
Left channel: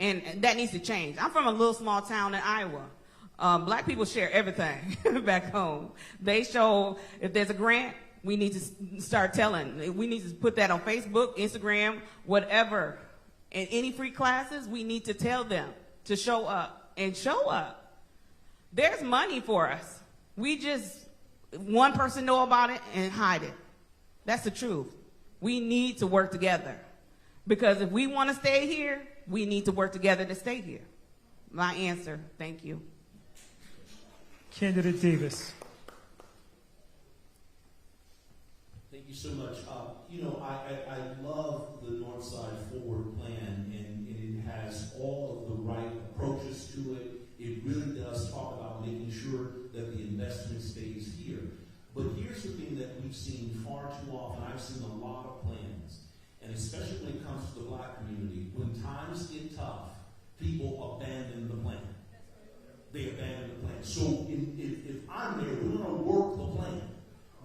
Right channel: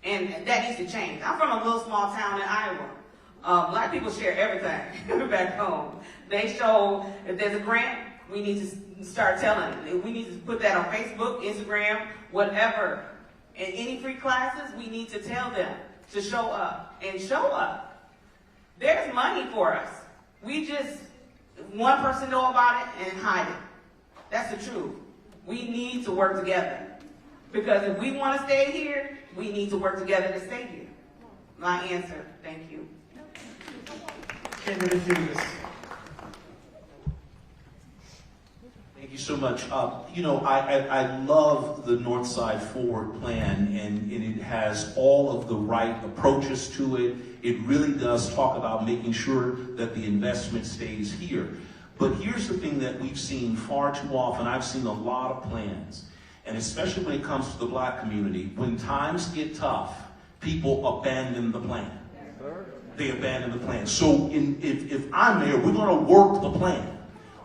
And that needs to change. I'm from a little small town in Iowa. Black people share everything back home. They show, if there's a grant, we need to start telling. We need to put that on Facebook, Instagram, whatever. And any free classes, we need to tell them to show up. And show up. There's money for us. We just, one person know about it and hide it. That's the truth. We need to work together. Because if we want to stay here, we need to work together to stay here. My answer. Thank you. Candidate Davis. Thank you so much. You know, I love the Northside Forward plan, and it has all of the right approaches to it. It really does talk about making sure that the investment stays here. But here's the thing that we've seen far too often. I've seen a lot of plans, and especially when it comes to the black community, when times get tough, people abandon the plan. They abandon the plan. So if I'm there, we're going to work the plan.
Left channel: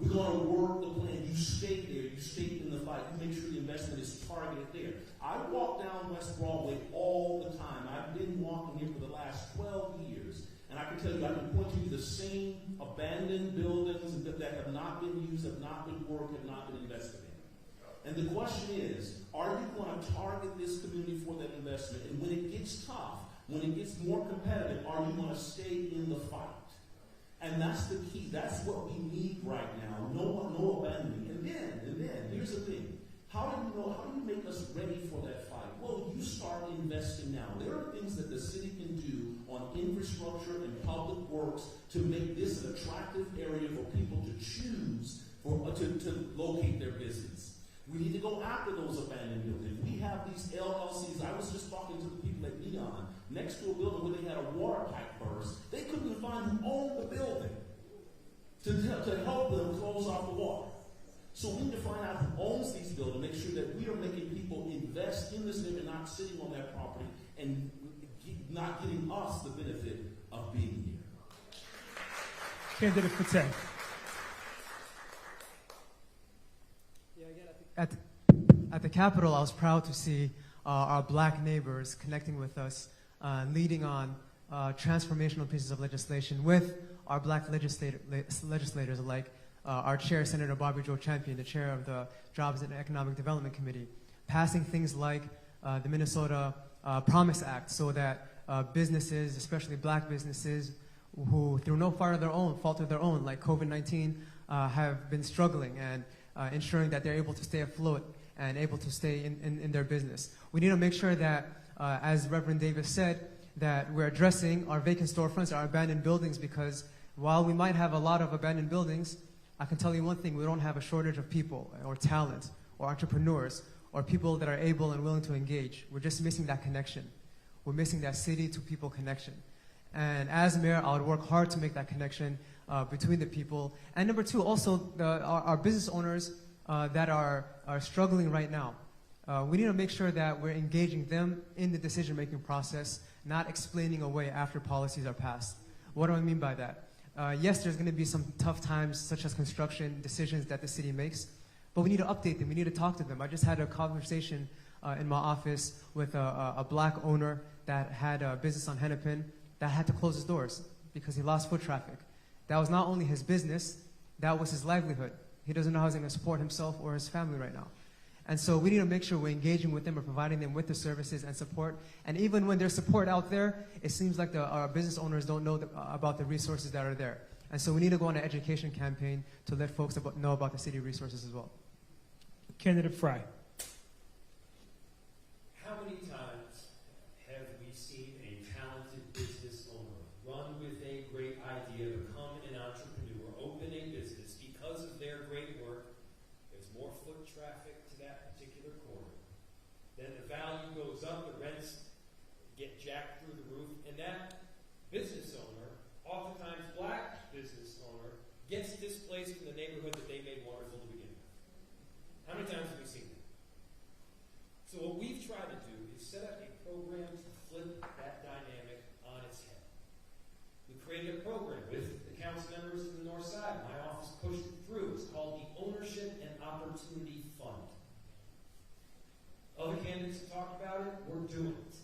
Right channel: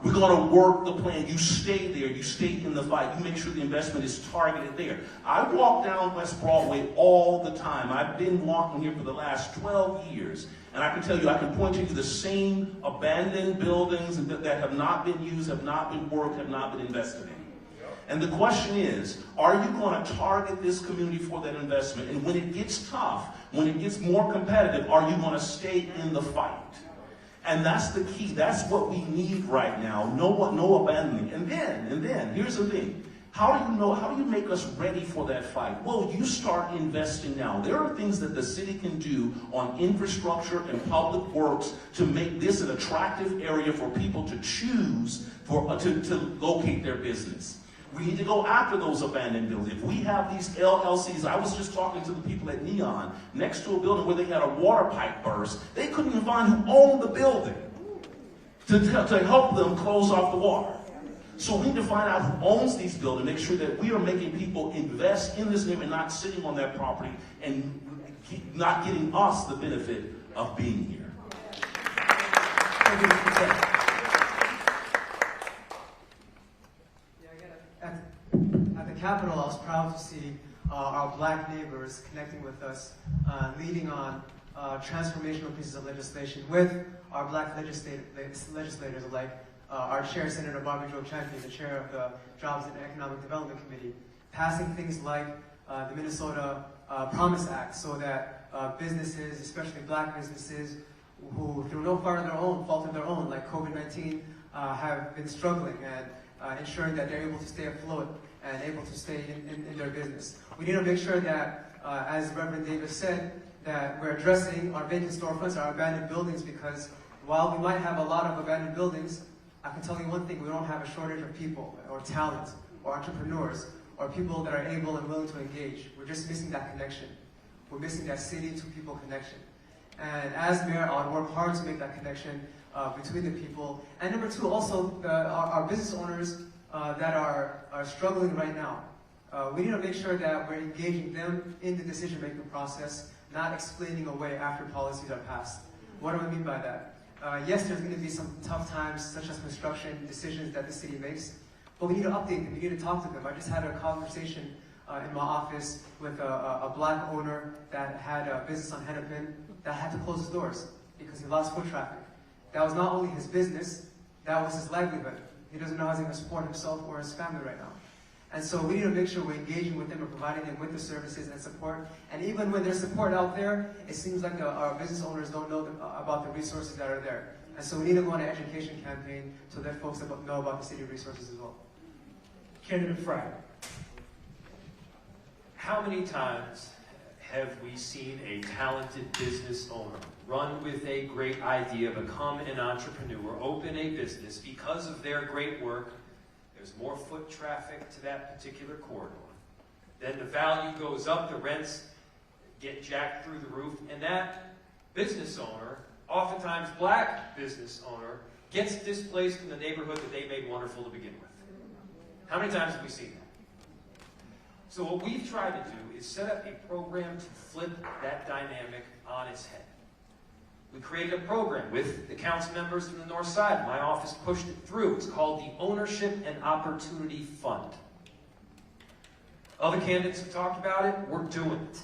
We're going to work the plan. You stay there. You stay in the fight. You make sure the investment is targeted there. I walk down West Broadway all the time. I've been walking here for the last 12 years. And I can tell you, I can point you to the same abandoned buildings that have not been used, have not been worked, have not been invested in. And the question is, are you going to target this community for that investment? And when it gets tough, when it gets more competitive, are you going to stay in the fight? And that's the key. That's what we need right now. No abandoning. And then, here's the thing. How do you make us ready for that fight? Well, you start investing now. There are things that the city can do on infrastructure and public works to make this an attractive area for people to choose to locate their business. We need to go after those abandoned buildings. If we have these LLCs, I was just talking to the people at Neon, next to a building where they had a water pipe burst. They couldn't even find who owned the building to help them close off the water. So we need to find out who owns these buildings, make sure that we are making people invest in this neighborhood, not sitting on that property and not getting us the benefit of being here. At the Capitol, I was proud to see our black neighbors connecting with us, leading on transformational pieces of legislation with our black legislators like our chair, Senator Bobby Joe Champion, the chair of the Jobs and Economic Development Committee, passing things like the Minnesota Promise Act so that businesses, especially black businesses, who through no fault of their own, like COVID-19, have been struggling and ensuring that they're able to stay afloat and able to stay in their business. We need to make sure that, as Reverend Davis said, that we're addressing our vacant storefronts, our abandoned buildings, because while we might have a lot of abandoned buildings, I can tell you one thing, we don't have a shortage of people or talent or entrepreneurs or people that are able and willing to engage. We're just missing that connection. We're missing that city-to-people connection. And as mayor, I'll work hard to make that connection between the people. And number two, also our business owners that are struggling right now. We need to make sure that we're engaging them in the decision-making process, not explaining away after policies are passed. What do I mean by that? Yes, there's going to be some tough times, such as construction decisions that the city makes, but we need to update them. We need to talk to them. I just had a conversation in my office with a black owner that had a business on Hennepin that had to close his doors because he lost foot traffic. That was not only his business, that was his livelihood. He doesn't know how he's going to support himself or his family right now. And so we need to make sure we're engaging with them and providing them with the services and support. And even when there's support out there, it seems like our business owners don't know about the resources that are there. And so we need to go on an education campaign to let folks know about the city resources as well. Candidate Fry. How many times have we seen a talented business owner run with a great idea, become an entrepreneur, open a business because of their great work? There's more foot traffic to that particular corridor. then the value goes up, the rents get jacked through the roof, and that business owner, oftentimes black business owner, gets displaced from the neighborhood that they made wonderful to begin with. How many times have we seen that? So what we try to do is set up a program to flip that dynamic on its head. We created a program with the council members from the North Side. My office pushed it through. It's called the Ownership and Opportunity Fund. Other candidates have talked about it. We're doing it.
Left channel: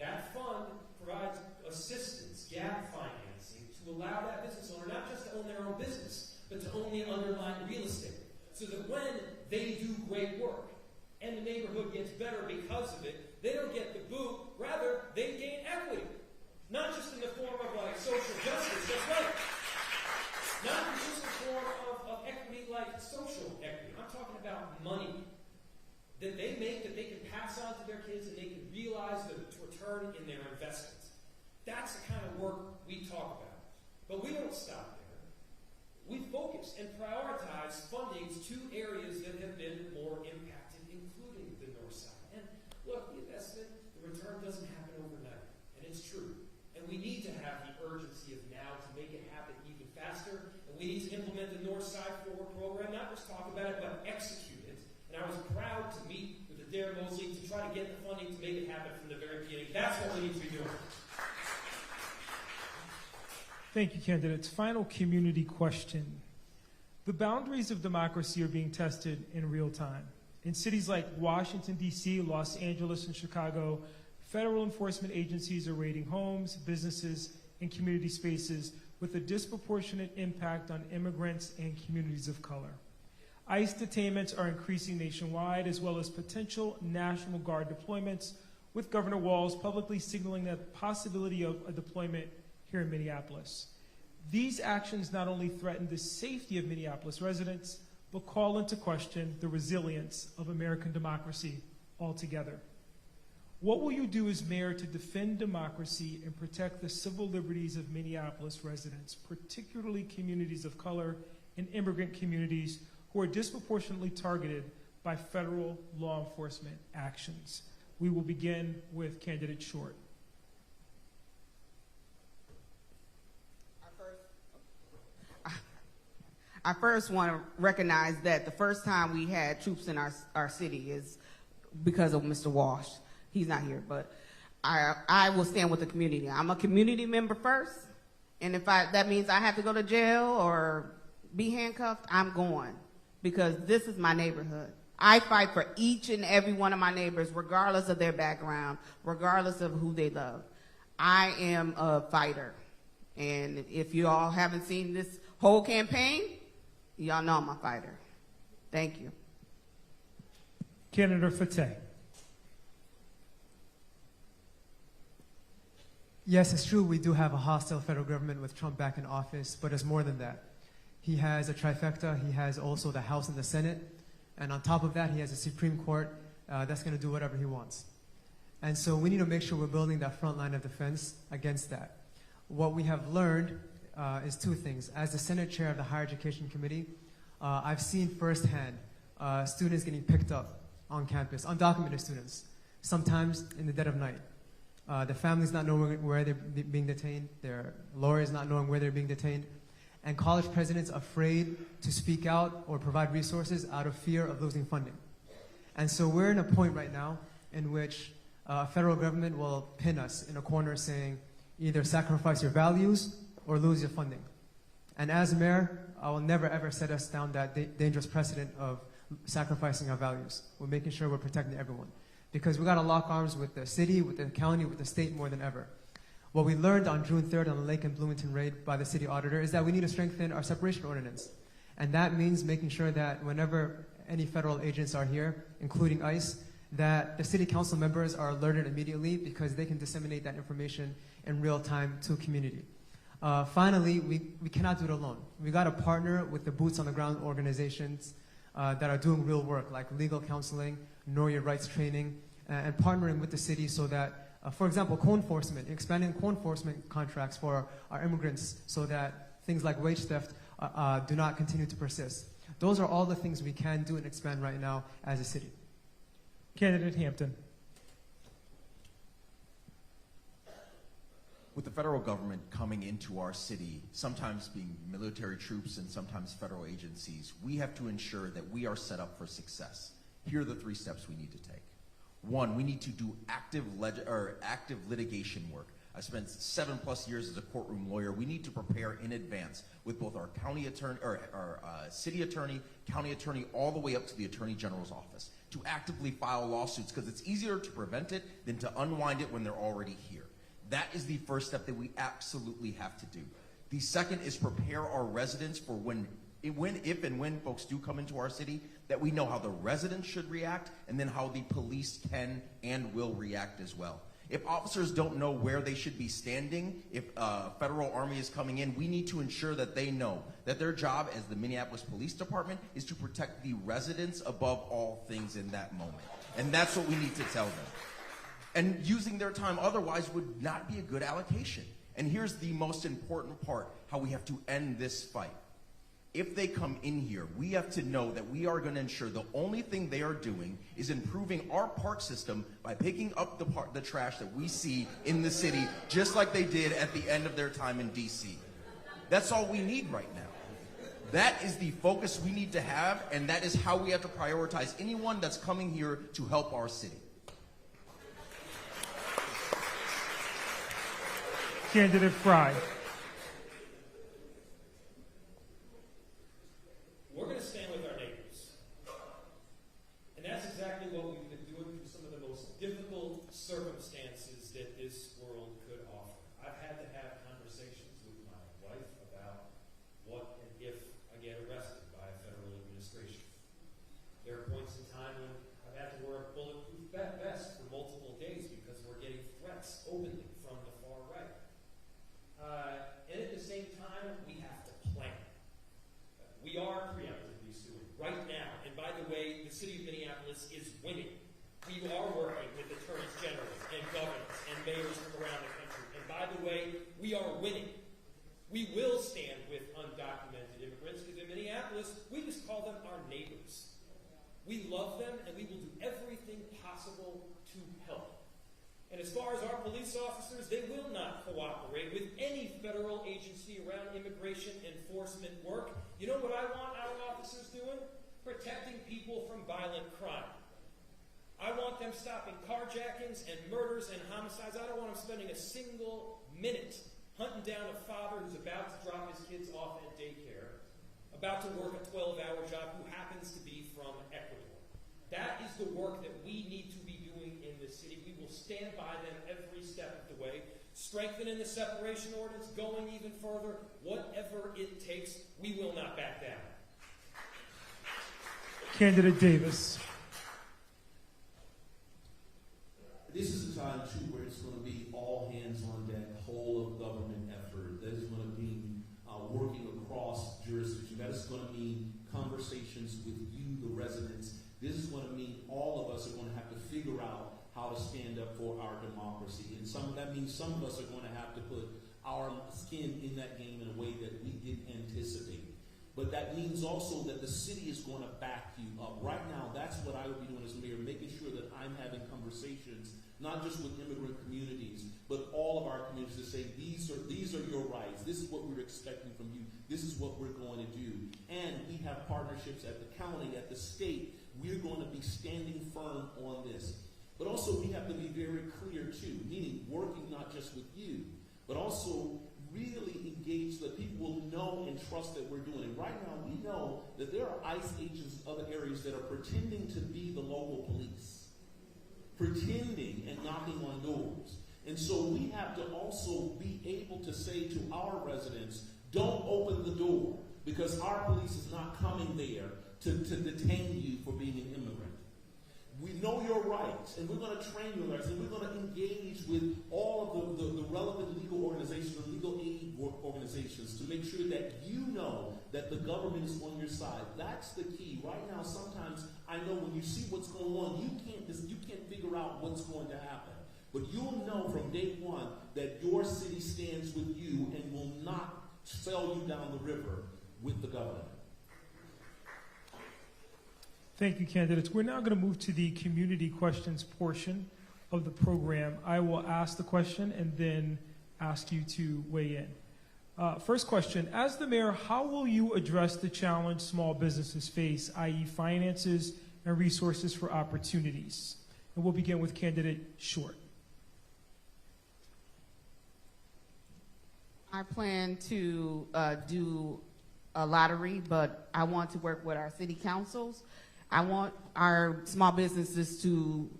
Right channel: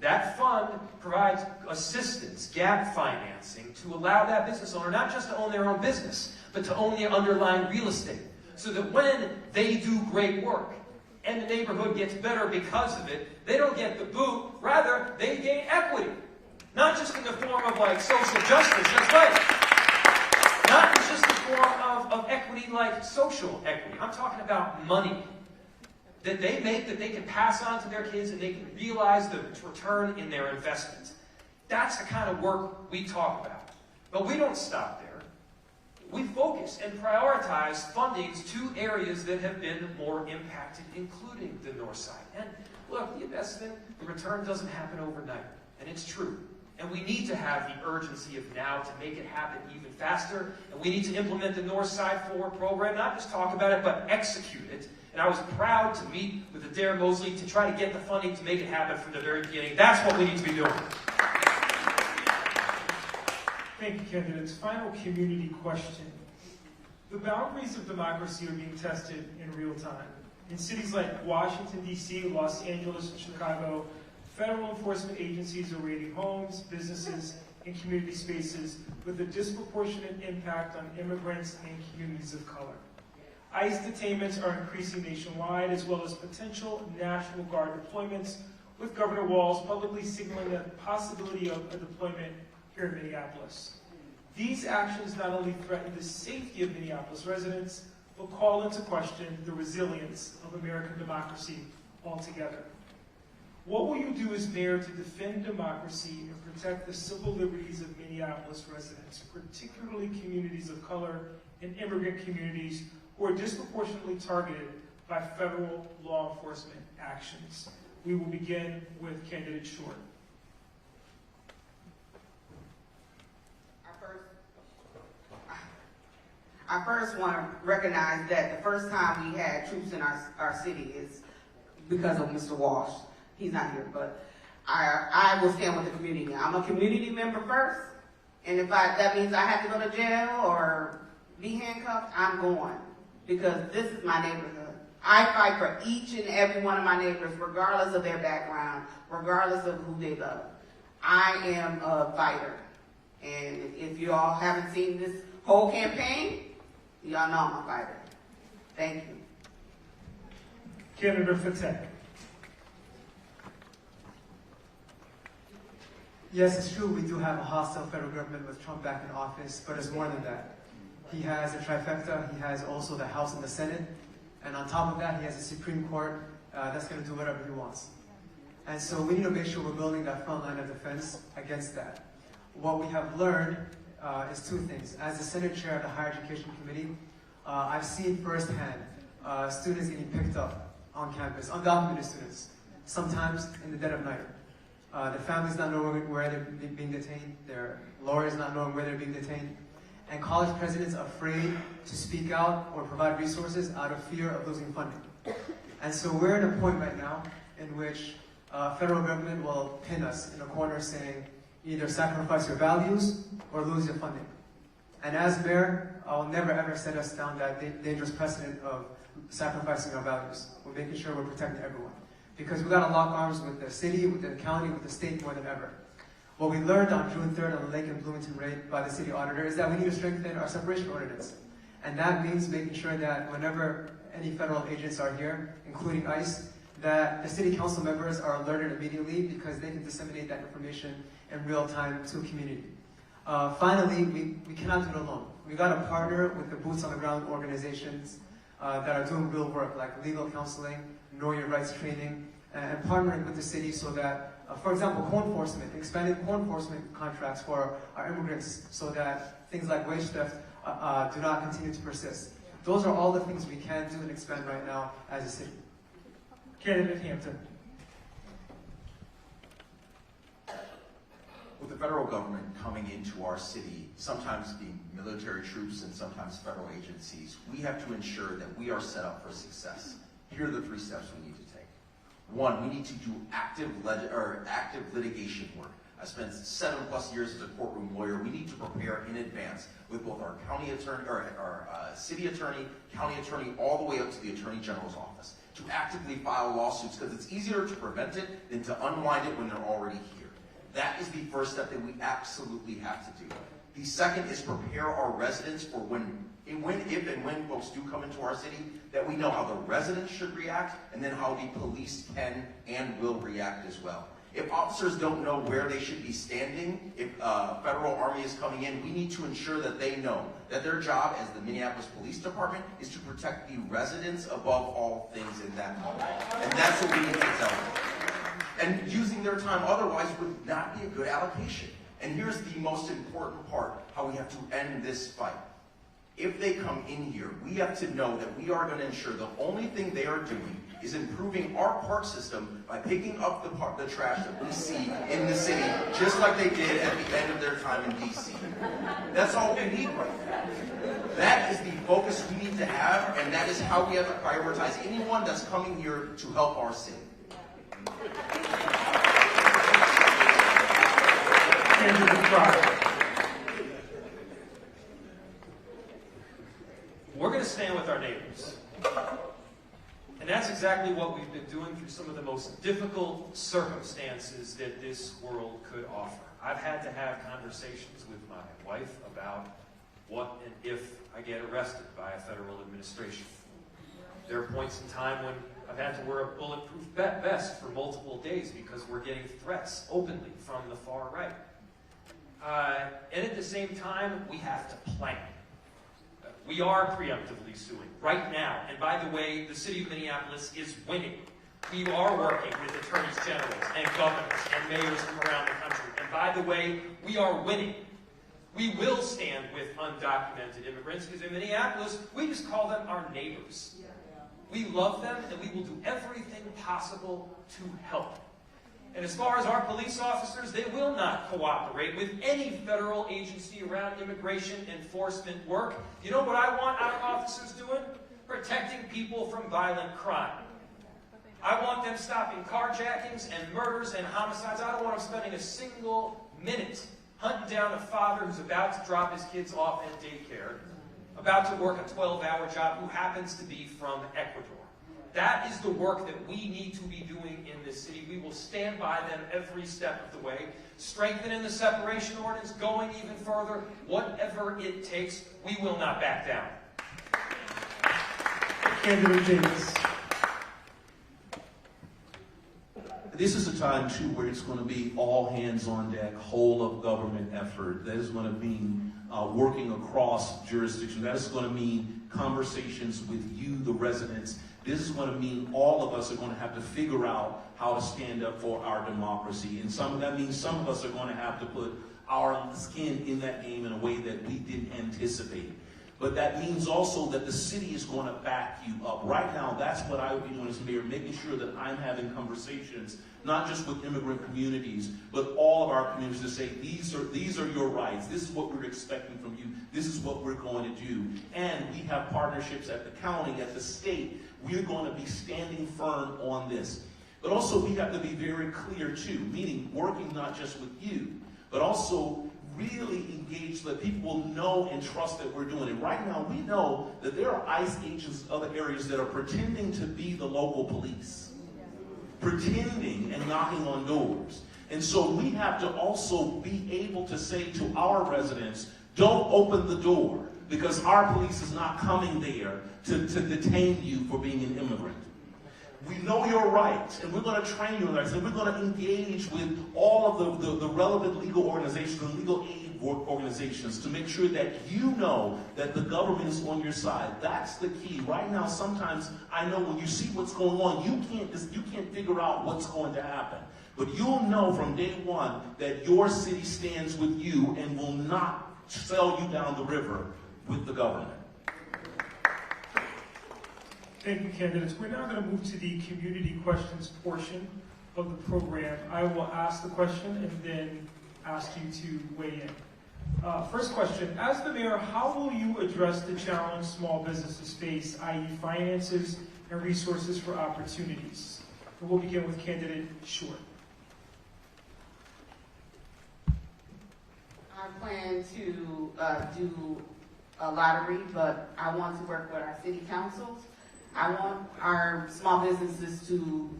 That fund provides assistance, gap financing, to allow that business owner not just to own their own business, but to own the underlying real estate. So that when they do great work and the neighborhood gets better because of it, they don't get the boot, rather they gain equity. Not just in the form of like social justice, that's right. Not just in the form of equity like social equity. I'm talking about money that they make that they can pass on to their kids and they can realize the return in their investment. That's the kind of work we talk about. But we don't stop there. We focus and prioritize fundings to areas that have been more impacted, including the North Side. And look, the investment, the return doesn't happen overnight. And it's true. And we need to have the urgency of now to make it happen even faster. And we need to implement the North Side Forward program, not just talk about it, but execute it. And I was proud to meet with Adair Mosley to try to get the funding to make it happen from the very beginning. That's what we need to be doing. Thank you, candidates. Final community question. The boundaries of democracy are being tested in real time. In cities like Washington, D.C., Los Angeles, and Chicago, federal enforcement agencies are raiding homes, businesses, and community spaces with a disproportionate impact on immigrants and communities of color. ICE detainments are increasing nationwide, as well as potential National Guard deployments, with Governor Walz publicly signaling the possibility of a deployment here in Minneapolis. These actions not only threaten the safety of Minneapolis residents, but call into question the resilience of American democracy altogether. What will you do as mayor to defend democracy and protect the civil liberties of Minneapolis residents, particularly communities of color and immigrant communities who are disproportionately targeted by federal law enforcement actions? We will begin with candidate Short. I first want to recognize that the first time we had troops in our city is because of Mr. Walsh. He's not here, but I will stand with the community. I'm a community member first, and if that means I have to go to jail or be handcuffed, I'm going, because this is my neighborhood. I fight for each and every one of my neighbors, regardless of their background, regardless of who they love. I am a fighter, and if you all haven't seen this whole campaign, y'all know I'm a fighter. Thank you. Candidate Fateh. Yes, it's true, we do have a hostile federal government with Trump back in office, but it's more than that. He has a trifecta, he has also the House and the Senate, and on top of that, he has a Supreme Court that's going to do whatever he wants. And so we need to make sure we're building that front line of defense against that. What we have learned is two things. As the Senate Chair of the Higher Education Committee, I've seen firsthand students getting picked up on campus, undocumented students, sometimes in the dead of night. Their families not knowing where they're being detained, their lawyers not knowing where they're being detained, and college presidents afraid to speak out or provide resources out of fear of losing funding. And so we're at a point right now in which federal government will pin us in a corner saying either sacrifice your values or lose your funding. And as mayor, I'll never ever set us down that dangerous precedent of sacrificing our values. We're making sure we're protecting everyone. Because we've got to lock arms with the city, with the county, with the state more than ever. What we learned on June 3rd on the Lake and Bloomington raid by the city auditor is that we need to strengthen our separation ordinance. And that means making sure that whenever any federal agents are here, including ICE, that the city council members are alerted immediately because they can disseminate that information in real time to the community. Finally, we cannot do it alone. We got to partner with the boots on the ground organizations that are doing real work, like legal counseling, know your rights training, and partnering with the city so that, for example, co-enforcement, expanding co-enforcement contracts for our immigrants so that things like wage theft do not continue to persist. Those are all the things we can do and expand right now as a city. Candidate Hampton. With the federal government coming into our city, sometimes being military troops and sometimes federal agencies, we have to ensure that we are set up for success. Here are the 3 steps we need to take. 1, we need to do active litigation work. I spent 7+ years as a courtroom lawyer. We need to prepare in advance with both our county attorney, or our city attorney, county attorney, all the way up to the attorney general's office to actively file lawsuits, because it's easier to prevent it than to unwind it when they're already here. That is the first step that we absolutely have to do. The second is prepare our residents for if and when folks do come into our city, that we know how the residents should react, and then how the police can and will react as well. If officers don't know where they should be standing, if federal army is coming in, we need to ensure that they know that their job as the Minneapolis Police Department is to protect the residents above all things in that moment. And that's what we need to tell them. And using their time otherwise would not be a good allocation. And here's the most important part, how we have to end this fight. If they come in here, we have to know that we are going to ensure the only thing they are doing is improving our park system by picking up the trash that we see in the city, just like they did at the end of their time in D.C. That's all we need right now. That is the focus we need to have, and that is how we have to prioritize anyone that's coming here to help our city. Candidate Fry. We're going to stand with our neighbors. And that's exactly what we've been doing through some of the most difficult circumstances that this world could offer. I've had to have conversations with my wife about what and if I get arrested by a federal administration. There are points in time when I've had to wear a bulletproof vest for multiple days because we're getting threats openly from the far right. And at the same time, we have to plan. We are preemptively suing right now. And by the way, the city of Minneapolis is winning. We are working with attorneys generals and governors and mayors from around the country. And by the way, we are winning. We will stand with undocumented immigrants because in Minneapolis, we just call them our neighbors. We love them and we will do everything possible to help. And as far as our police officers, they will not cooperate with any federal agency around immigration enforcement work. You know what I want our officers doing? Protecting people from violent crime. I want them stopping carjackings and murders and homicides. I don't want them spending a single minute hunting down a father who's about to drop his kids off at daycare, about to work a 12-hour job, who happens to be from Ecuador. That is the work that we need to be doing in this city. We will stand by them every step of the way, strengthening the separation ordinance, going even further, whatever it takes. We will not back down. Candidate Davis. This is a time, too, where it's going to be all hands on deck, whole of government effort. That is going to mean working across jurisdictions. That is going to mean conversations with you, the residents. This is going to mean all of us are going to have to figure out how to stand up for our democracy. And that means some of us are going to have to put our skin in that game in a way that we didn't anticipate. But that means also that the city is going to back you up. Right now, that's what I would be doing as mayor, making sure that I'm having conversations, not just with immigrant communities, but all of our communities to say, these are your rights. This is what we're expecting from you. This is what we're going to do. And we have partnerships at the county, at the state. We're going to be standing firm on this. But also we have to be very clear too, meaning working not just with you, but also really engage so that people will know and trust that we're doing it. Right now we know that there are ICE agents in other areas that are pretending to be the local police, pretending and knocking on doors. And so we have to also be able to say to our residents, don't open the door, because our police is not coming there to detain you for being an immigrant. We know your rights, and we're going to train your rights, and we're going to engage with all of the relevant legal organizations and legal aid organizations to make sure that you know that the government is on your side. That's the key. Right now, sometimes I know when you see what's going on, you can't figure out what's going to happen. But you'll know from day one that your city stands with you and will not sell you down the river with the government. Thank you, candidates. We're now going to move to the community questions portion of the program. I will ask the question and then ask you to weigh in. First question, as the mayor, how will you address the challenge small businesses face, i.e. finances and resources for opportunities? And we'll begin with candidate Short. I plan to do a lottery, but I want to work with our city councils. I want our small businesses to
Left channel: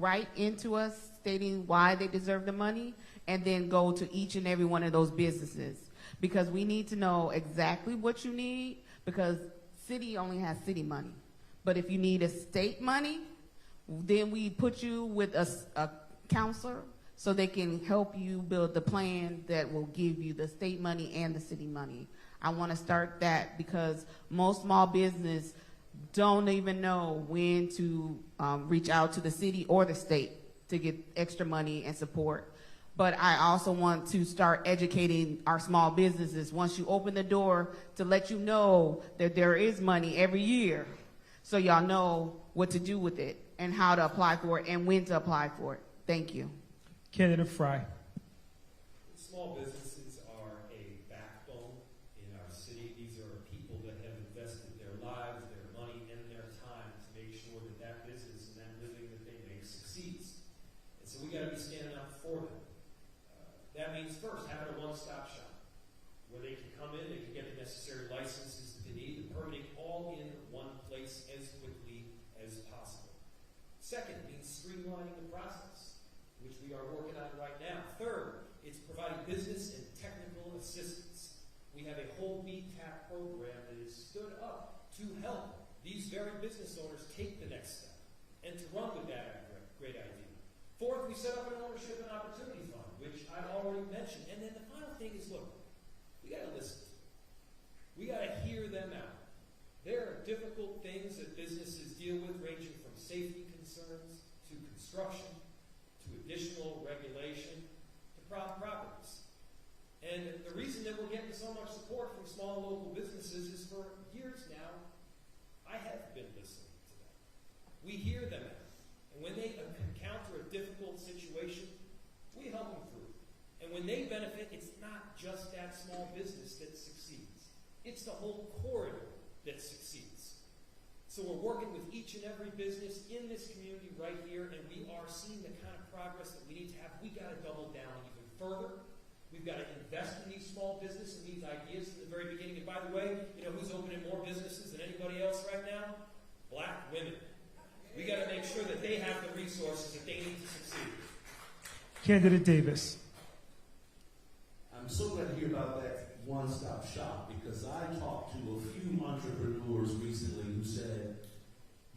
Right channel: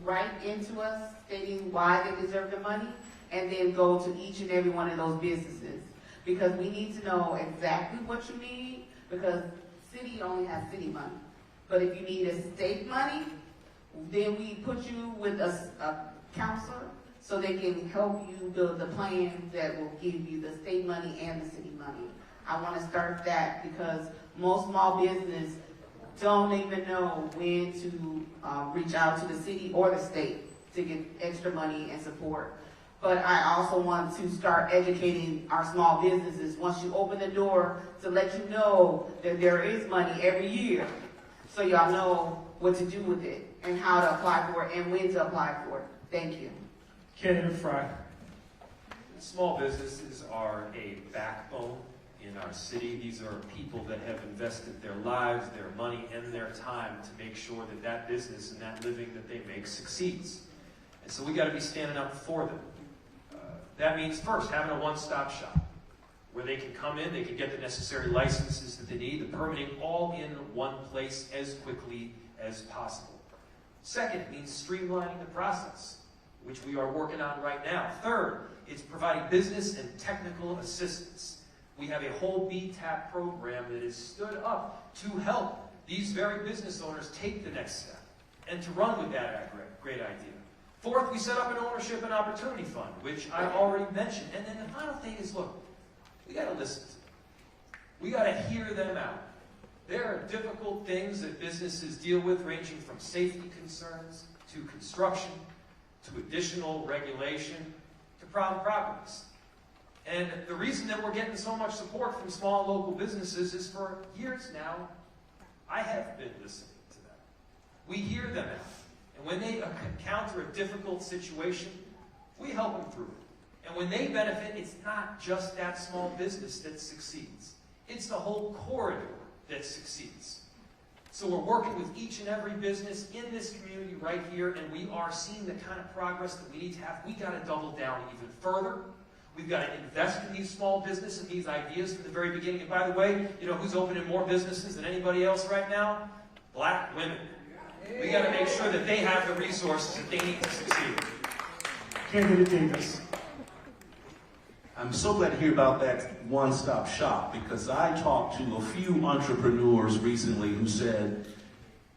write into us stating why they deserve the money, and then go to each and every one of those businesses. Because we need to know exactly what you need, because city only has city money. But if you need a state money, then we put you with a counselor so they can help you build the plan that will give you the state money and the city money. I want to start that because most small business don't even know when to reach out to the city or the state to get extra money and support. But I also want to start educating our small businesses once you open the door to let you know that there is money every year, so y'all know what to do with it and how to apply for it and when to apply for it. Thank you. Candidate Fry. Small businesses are a backbone in our city. These are people that have invested their lives, their money, and their time to make sure that that business and that living that they make succeeds. And so we got to be standing up for them. That means first having a one-stop shop where they can come in, they can get the necessary licenses that they need, the permitting all in one place as quickly as possible. Second means streamlining the process, which we are working on right now. Third is providing business and technical assistance. We have a whole BTAP program that is stood up to help these very business owners take the next step and to run with that great idea. Fourth, we set up an ownership and opportunity fund, which I already mentioned. And then the final thing is, look, we got to listen to them. We got to hear them out. There are difficult things that businesses deal with, ranging from safety concerns to construction to additional regulation to problem properties. And the reason that we're getting so much support from small local businesses is for years now, I have been listening to them. We hear them out. And when they encounter a difficult situation, we help them through it. And when they benefit, it's not just that small business that succeeds. It's the whole corridor that succeeds. So we're working with each and every business in this community right here, and we are seeing the kind of progress that we need to have. We've got to double down even further. We've got to invest in these small businesses and these ideas from the very beginning. And by the way, you know who's opening more businesses than anybody else right now? Black women. We got to make sure that they have the resources that they need to succeed. Candidate Davis. I'm so glad to hear about that one-stop shop, because I talked to a few entrepreneurs recently who said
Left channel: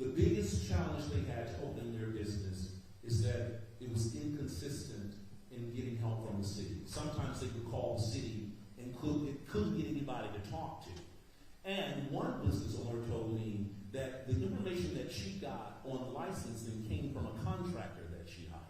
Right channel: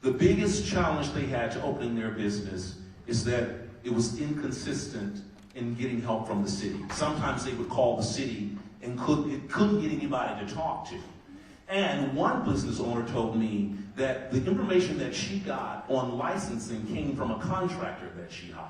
the biggest challenge they had to opening their business is that it was inconsistent in getting help from the city. Sometimes they would call the city and couldn't get anybody to talk to. And one business owner told me that the information that she got on licensing came from a contractor that she hired.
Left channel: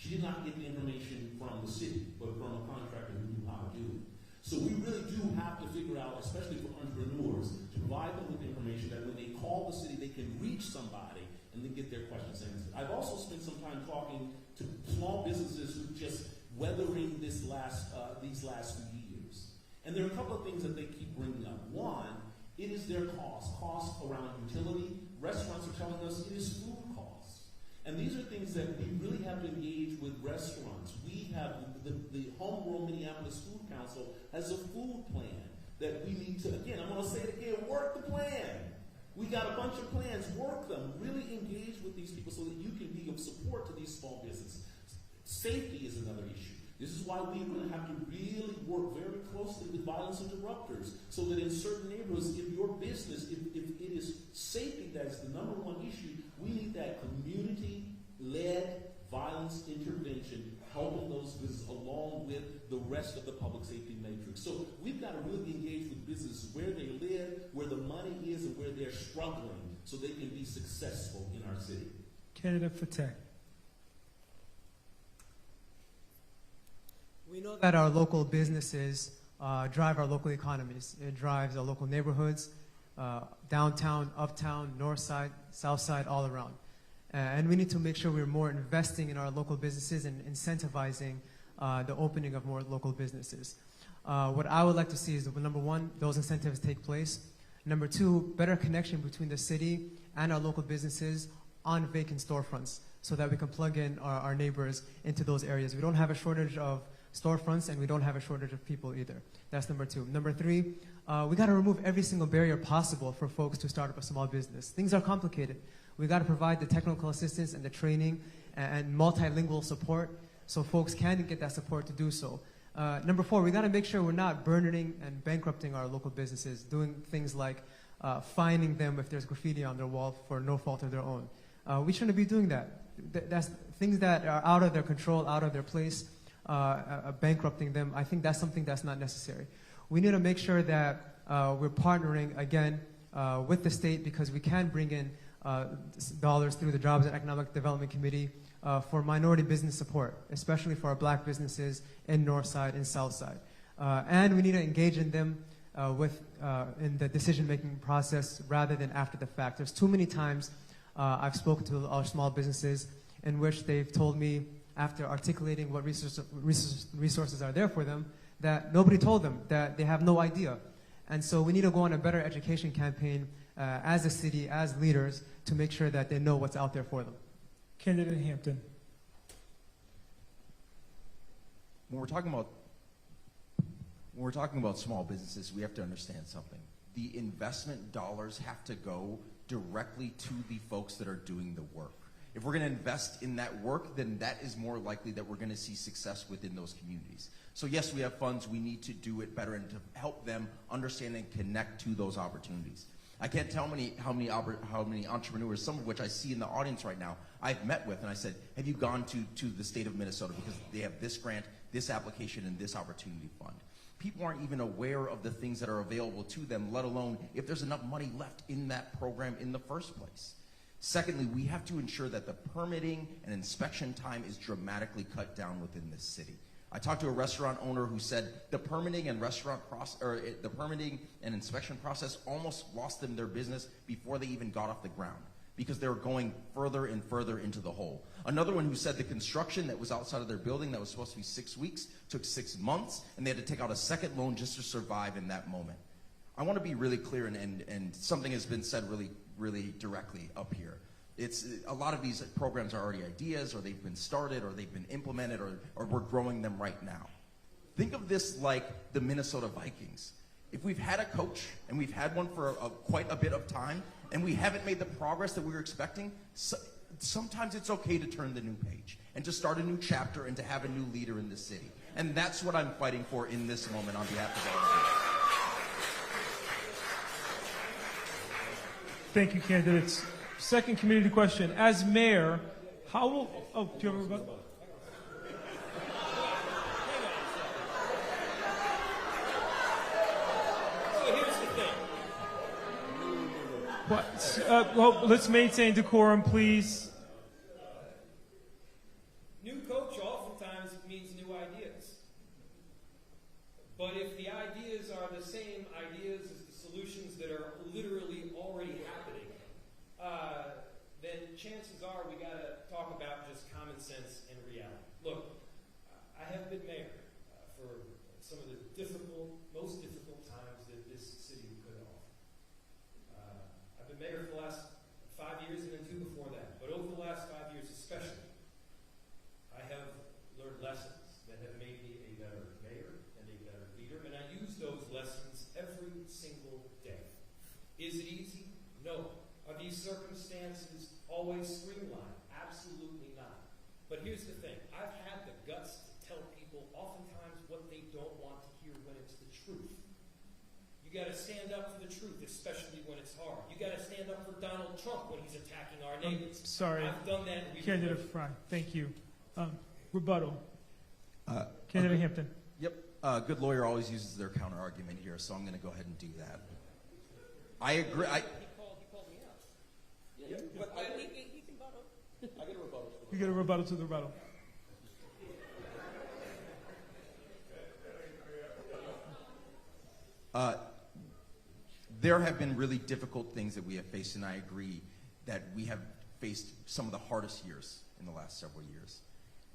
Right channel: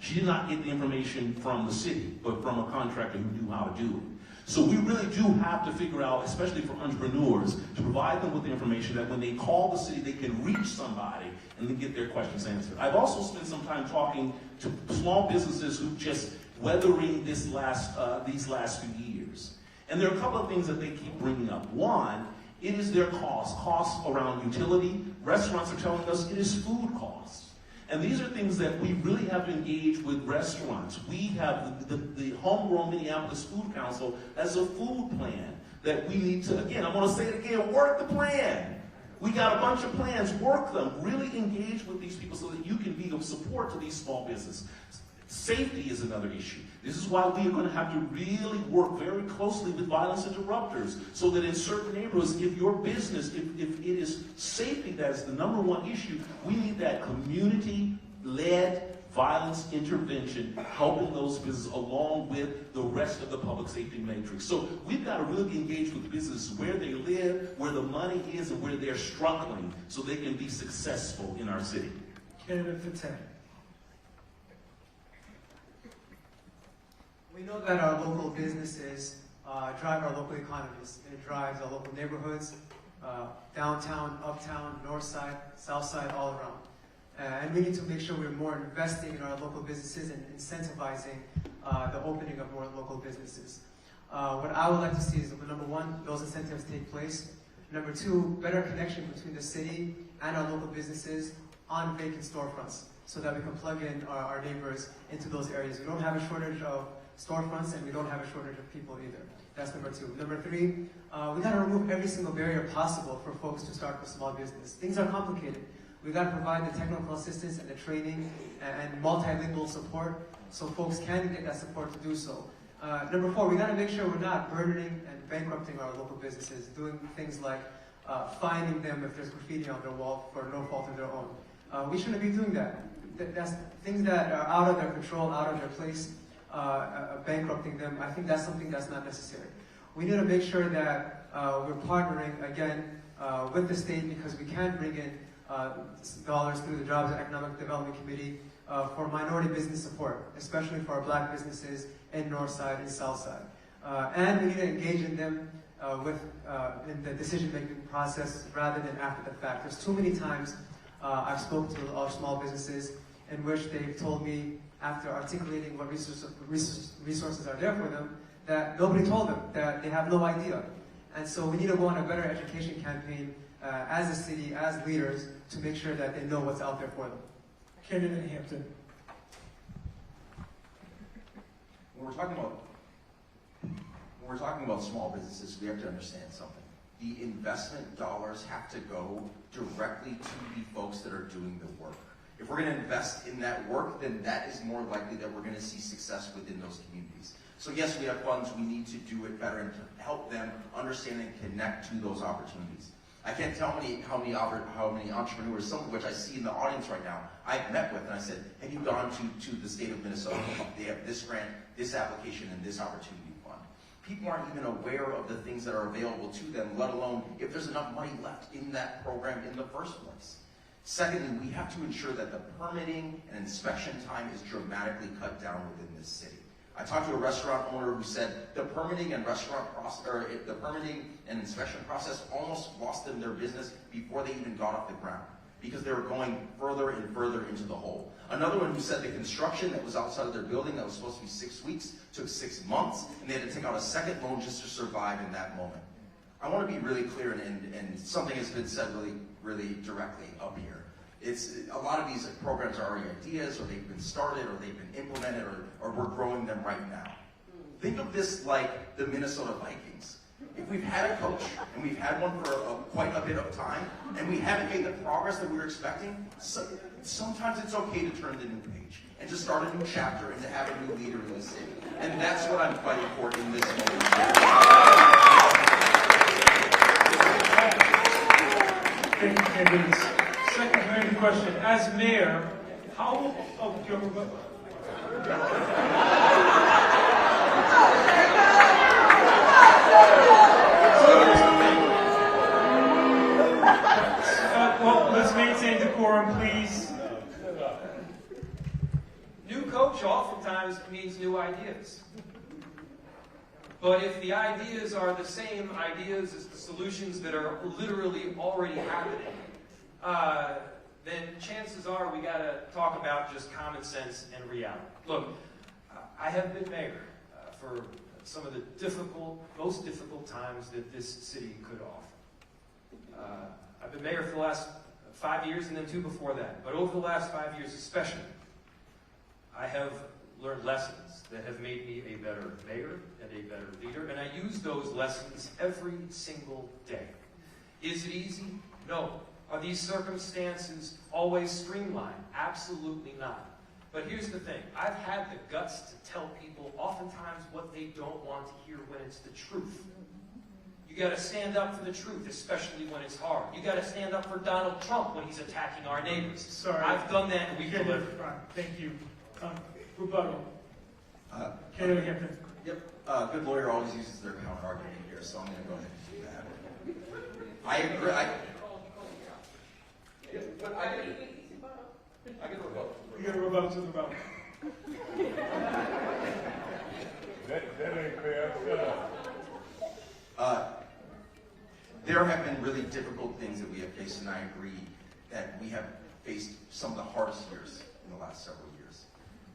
She did not get the information from the city, but from a contractor who knew how to do it. So we really do have to figure out, especially for entrepreneurs, to provide them with the information that when they call the city, they can reach somebody and then get their questions answered. I've also spent some time talking to small businesses who just weathering these last few years. And there are a couple of things that they keep bringing up. One, it is their costs around utility. Restaurants are telling us it is food costs. And these are things that we really have to engage with restaurants. We have the homegrown Minneapolis Food Council as a food plan that we need to, again, I want to say it again, work the plan. We got a bunch of plans, work them, really engage with these people so that you can be of support to these small businesses. Safety is another issue. This is why we are going to have to really work very closely with violence interrupters so that in certain neighborhoods, if your business, if it is safety that's the number one issue, we need that community-led violence intervention helping those businesses along with the rest of the public safety matrix. So we've got to really engage with businesses where they live, where the money is, and where they're struggling so they can be successful in our city. Candidate Fateh. We know that our local businesses drive our local economies. It drives our local neighborhoods, downtown, uptown, north side, south side, all around. And we need to make sure we're more investing in our local businesses and incentivizing the opening of more local businesses. What I would like to see is, number one, those incentives take place. Number two, better connection between the city and our local businesses on vacant storefronts so that we can plug in our neighbors into those areas. We don't have a shortage of storefronts and we don't have a shortage of people either. That's number two. Number three, we gotta remove every single barrier possible for folks to start a small business. Things are complicated. We gotta provide the technical assistance and the training and multilingual support so folks can get that support to do so. Number four, we gotta make sure we're not burdening and bankrupting our local businesses, doing things like fining them if there's graffiti on their wall for no fault of their own. We shouldn't be doing that. That's things that are out of their control, out of their place, bankrupting them. I think that's something that's not necessary. We need to make sure that we're partnering again with the state because we can bring in dollars through the Jobs and Economic Development Committee for minority business support, especially for our black businesses in North Side and South Side. And we need to engage in them in the decision-making process rather than after the fact. There's too many times I've spoken to our small businesses in which they've told me, after articulating what resources are there for them, that nobody told them, that they have no idea. And so we need to go on a better education campaign as a city, as leaders, to make sure that they know what's out there for them. Candidate Hampton. When we're talking about small businesses, we have to understand something. The investment dollars have to go directly to the folks that are doing the work. If we're going to invest in that work, then that is more likely that we're going to see success within those communities. So yes, we have funds. We need to do it better and to help them understand and connect to those opportunities. I can't tell how many entrepreneurs, some of which I see in the audience right now, I've met with, and I said, have you gone to the state of Minnesota? They have this grant, this application, and this opportunity fund. People aren't even aware of the things that are available to them, let alone if there's enough money left in that program in the first place. Secondly, we have to ensure that the permitting and inspection time is dramatically cut down within this city. I talked to a restaurant owner who said the permitting and inspection process almost lost them their business before they even got off the ground because they were going further and further into the hole. Another one who said the construction that was outside of their building that was supposed to be 6 weeks took 6 months, and they had to take out a second loan just to survive in that moment. I want to be really clear, and something has been said really directly up here. It's a lot of these programs are already ideas, or they've been started, or they've been implemented, or we're growing them right now. Think of this like the Minnesota Vikings. If we've had a coach, and we've had one for quite a bit of time, and we haven't made the progress that we were expecting, sometimes it's okay to turn the new page, and to start a new chapter, and to have a new leader in the city. And that's what I'm fighting for in this moment. Thank you, candidates. Second community question. As mayor, how... Oh, do you have a vote? Well, let's maintain decorum, please. New coach oftentimes means new ideas. But if the ideas are the same ideas as the solutions that are literally already happening, then chances are we got to talk about just common sense and reality. Look, I have been mayor for some of the most difficult times that this city could offer. I've been mayor for the last 5 years and then 2 before that. But over the last 5 years especially, I have learned lessons that have made me a better mayor and a better leader, and I use those lessons every single day. Is it easy? No. Are these circumstances always streamlined? Absolutely not. But here's the thing. I've had the guts to tell people oftentimes what they don't want to hear when it's the truth. You got to stand up for the truth, especially when it's hard. You got to stand up for Donald Trump when he's attacking our neighbors. Sorry. I've done that and we've delivered. Thank you. Rebuttal. Candidate Hampton. Yep. Good lawyer always uses their counter argument here, so I'm going to go ahead and do that. I agree. We get a rebuttal to the vote. That ain't fair. There have been really difficult things that we have faced, and I agree that we have faced some of the hardest years in the last several years.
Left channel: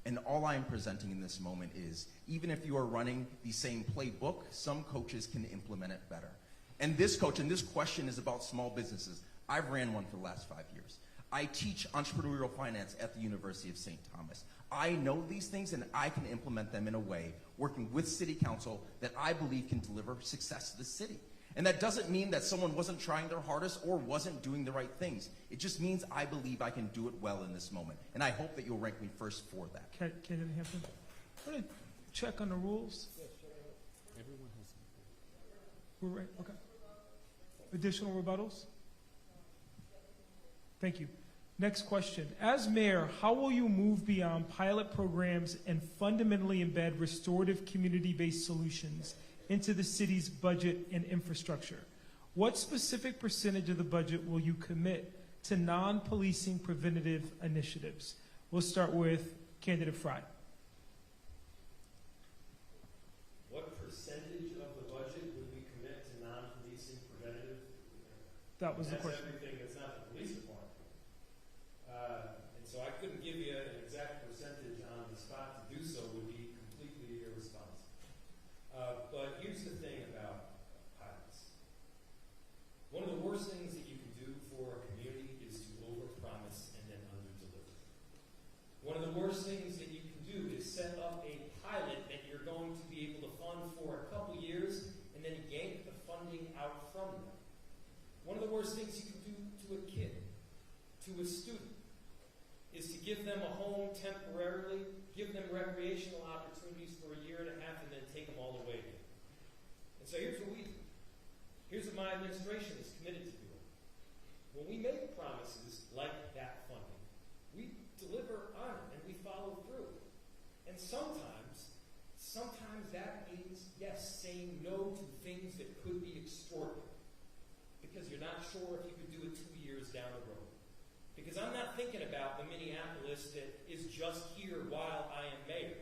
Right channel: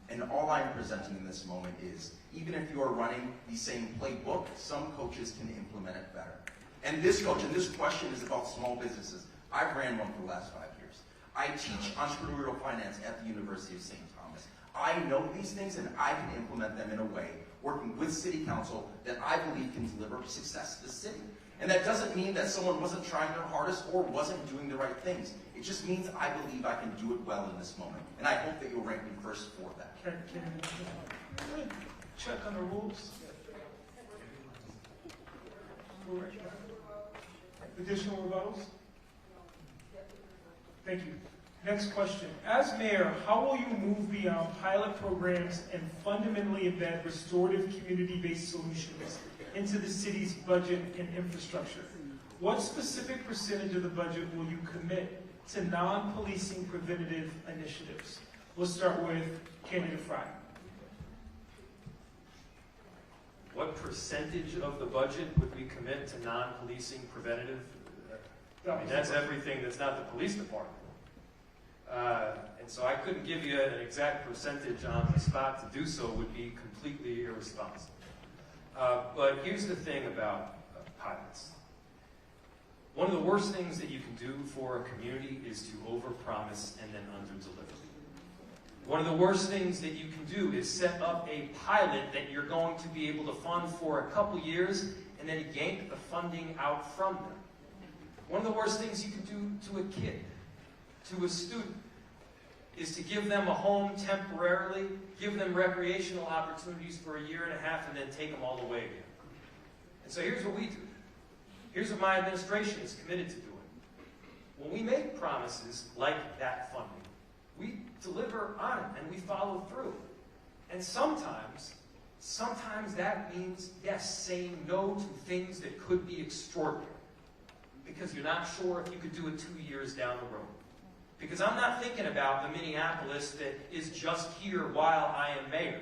And all I'm presenting in this moment is, even if you are running the same playbook, some coaches can implement it better. And this coach, and this question is about small businesses. I ran one for the last 5 years. I teach entrepreneurial finance at the University of St. Thomas. I know these things and I can implement them in a way, working with City Council, that I believe can deliver success to the city. And that doesn't mean that someone wasn't trying their hardest or wasn't doing the right things. It just means I believe I can do it well in this moment. And I hope that you'll rank me first for that. Check on the rules. Additional rebuttals? Thank you. Next question. As mayor, how will you move beyond pilot programs and fundamentally embed restorative community-based solutions into the city's budget and infrastructure? What specific percentage of the budget will you commit to non-policing preventative initiatives? We'll start with Candidate Fry. What percentage of the budget would we commit to non-policing preventative? That's everything that's not the police department. And so I couldn't give you an exact percentage on the spot. To do so would be completely irresponsible. But here's the thing about pilots. One of the worst things that you can do for a community is to overpromise and then underdeliver. One of the worst things that you can do is set up a pilot that you're going to be able to fund for a couple years and then yank the funding out from them. One of the worst things you can do to a kid, to a student, is to give them a home temporarily, give them recreational opportunities for a year and a half, and then take them all away again. And so here's what we do. Here's what my administration is committed to doing. When we make promises like that funding, we deliver on it and we follow through. And sometimes that means, yes, saying no to things that could be extraordinary. Because you're not sure if you could do it 2 years down the road. Because I'm not thinking about the Minneapolis that is just here while I am mayor.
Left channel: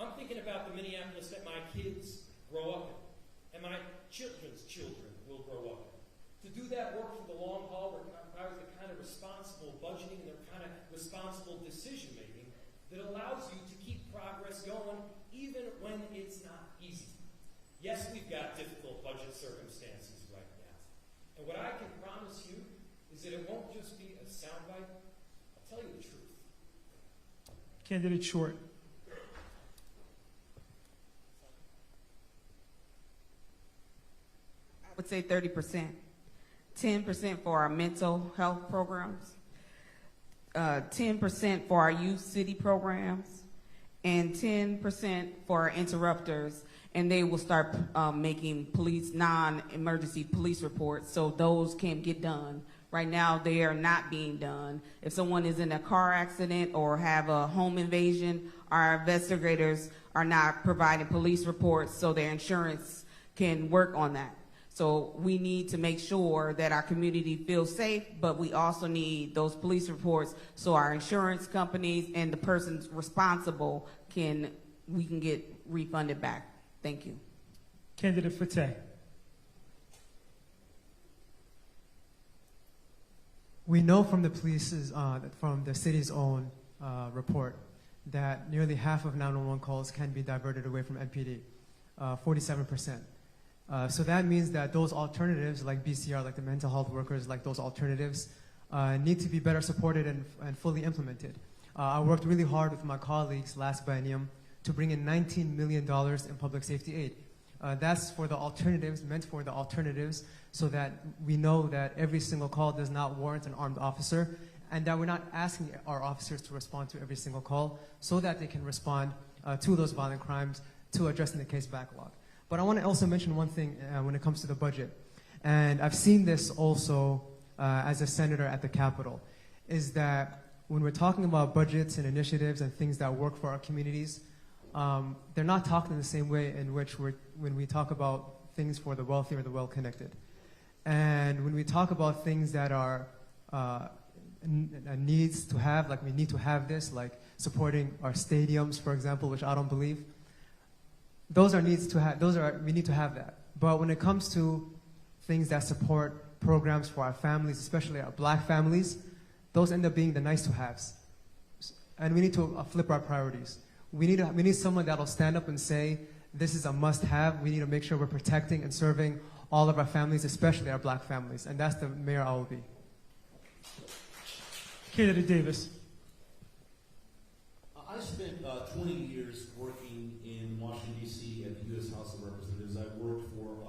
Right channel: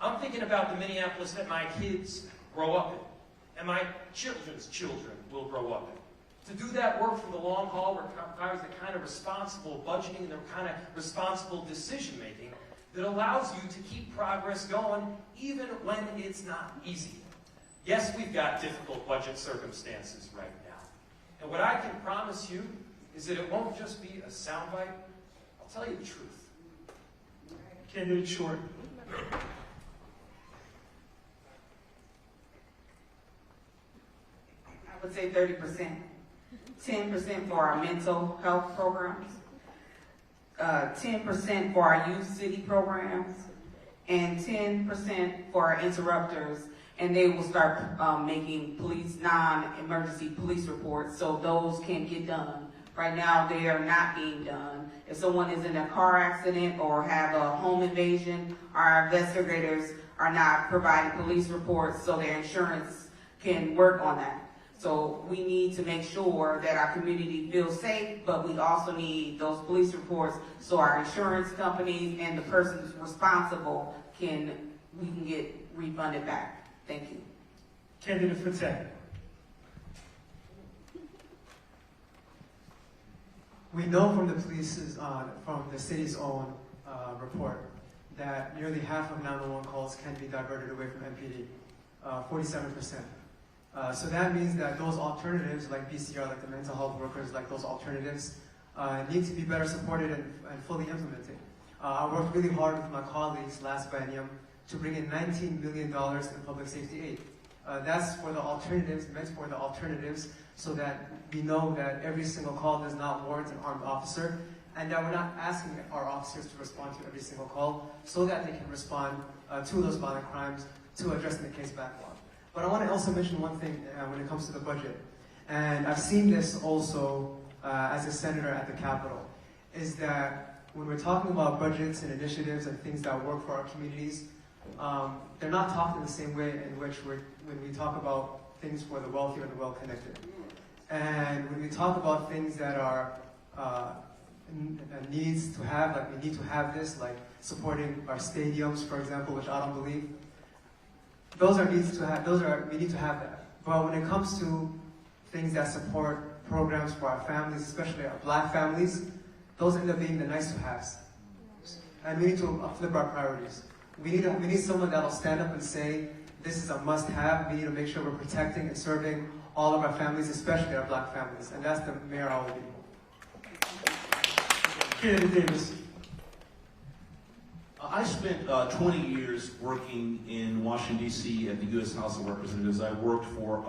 I'm thinking about the Minneapolis that my kids grow up in, and my children's children will grow up in. To do that work for the long haul requires the kind of responsible budgeting and the kind of responsible decision-making that allows you to keep progress going even when it's not easy. Yes, we've got difficult budget circumstances right now. And what I can promise you is that it won't just be a soundbite. I'll tell you the truth. Candidate Short. I would say 30%. 10% for our mental health programs, 10% for our youth city programs, and 10% for our interrupters. And they will start making non-emergency police reports, so those can get done. Right now, they are not being done. If someone is in a car accident or have a home invasion, our investigators are not providing police reports so their insurance can work on that. So we need to make sure that our community feels safe, but we also need those police reports so our insurance companies and the persons responsible we can get refunded back. Thank you. Candidate Fateh. We know from the police's, from the city's own report that nearly half of 911 calls can be diverted away from MPD, 47%. So that means that those alternatives like BCR, like the mental health workers, like those alternatives need to be better supported and fully implemented. I worked really hard with my colleagues last biennium to bring in $19 million in public safety aid. That's for the alternatives, meant for the alternatives, so that we know that every single call does not warrant an armed officer, and that we're not asking our officers to respond to every single call, so that they can respond to those violent crimes, to addressing the case backlog. But I want to also mention one thing when it comes to the budget, and I've seen this also as a senator at the Capitol, is that when we're talking about budgets and initiatives and things that work for our communities, they're not talking the same way in which when we talk about things for the wealthy or the well-connected. And when we talk about things that are needs to have, like we need to have this, like supporting our stadiums, for example, which I don't believe, those are needs to have, we need to have that. But when it comes to things that support programs for our families, especially our black families, those end up being the nice-to-haves. And we need to flip our priorities. We need someone that will stand up and say, this is a must-have. We need to make sure we're protecting and serving all of our families, especially our black families. And that's the mayor I will be. Kennedy Davis. I spent 20 years working in Washington, D.C. at the U.S. House of Representatives. I worked for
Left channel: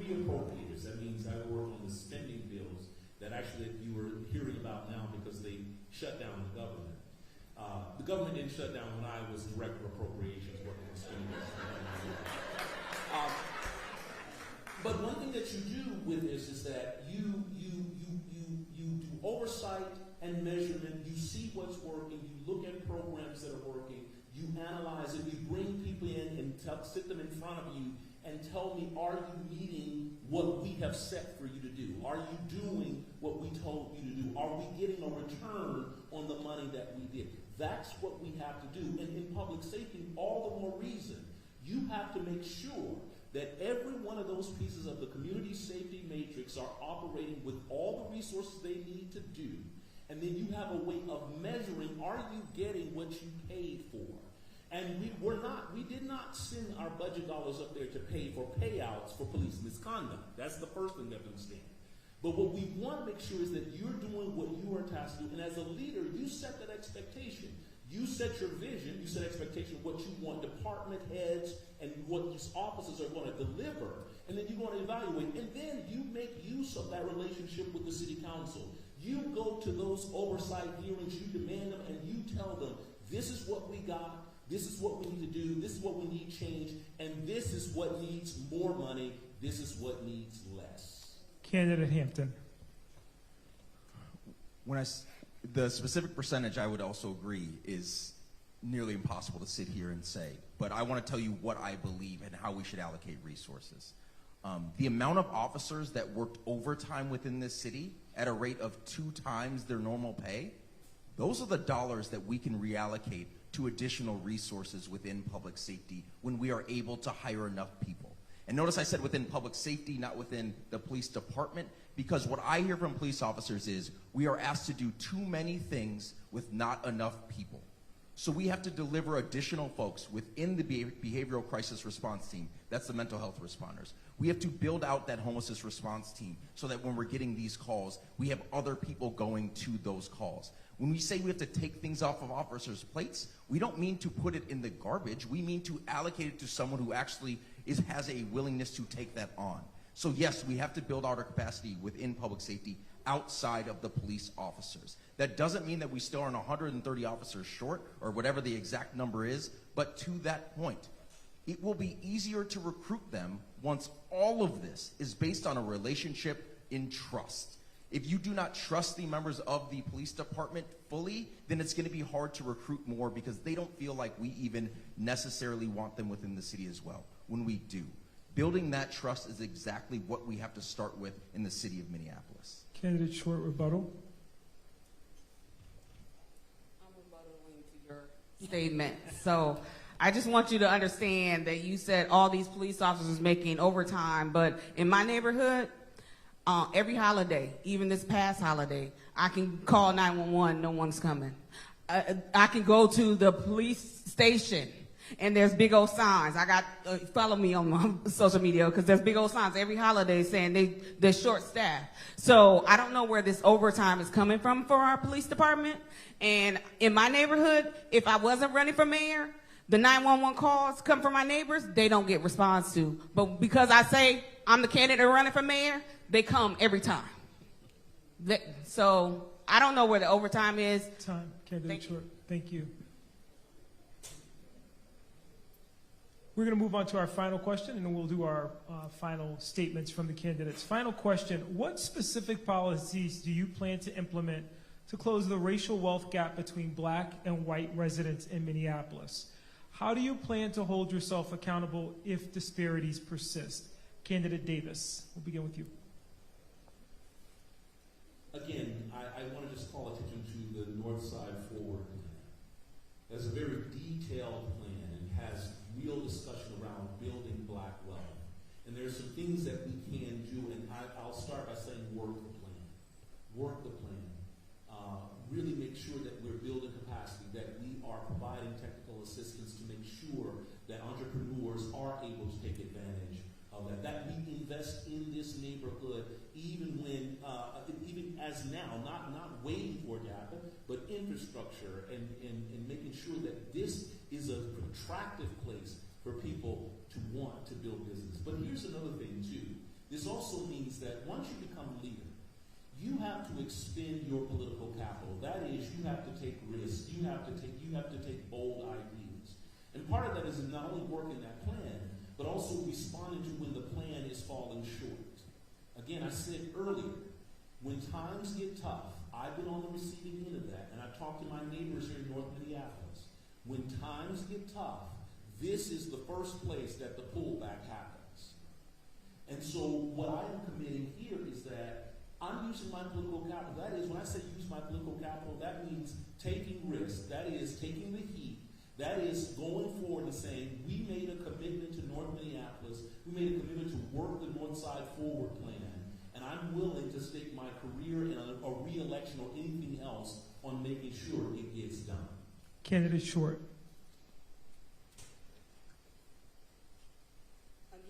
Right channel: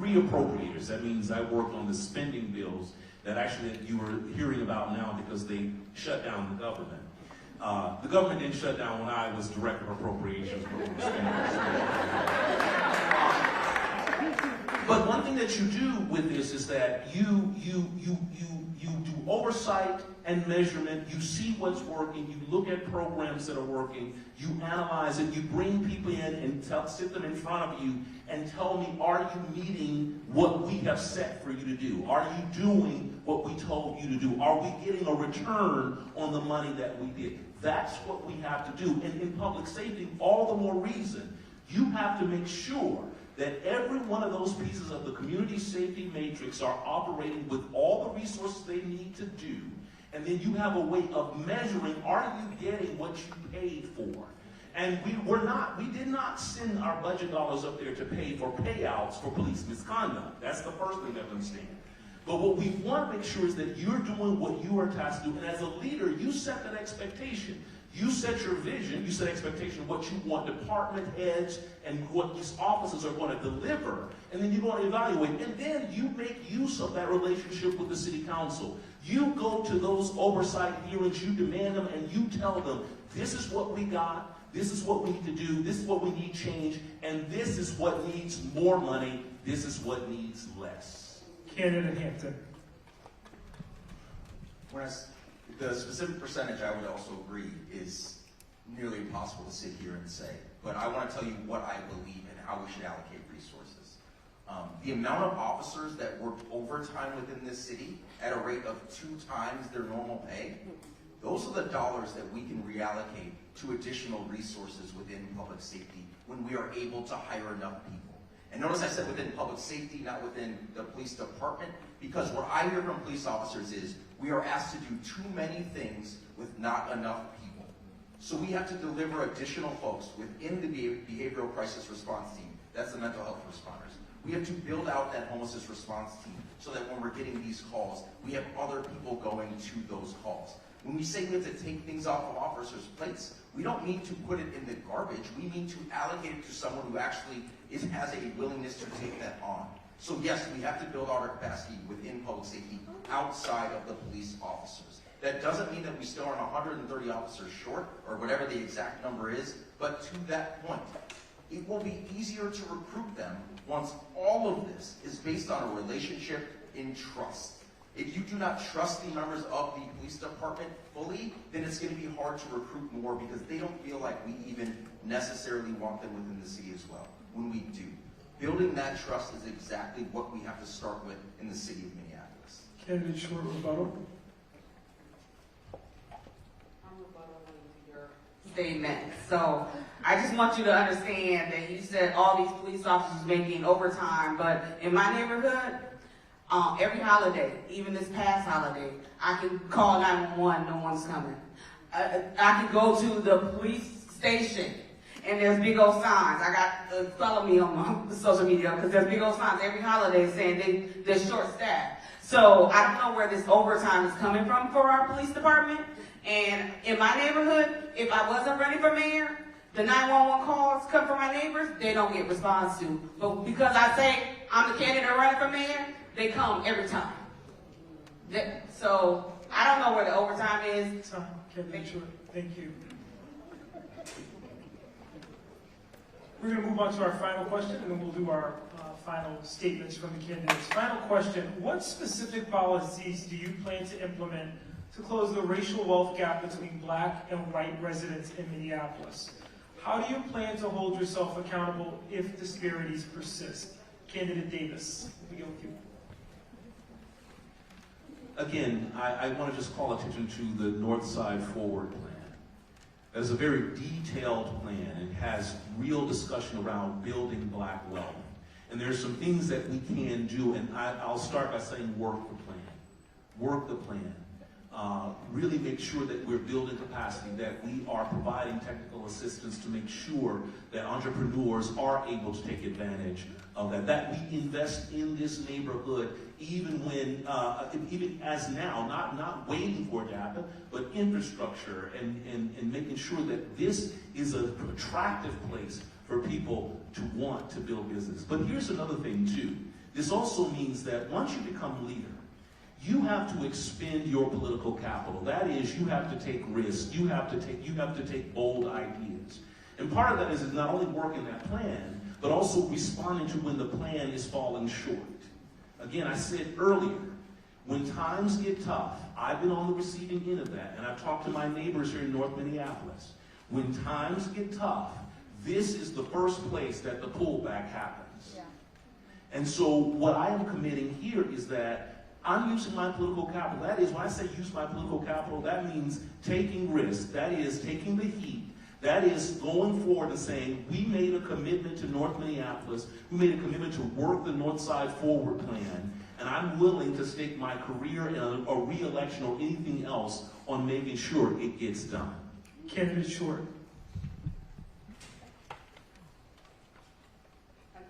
3 appropriators. That means I worked on the spending bills that actually you were hearing about now because they shut down the government. The government didn't shut down when I was director of appropriations. But one thing that you do with this is that you do oversight and measurement. You see what's working. You look at programs that are working. You analyze it. You bring people in and sit them in front of you and tell me, are you meeting what we have set for you to do? Are you doing what we told you to do? Are we getting a return on the money that we did? That's what we have to do. And in public safety, all the more reason, you have to make sure that every one of those pieces of the community safety matrix are operating with all the resources they need to do. And then you have a way of measuring, are you getting what you paid for? And we did not send our budget dollars up there to pay for payouts for police misconduct. That's the first thing I understand. But what we want to make sure is that you're doing what you are tasked to do. And as a leader, you set that expectation. You set your vision, you set expectation of what you want department heads and what these officers are going to deliver. And then you want to evaluate. And then you make use of that relationship with the city council. You go to those oversight hearings, you demand them, and you tell them, this is what we got, this is what we need to do, this is what we need change, and this is what needs more money, this is what needs less. Candidate Hampton. The specific percentage, I would also agree, is nearly impossible to sit here and say. But I want to tell you what I believe and how we should allocate resources. The amount of officers that work overtime within this city at a rate of 2 times their normal pay, those are the dollars that we can reallocate to additional resources within public safety when we are able to hire enough people. And notice I said within public safety, not within the police department, because what I hear from police officers is we are asked to do too many things with not enough people. So we have to deliver additional folks within the behavioral crisis response team. That's the mental health responders. We have to build out that homelessness response team so that when we're getting these calls, we have other people going to those calls. When we say we have to take things off of officers' plates, we don't mean to put it in the garbage. We mean to allocate it to someone who actually has a willingness to take that on. So yes, we have to build our capacity within public safety outside of the police officers. That doesn't mean that we still are 130 officers short or whatever the exact number is, but to that point, it will be easier to recruit them once all of this is based on a relationship in trust. If you do not trust the members of the police department fully, then it's going to be hard to recruit more because they don't feel like we even necessarily want them within the city as well, when we do. Building that trust is exactly what we have to start with in the city of Minneapolis. Candidate Short rebuttal. Statement. So I just want you to understand that you said all these police officers making overtime, but in my neighborhood, every holiday, even this past holiday, I can call 911, no one's coming. I can go to the police station and there's big old signs. I got follow me on my social media because there's big old signs every holiday saying they're short staffed. So I don't know where this overtime is coming from for our police department. And in my neighborhood, if I wasn't running for mayor, the 911 calls come from my neighbors, they don't get response to. But because I say I'm the candidate running for mayor, they come every time. So I don't know where the overtime is. Thank you. We're going to move on to our final question, and then we'll do our final statements from the candidates. Final question: what specific policies do you plan to implement to close the racial wealth gap between black and white residents in Minneapolis? How do you plan to hold yourself accountable if disparities persist? Candidate Davis, we'll begin with you. Again, I want to just call attention to the North Side Forward Plan. That's a very detailed plan. It has real discussion around building black wealth. And there's some things that we can do, and I'll start by saying work the plan. Work the plan. Really make sure that we're building capacity, that we are providing technical assistance to make sure that entrepreneurs are able to take advantage of that. That we invest in this neighborhood even when, even as now, not waiting for it to happen, but infrastructure and making sure that this is an attractive place for people to want to build business. But here's another thing too. This also means that once you become leader, you have to expend your political capital. That is, you have to take risks. You have to take bold ideas. And part of that is not only working that plan, but also responding to when the plan is falling short. Again, I said earlier, when times get tough, I've been on the receiving end of that, and I've talked to my neighbors here in North Minneapolis. When times get tough, this is the first place that the pullback happens. Yeah. And so what I am committing here is that I'm using my political capital. That is, when I say use my political capital, that means taking risks. That is, taking the heat. That is, going forward and saying, we made a commitment to North Minneapolis. We made a commitment to work the North Side Forward plan. And I'm willing to stake my career or re-election or anything else on making sure it gets done. Candidate Short.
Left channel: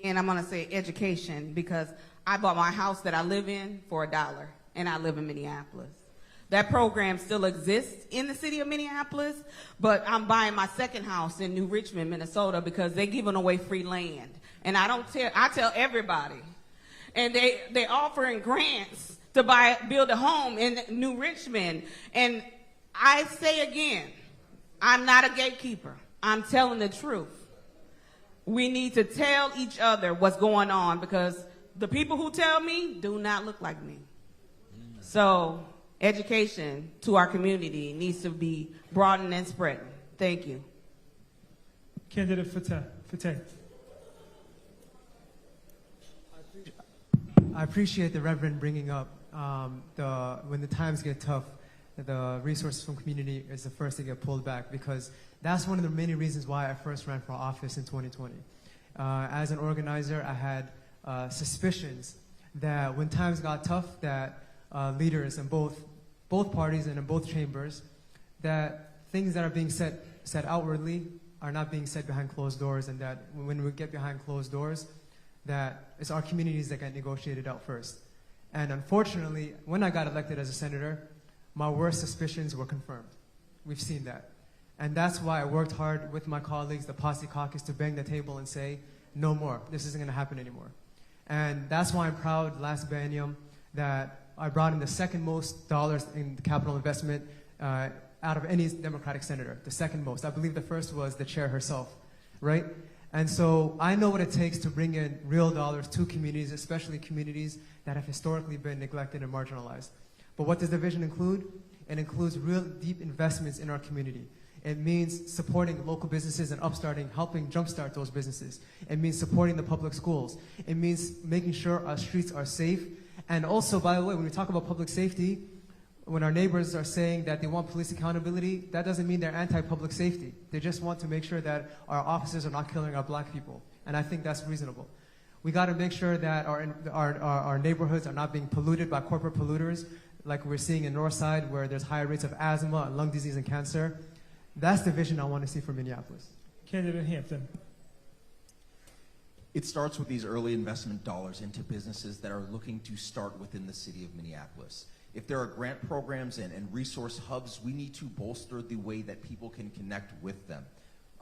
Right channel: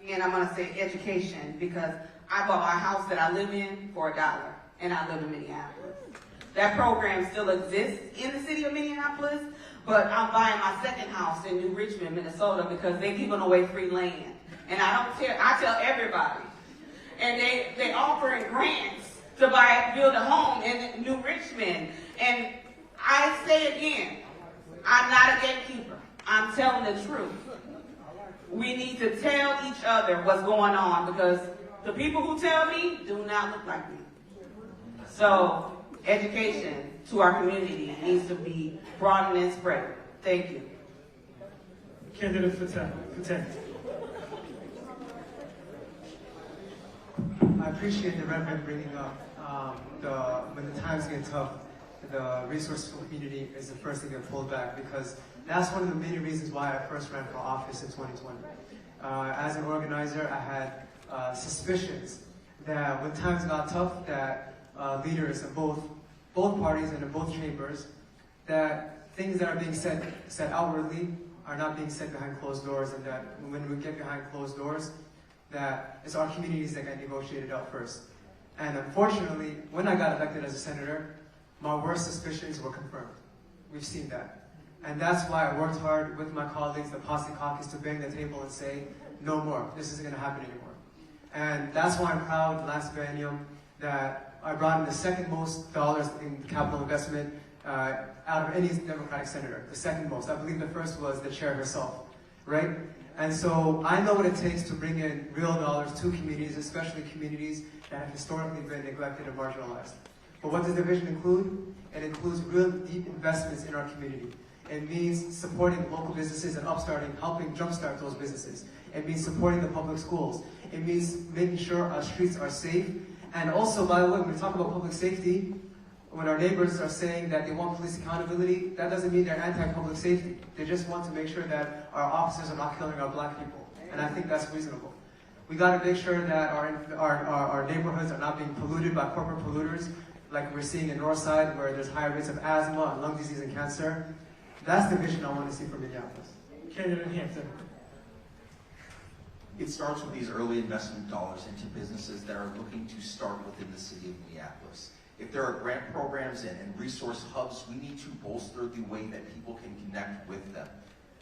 Again, I'm going to say education, because I bought my house that I live in for $1, and I live in Minneapolis. That program still exists in the city of Minneapolis, but I'm buying my second house in New Richmond, Minnesota, because they're giving away free land. And I tell everybody. And they're offering grants to build a home in New Richmond. And I say again, I'm not a gatekeeper. I'm telling the truth. We need to tell each other what's going on, because the people who tell me do not look like me. So education to our community needs to be broadened and spread. Thank you. Candidate Fateh. I appreciate the Reverend bringing up when the times get tough, the resources from community is the first to get pulled back, because that's one of the many reasons why I first ran for office in 2020. As an organizer, I had suspicions that when times got tough, that leaders in both parties and in both chambers, that things that are being said outwardly are not being said behind closed doors, and that when we get behind closed doors, that it's our communities that get negotiated out first. And unfortunately, when I got elected as a senator, my worst suspicions were confirmed. We've seen that. And that's why I worked hard with my colleagues, the Posse Caucus, to bang the table and say, no more, this isn't gonna happen anymore. And that's why I'm proud last biennium that I brought in the second most dollars in capital investment out of any Democratic senator, the second most. I believe the first was the chair herself, right? And so I know what it takes to bring in real dollars to communities, especially communities that have historically been neglected and marginalized. But what does the vision include? It includes real deep investments in our community. It means supporting local businesses and upstarting, helping jumpstart those businesses. It means supporting the public schools. It means making sure our streets are safe. And also, by the way, when we talk about public safety, when our neighbors are saying that they want police accountability, that doesn't mean they're anti-public safety. They just want to make sure that our officers are not killing our black people. And I think that's reasonable. We gotta make sure that our neighborhoods are not being polluted by corporate polluters, like we're seeing in Northside, where there's higher rates of asthma, lung disease, and cancer. That's the vision I want to see for Minneapolis. Candidate Hampton. It starts with these early investment dollars into businesses that are looking to start within the city of Minneapolis. If there are grant programs and resource hubs, we need to bolster the way that people can connect with them.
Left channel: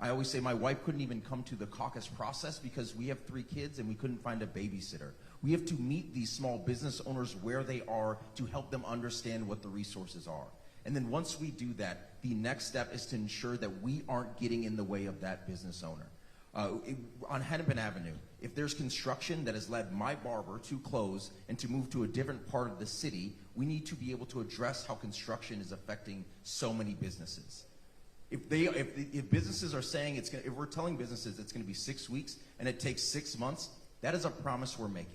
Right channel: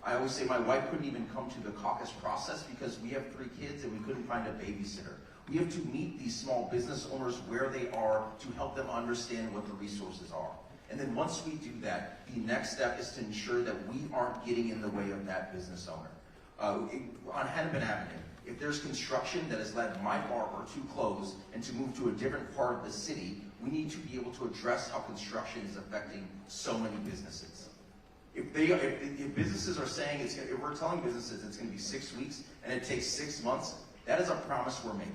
I always say my wife couldn't even come to the caucus process because we have 3 kids and we couldn't find a babysitter. We have to meet these small business owners where they are to help them understand what the resources are. And then once we do that, the next step is to ensure that we aren't getting in the way of that business owner. On Hennepin Avenue, if there's construction that has led my barber to close and to move to a different part of the city, we need to be able to address how construction is affecting so many businesses. If businesses are saying if we're telling businesses it's going to be 6 weeks and it takes 6 months, that is our promise we're making.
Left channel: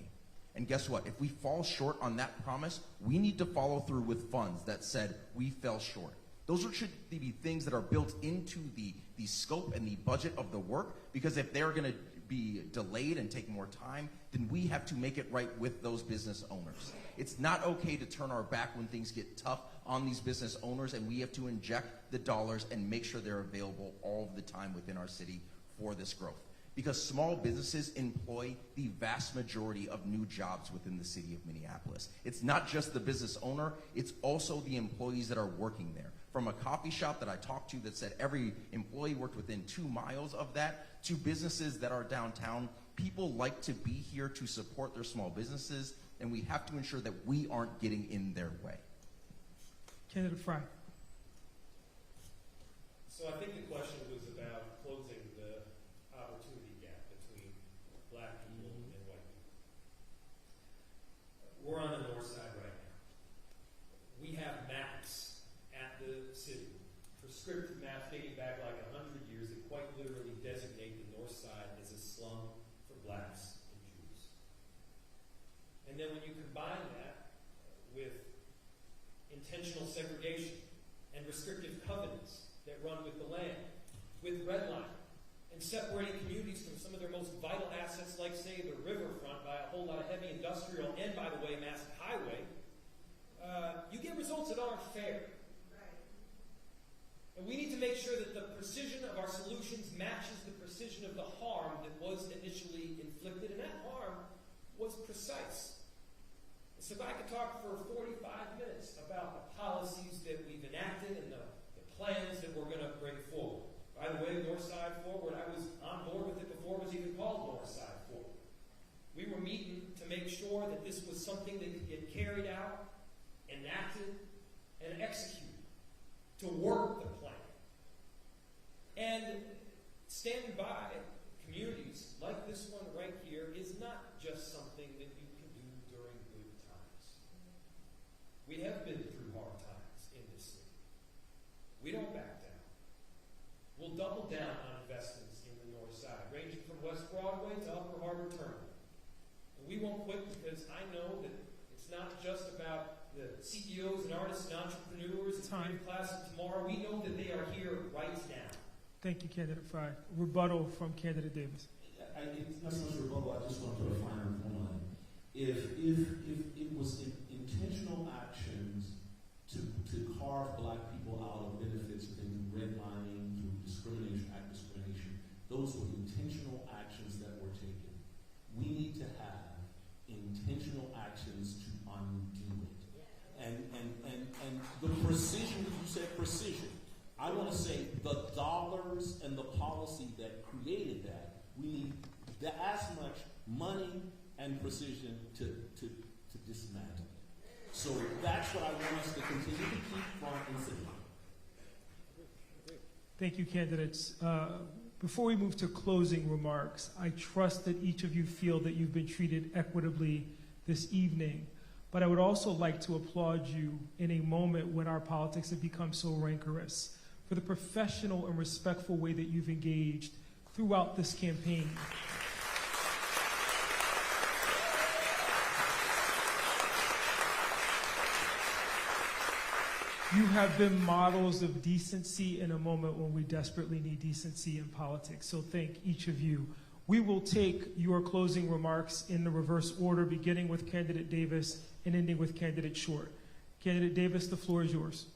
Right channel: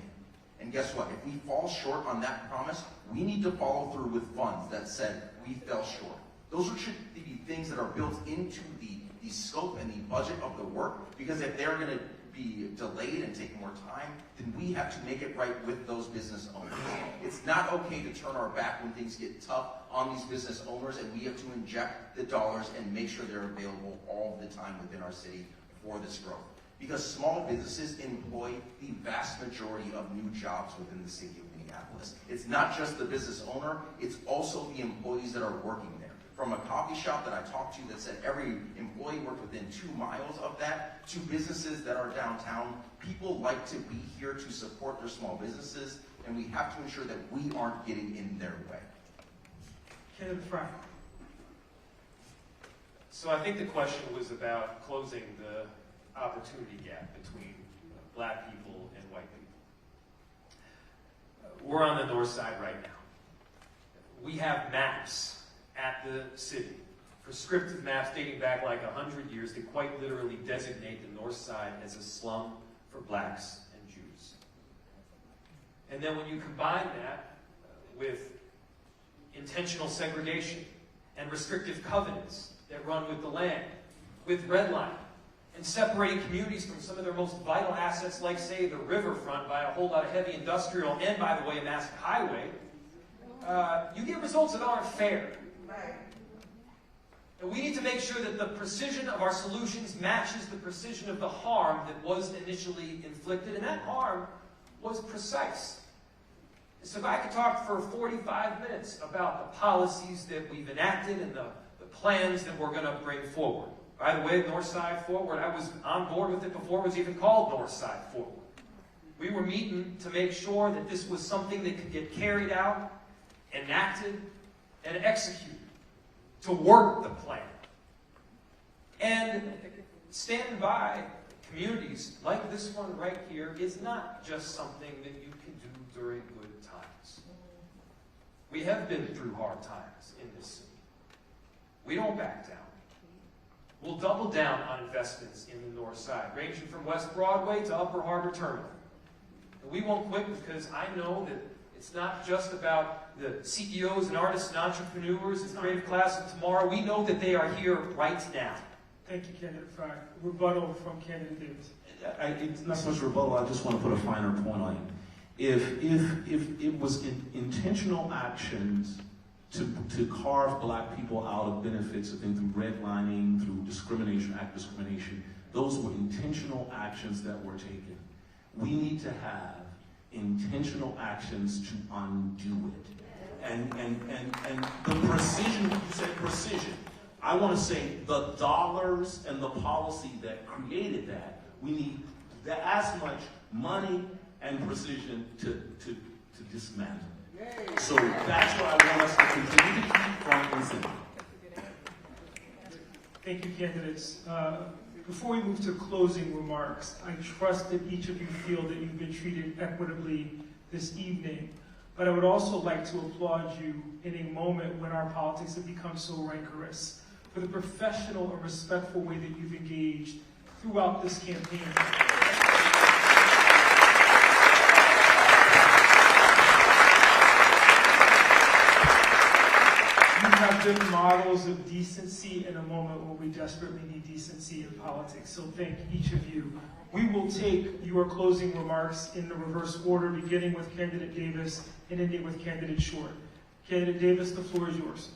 And guess what? If we fall short on that promise, we need to follow through with funds that said we fell short. Those should be things that are built into the scope and the budget of the work, because if they're going to be delayed and take more time, then we have to make it right with those business owners. It's not okay to turn our back when things get tough on these business owners, and we have to inject the dollars and make sure they're available all the time within our city for this growth. Because small businesses employ the vast majority of new jobs within the city of Minneapolis. It's not just the business owner, it's also the employees that are working there. From a coffee shop that I talked to that said every employee worked within 2 miles of that, to businesses that are downtown, people like to be here to support their small businesses, and we have to ensure that we aren't getting in their way. Kenneth Fry. So I think the question was about closing the opportunity gap between black people and white people. We're on the north side right now. We have maps at the city, prescriptive maps dating back like 100 years that quite literally designate the north side as a slum for blacks and Jews. And then when you combine that with intentional segregation and restrictive covenants that run with the land, with redlining, and separating communities from some of their most vital assets, like, say, the riverfront by a whole lot of heavy industrial and, by the way, a massive highway, you get results that aren't fair. And we need to make sure that the precision of our solutions matches the precision of the harm that was initially inflicted, and that harm was precise. So if I could talk for 45 minutes about the policies that we've enacted and the plans that we're going to bring forward. By the way, North Side Forward, I was on board with it before it was even called North Side Forward. We were meeting to make sure that this was something that could get carried out, enacted, and executed to work the plan. And standing by communities like this one right here is not just something that you can do during good times. We have been through hard times in this city. We don't back down. We'll double down on investments in the north side, ranging from West Broadway to Upper Harbor Terminal. And we won't quit because I know that it's not just about the CEOs and artists and entrepreneurs, the creative class of tomorrow. We know that they are here right now. Thank you, candidate Fry. Rebuttal from candidate Davis. It's not so much rebuttal, I just want to put a finer point on it. If it was intentional actions to carve black people out of benefits, I think through redlining, through discrimination, act discrimination, those were intentional actions that were taken. We need to have intentional actions to undo it. And the precision, you said precision. I want to say the dollars and the policy that created that, we need as much money and precision to dismantle. So that's why I want us to continue to keep front and center. Thank you, candidates. Before we move to closing remarks, I trust that each of you feel that you've been treated equitably this evening. But I would also like to applaud you in a moment when our politics have become so rancorous for the professional and respectful way that you've engaged throughout this campaign. You have been models of decency in a moment when we desperately need decency in politics. So thank each of you. We will take your closing remarks in the reverse order, beginning with candidate Davis and ending with candidate Short. Candidate Davis, the floor is yours.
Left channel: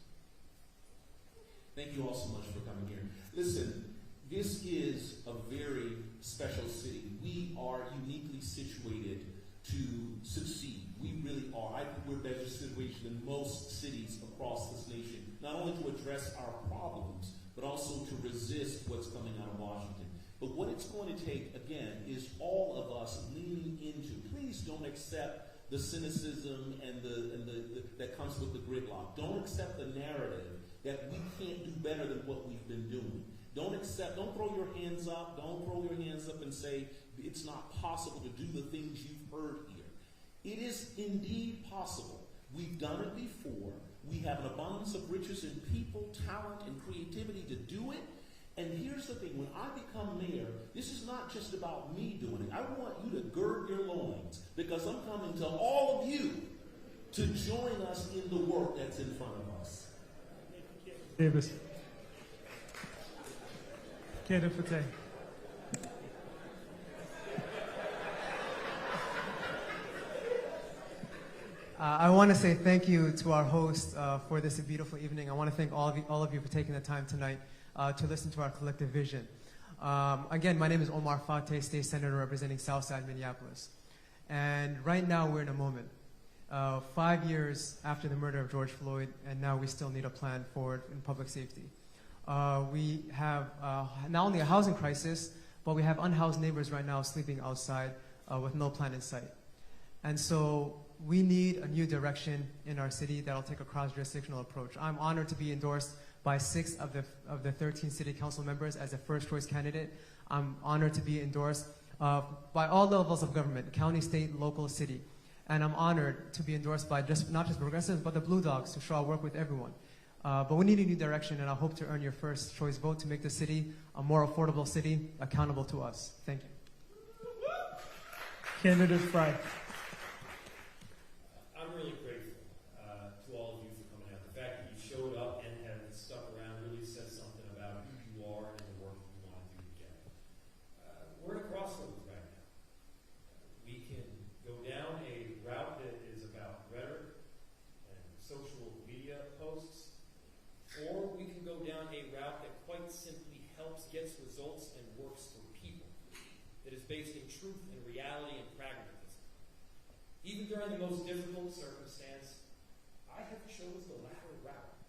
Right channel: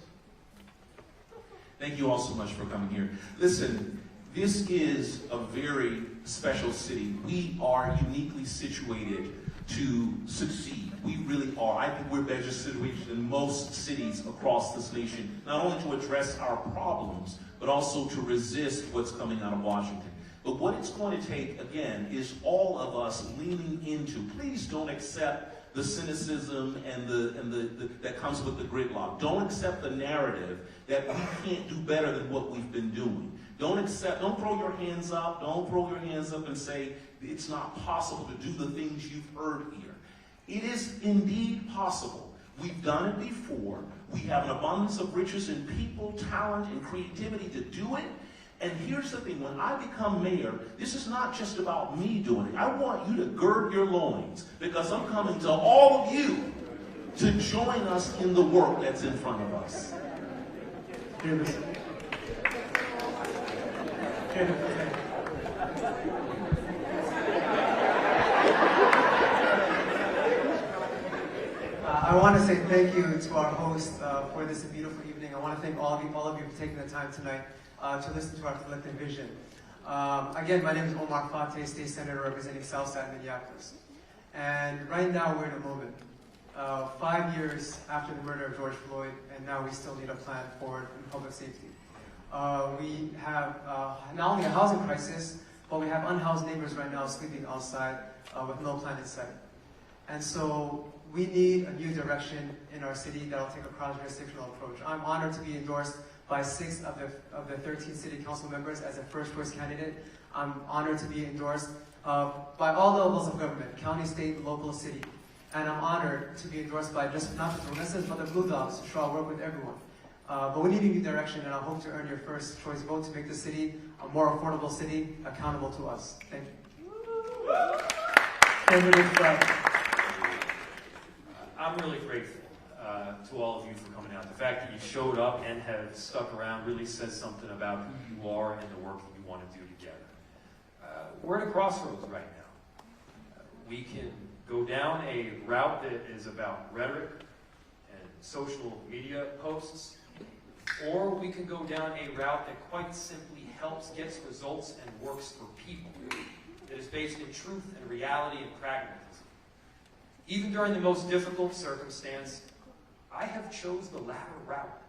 Thank you all so much for coming here. Listen, this is a very special city. We are uniquely situated to succeed. We really are. I think we're better situated than most cities across this nation, not only to address our problems, but also to resist what's coming out of Washington. But what it's going to take, again, is all of us leaning into, please don't accept the cynicism and that comes with the gridlock. Don't accept the narrative that we can't do better than what we've been doing. Don't throw your hands up. Don't throw your hands up and say it's not possible to do the things you've heard here. It is indeed possible. We've done it before. We have an abundance of riches in people, talent, and creativity to do it. And here's the thing, when I become mayor, this is not just about me doing it. I want you to gird your loins, because I'm coming to all of you to join us in the work that's in front of us. Davis. thank you to our host for this beautiful evening. I want to thank all of you for taking the time tonight to listen to our collective vision. Again, my name is Omar Fateh, State Senator representing Southside Minneapolis. And right now we're in a moment. 5 years after the murder of George Floyd, and now we still need a plan forward in public safety. We have not only a housing crisis, but we have unhoused neighbors right now sleeping outside with no plan in sight. And so we need a new direction in our city that will take a cross-jurisdictional approach. I'm honored to be endorsed by 6 of the 13 city council members as a first choice candidate. I'm honored to be endorsed by all levels of government, county, state, local, city. And I'm honored to be endorsed by just not the progressives, but the Blue Dogs, who shall work with everyone. But we need a new direction, and I hope to earn your first choice vote to make the city a more affordable city, accountable to us. Thank you. Candidate Fry. I'm really grateful to all of you for coming out. The fact that you showed up and have stuck around really says something about who you are and the work that you want to do together. We're at a crossroads right now. We can go down a route that is about rhetoric and social media posts, or we can go down a route that quite simply helps, gets results, and works for people. It is based in truth and reality and pragmatism. Even during the most difficult circumstance, I have chosen the latter route.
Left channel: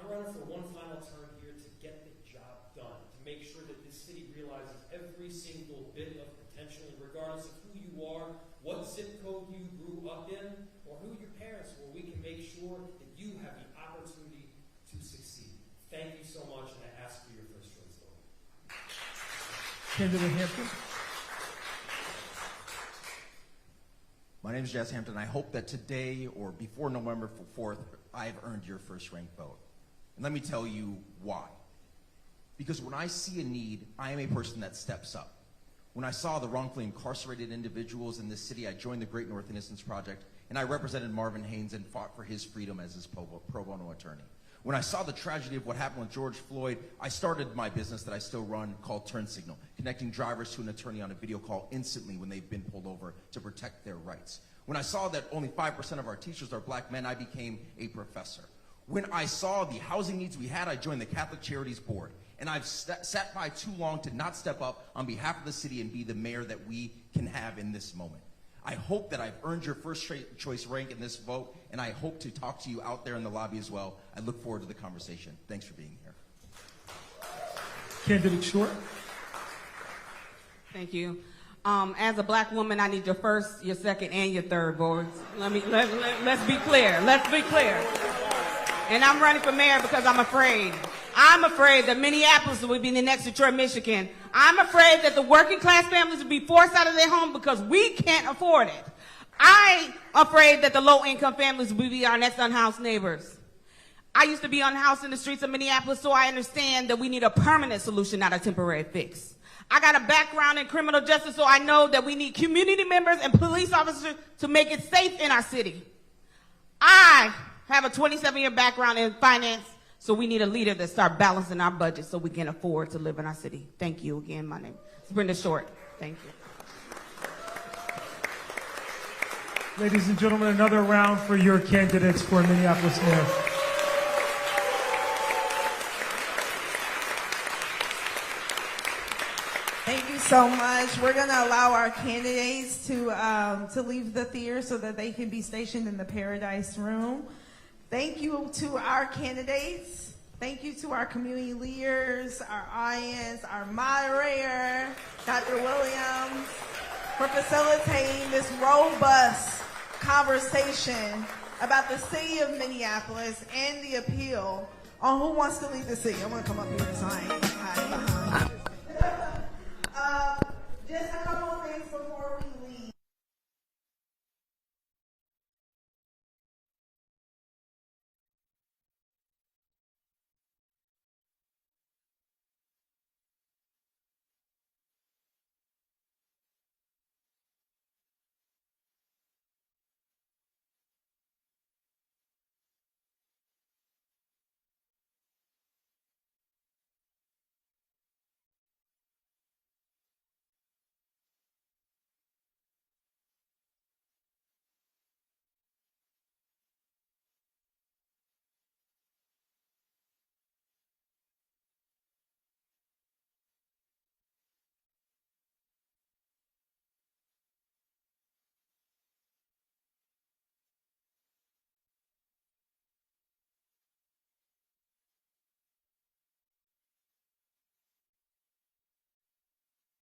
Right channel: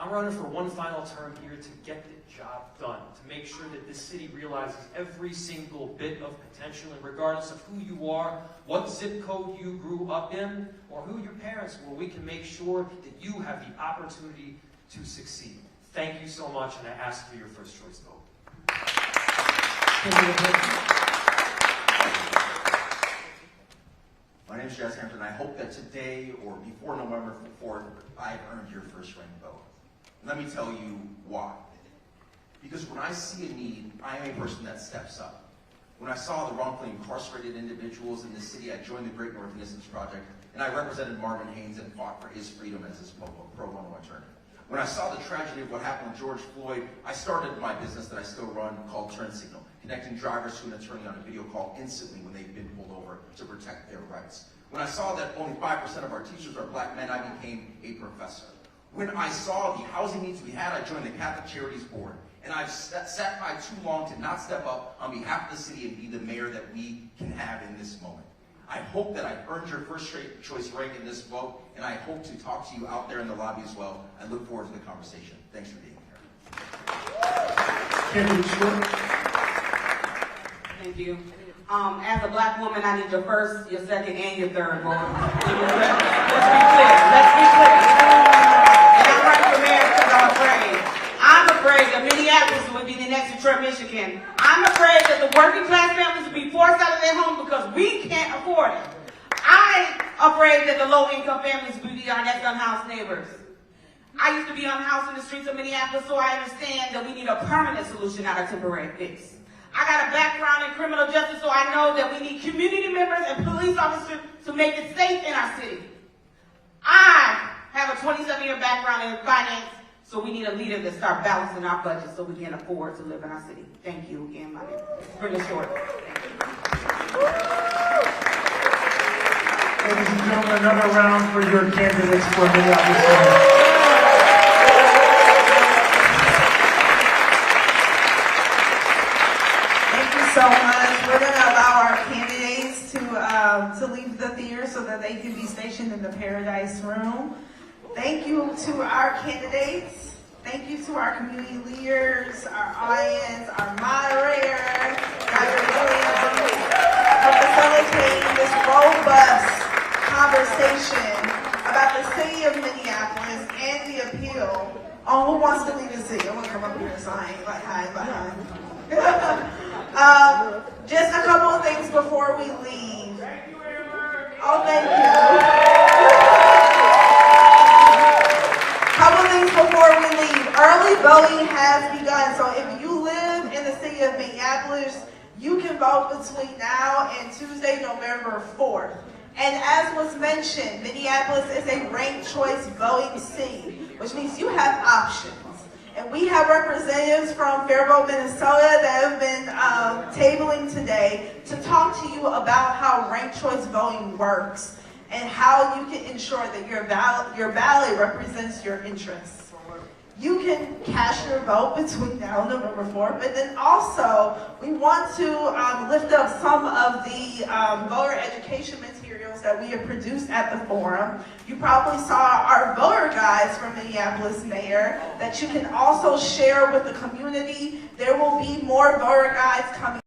I'm running for one final term here to get the job done, to make sure that this city realizes every single bit of potential, and regardless of who you are, what zip code you grew up in, or who your parents were, we can make sure that you have the opportunity to succeed. Thank you so much, and I ask for your first choice vote. My name is Jazz Hampton. I hope that today or before November 4th, I earned your first ranked vote. And let me tell you why. Because when I see a need, I am a person that steps up. When I saw the wrongfully incarcerated individuals in this city, I joined the Great North Innocence Project, and I represented Marvin Haynes and fought for his freedom as his pro bono attorney. When I saw the tragedy of what happened with George Floyd, I started my business that I still run called Turn Signal, connecting drivers to an attorney on a video call instantly when they've been pulled over to protect their rights. When I saw that only 5% of our teachers are black men, I became a professor. When I saw the housing needs we had, I joined the Catholic Charities Board. And I've sat by too long to not step up on behalf of the city and be the mayor that we can have in this moment. I hope that I've earned your first choice rank in this vote, and I hope to talk to you out there in the lobby as well. I look forward to the conversation. Thanks for being here. Candidate Short. Thank you. As a black woman, I need your first, your second, and your third vote. Let's be clear. Let's be clear. And I'm running for mayor because I'm afraid. I'm afraid that Minneapolis will be the next Detroit, Michigan. I'm afraid that the working class families will be forced out of their homes because we can't afford it. I'm afraid that the low income families will be our next unhoused neighbors. I used to be unhoused in the streets of Minneapolis, so I understand that we need a permanent solution, not a temporary fix. I got a background in criminal justice, so I know that we need community members and police officers to make it safe in our city. I have a 27-year background in finance, so we need a leader that start balancing our budget so we can afford to live in our city. Thank you again, my name is Brenda Short. Thank you. Ladies and gentlemen, another round for your candidates for Minneapolis-St. So we're going to allow our candidates to leave the theater so that they can be stationed in the Paradise Room. Thank you to our candidates. Thank you to our community leaders, our audience, our moderator, Dr. Williams, for facilitating this robust conversation about the city of Minneapolis and the appeal on who wants to lead the city. I want to come up here tonight. Just a couple of things before we leave. Oh, thank you. Couple of things before we leave. Early voting has begun, so if you live in the city of Minneapolis, you can vote between now and Tuesday, November 4th. And as was mentioned, Minneapolis is a ranked choice voting city, which means you have options. And we have representatives from Faribault, Minnesota that have been tabling today to talk to you about how ranked choice voting works and how you can ensure that your ballot represents your interests. You can cast your vote between now and November 4th, but then also we want to lift up some of the voter education materials that we have produced at the forum. You probably saw our voter guides from Minneapolis Mayor that you can also share with the community. There will be more voter guides coming